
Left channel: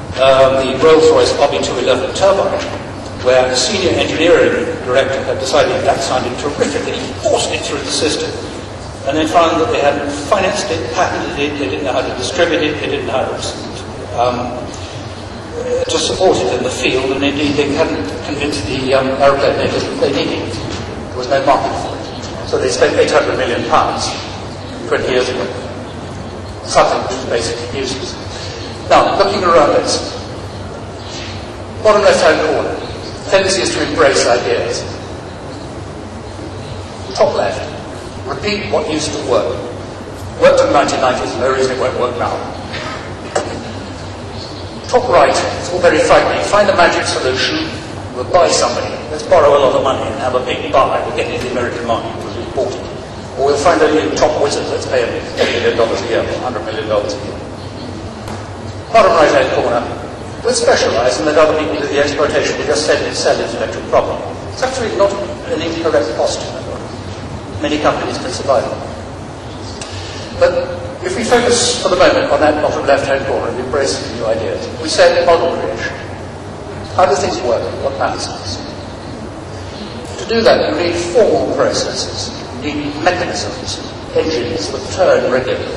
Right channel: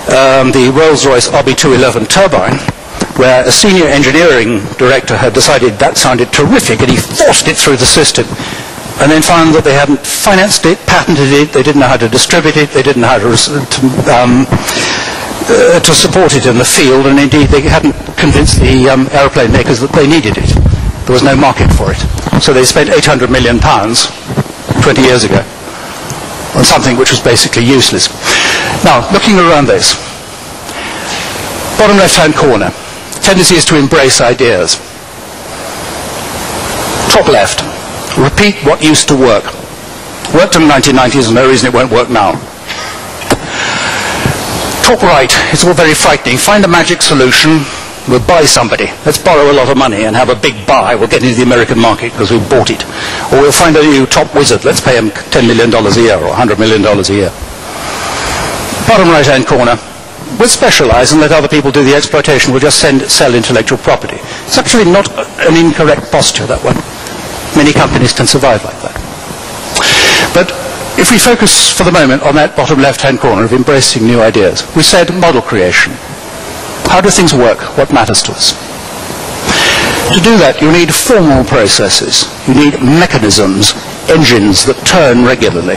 Rolls-Royce RB211 turbine, where a senior engineering director had decided that sounded terrific and he forced it through the system. And then found that they hadn't financed it, patented it, they didn't know how to distribute it, they didn't know how to support it in the field, and indeed they hadn't convinced the aeroplane makers that they needed it. There was no market for it. So they spent £800 million 20 years ago on something which was basically useless. Now, looking around this, bottom left-hand corner, tendency is to embrace ideas. Top left. Repeat what used to work. Worked in the 1990s, and no reason it won't work now. Top right, it's all very frightening. Find a magic solution, we'll buy somebody. Let's borrow a lot of money and have a big buy. We'll get into the American market because we bought it. Or we'll find a new top wizard. Let's pay him $10 million a year or $100 million a year. Bottom right-hand corner, we'll specialize and let other people do the exploitation. We'll just sell intellectual property. It's actually not an incorrect posture, that one. Many companies can survive like that. But if we focus for the moment on that bottom left-hand corner of embracing new ideas, we said model creation. How do things work? What matters to us? To do that, you need formal processes. You need mechanisms, engines that turn regularly,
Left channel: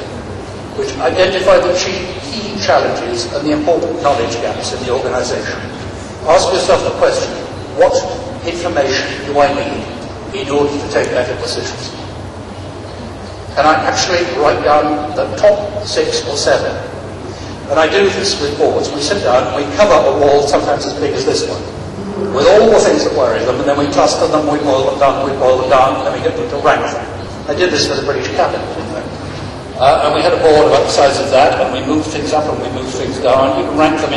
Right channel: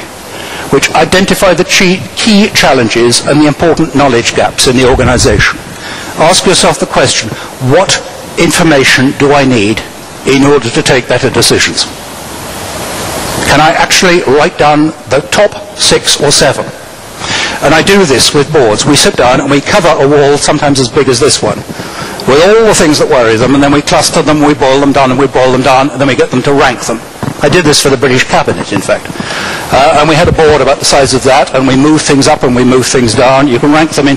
which identify the key challenges and the important knowledge gaps in the organization. Ask yourself the question, what information do I need in order to take better decisions? Can I actually write down the top 6 or 7? And I do this with boards. We sit down and we cover a wall sometimes as big as this one, with all the things that worry them, and then we cluster them, we boil them down, and we boil them down, and then we get them to rank them. I did this for the British Cabinet, in fact. And we had a board about the size of that, and we moved things up and we moved things down. You can rank them in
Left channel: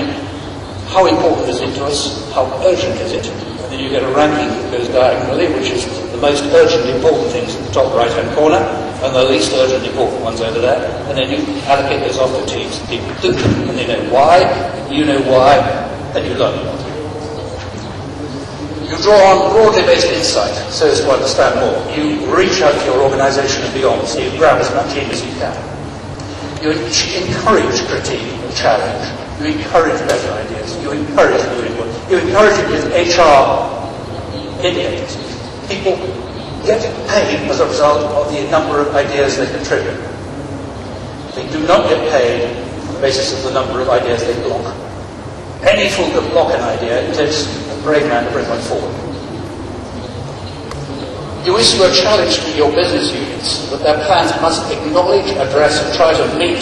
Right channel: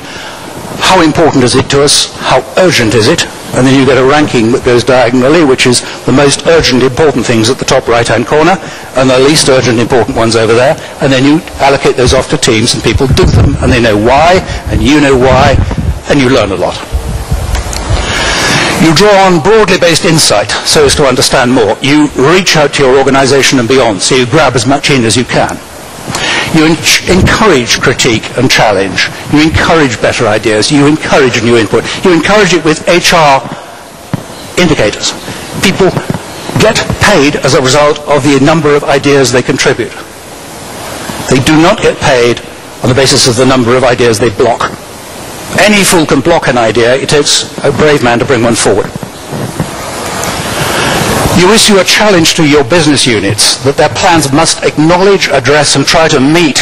how important is it to us, how urgent is it, and then you get a ranking that goes diagonally, which is the most urgent, important things at the top right-hand corner, and the least urgent, important ones over there, and then you allocate those off to teams, and people do them, and they know why, and you know why, and you learn a lot. You draw on broadly based insight so as to understand more. You reach out to your organization and beyond, so you grab as much in as you can. You encourage critique and challenge. You encourage better ideas. You encourage new input. You encourage it with HR indicators. People get paid as a result of the number of ideas they contribute. They do not get paid on the basis of the number of ideas they block. Any fool can block an idea. It takes a brave man to bring one forward. You issue a challenge to your business units that their plans must acknowledge, address, and try to meet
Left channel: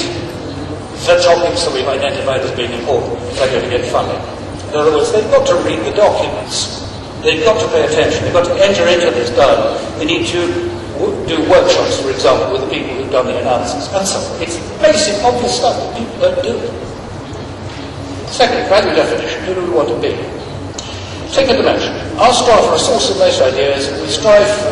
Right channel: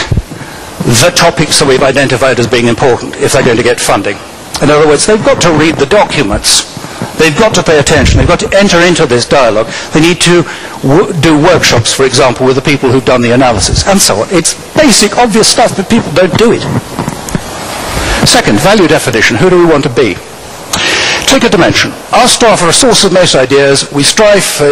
the topics that we've identified as being important if they're going to get funding. In other words, they've got to read the documents. They've got to pay attention. They've got to enter into this dialogue. They need to do workshops, for example, with the people who've done the analysis, and so on. It's basic, obvious stuff, but people don't do it. Second, value definition. Who do we want to be? Take a dimension. Our staff are a source of most ideas. We strive for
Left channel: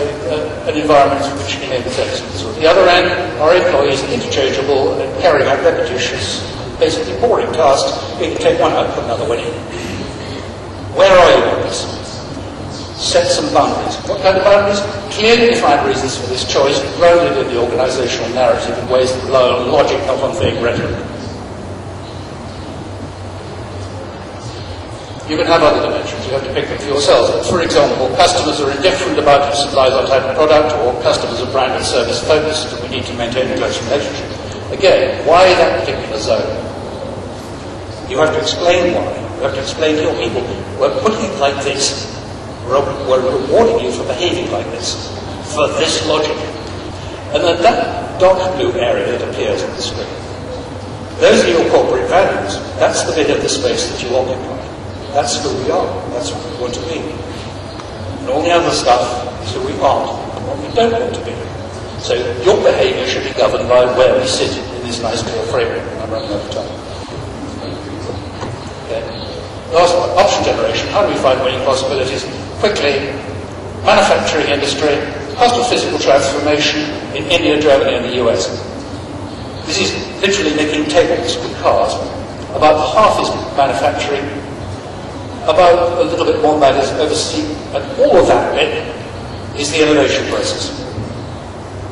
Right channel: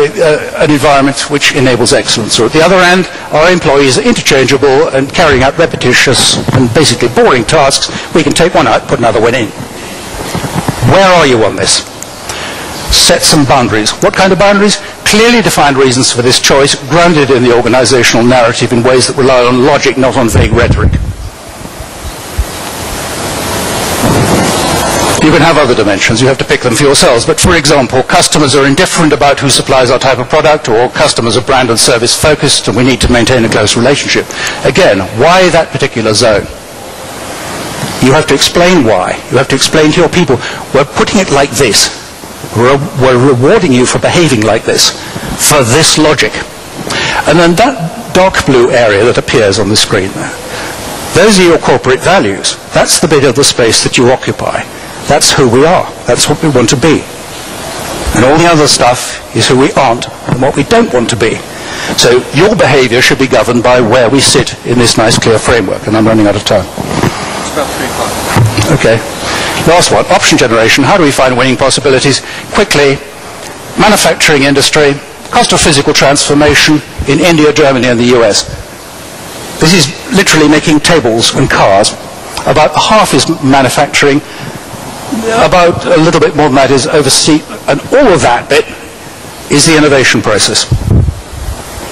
an environment which enables excellence. Or at the other end, our employees are interchangeable and carrying out repetitious and basically boring tasks. We can take one out, put another one in. Where are you on this? Set some boundaries. What kind of boundaries? Clearly defined reasons for this choice, grounded in the organizational narrative in ways that rely on logic, not on vague rhetoric. You can have other dimensions, you have to pick them for yourselves, but for example, customers are indifferent about who supplies our type of product, or customers are brand and service focused and we need to maintain a close relationship. Again, why that particular zone? You have to explain why. You have to explain to your people, we're putting it like this. We're rewarding you for behaving like this, for this logic. And then that dark blue area that appears on the screen there, those are your corporate values. That's the bit of the space that you occupy. That's who we are. That's what we want to be. And all the other stuff is who we aren't and what we don't want to be. So your behavior should be governed by where we sit in this nice clear framework. And I'm running out of time. It's about 3 o'clock. Okay. Last one, option generation. How do we find winning possibilities? Quickly, manufacturing industry, cost of physical transformation in India, Germany, and the US. This is literally making tables and cars. About half is manufacturing. About a little bit more than that is overseas, and all of that bit is the innovation process.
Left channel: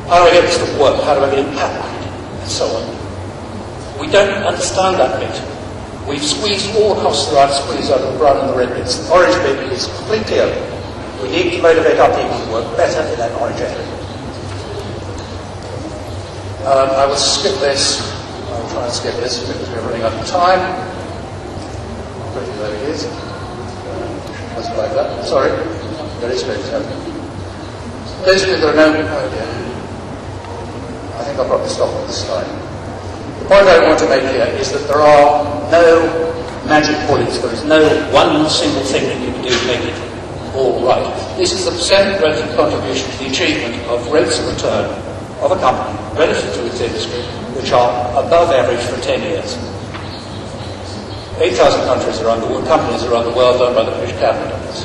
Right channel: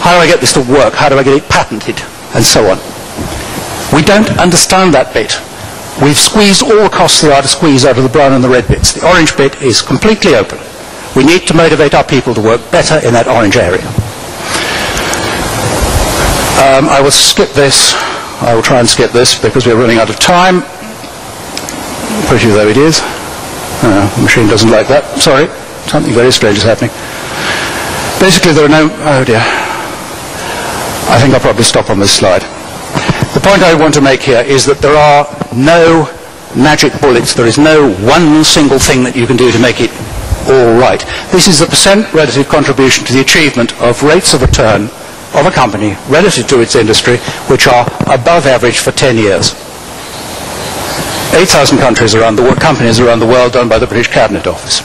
How do I get this to work? How do I get it patented? And so on. We don't understand that bit. We've squeezed all the costs there are to squeeze out of the brown and the red bits. The orange bit is completely open. We need to motivate our people to work better in that orange area. I will skip this. I will try and skip this because we're running out of time. Pretty though it is. The machine doesn't like that. Sorry, something very strange is happening. Basically, there are no... Oh dear. I think I'll probably stop on this slide. The point I want to make here is that there are no magic bullets. There is no one single thing that you can do to make it all right. This is the percent relative contribution to the achievement of rates of return of a company relative to its industry, which are above average for 10 years. 8,000 countries around the world, companies around the world, done by the British Cabinet Office.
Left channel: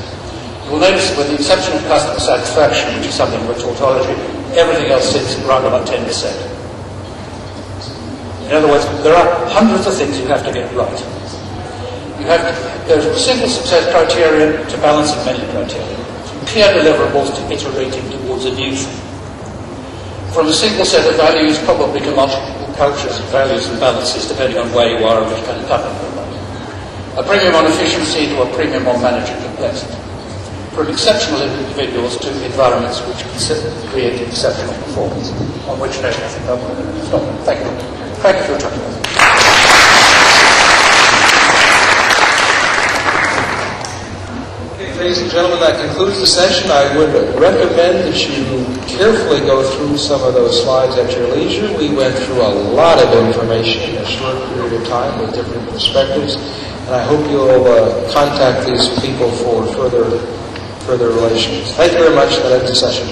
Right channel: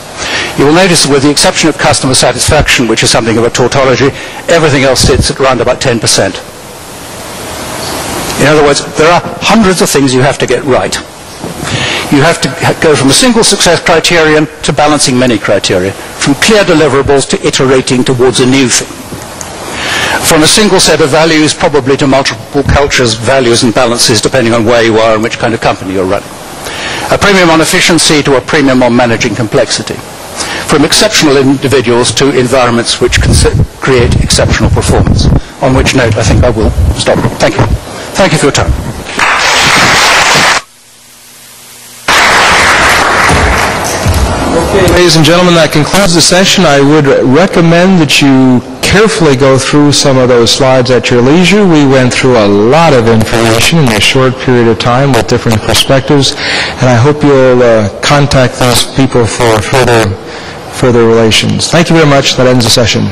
You will notice that with the exception of customer satisfaction, which is something of a tautology, everything else sits at around about 10%. In other words, there are hundreds of things you have to get right. You have to go from a single success criterion to balancing many criteria, from clear deliverables to iterating towards a new thing. From a single set of values, probably to multiple cultures, values and balances, depending on where you are and which kind of company you're running. A premium on efficiency to a premium on managing complexity. from exceptional individuals to environments which create exceptional performance. On which note, I think I will stop. Thank you. Thank you for your time. Okay, ladies and gentlemen, that concludes the session. I would recommend that you carefully go through some of those slides at your leisure. We went through a lot of information in a short period of time with different perspectives, and I hope you'll contact those people for further relations. Thank you very much. That ends the session.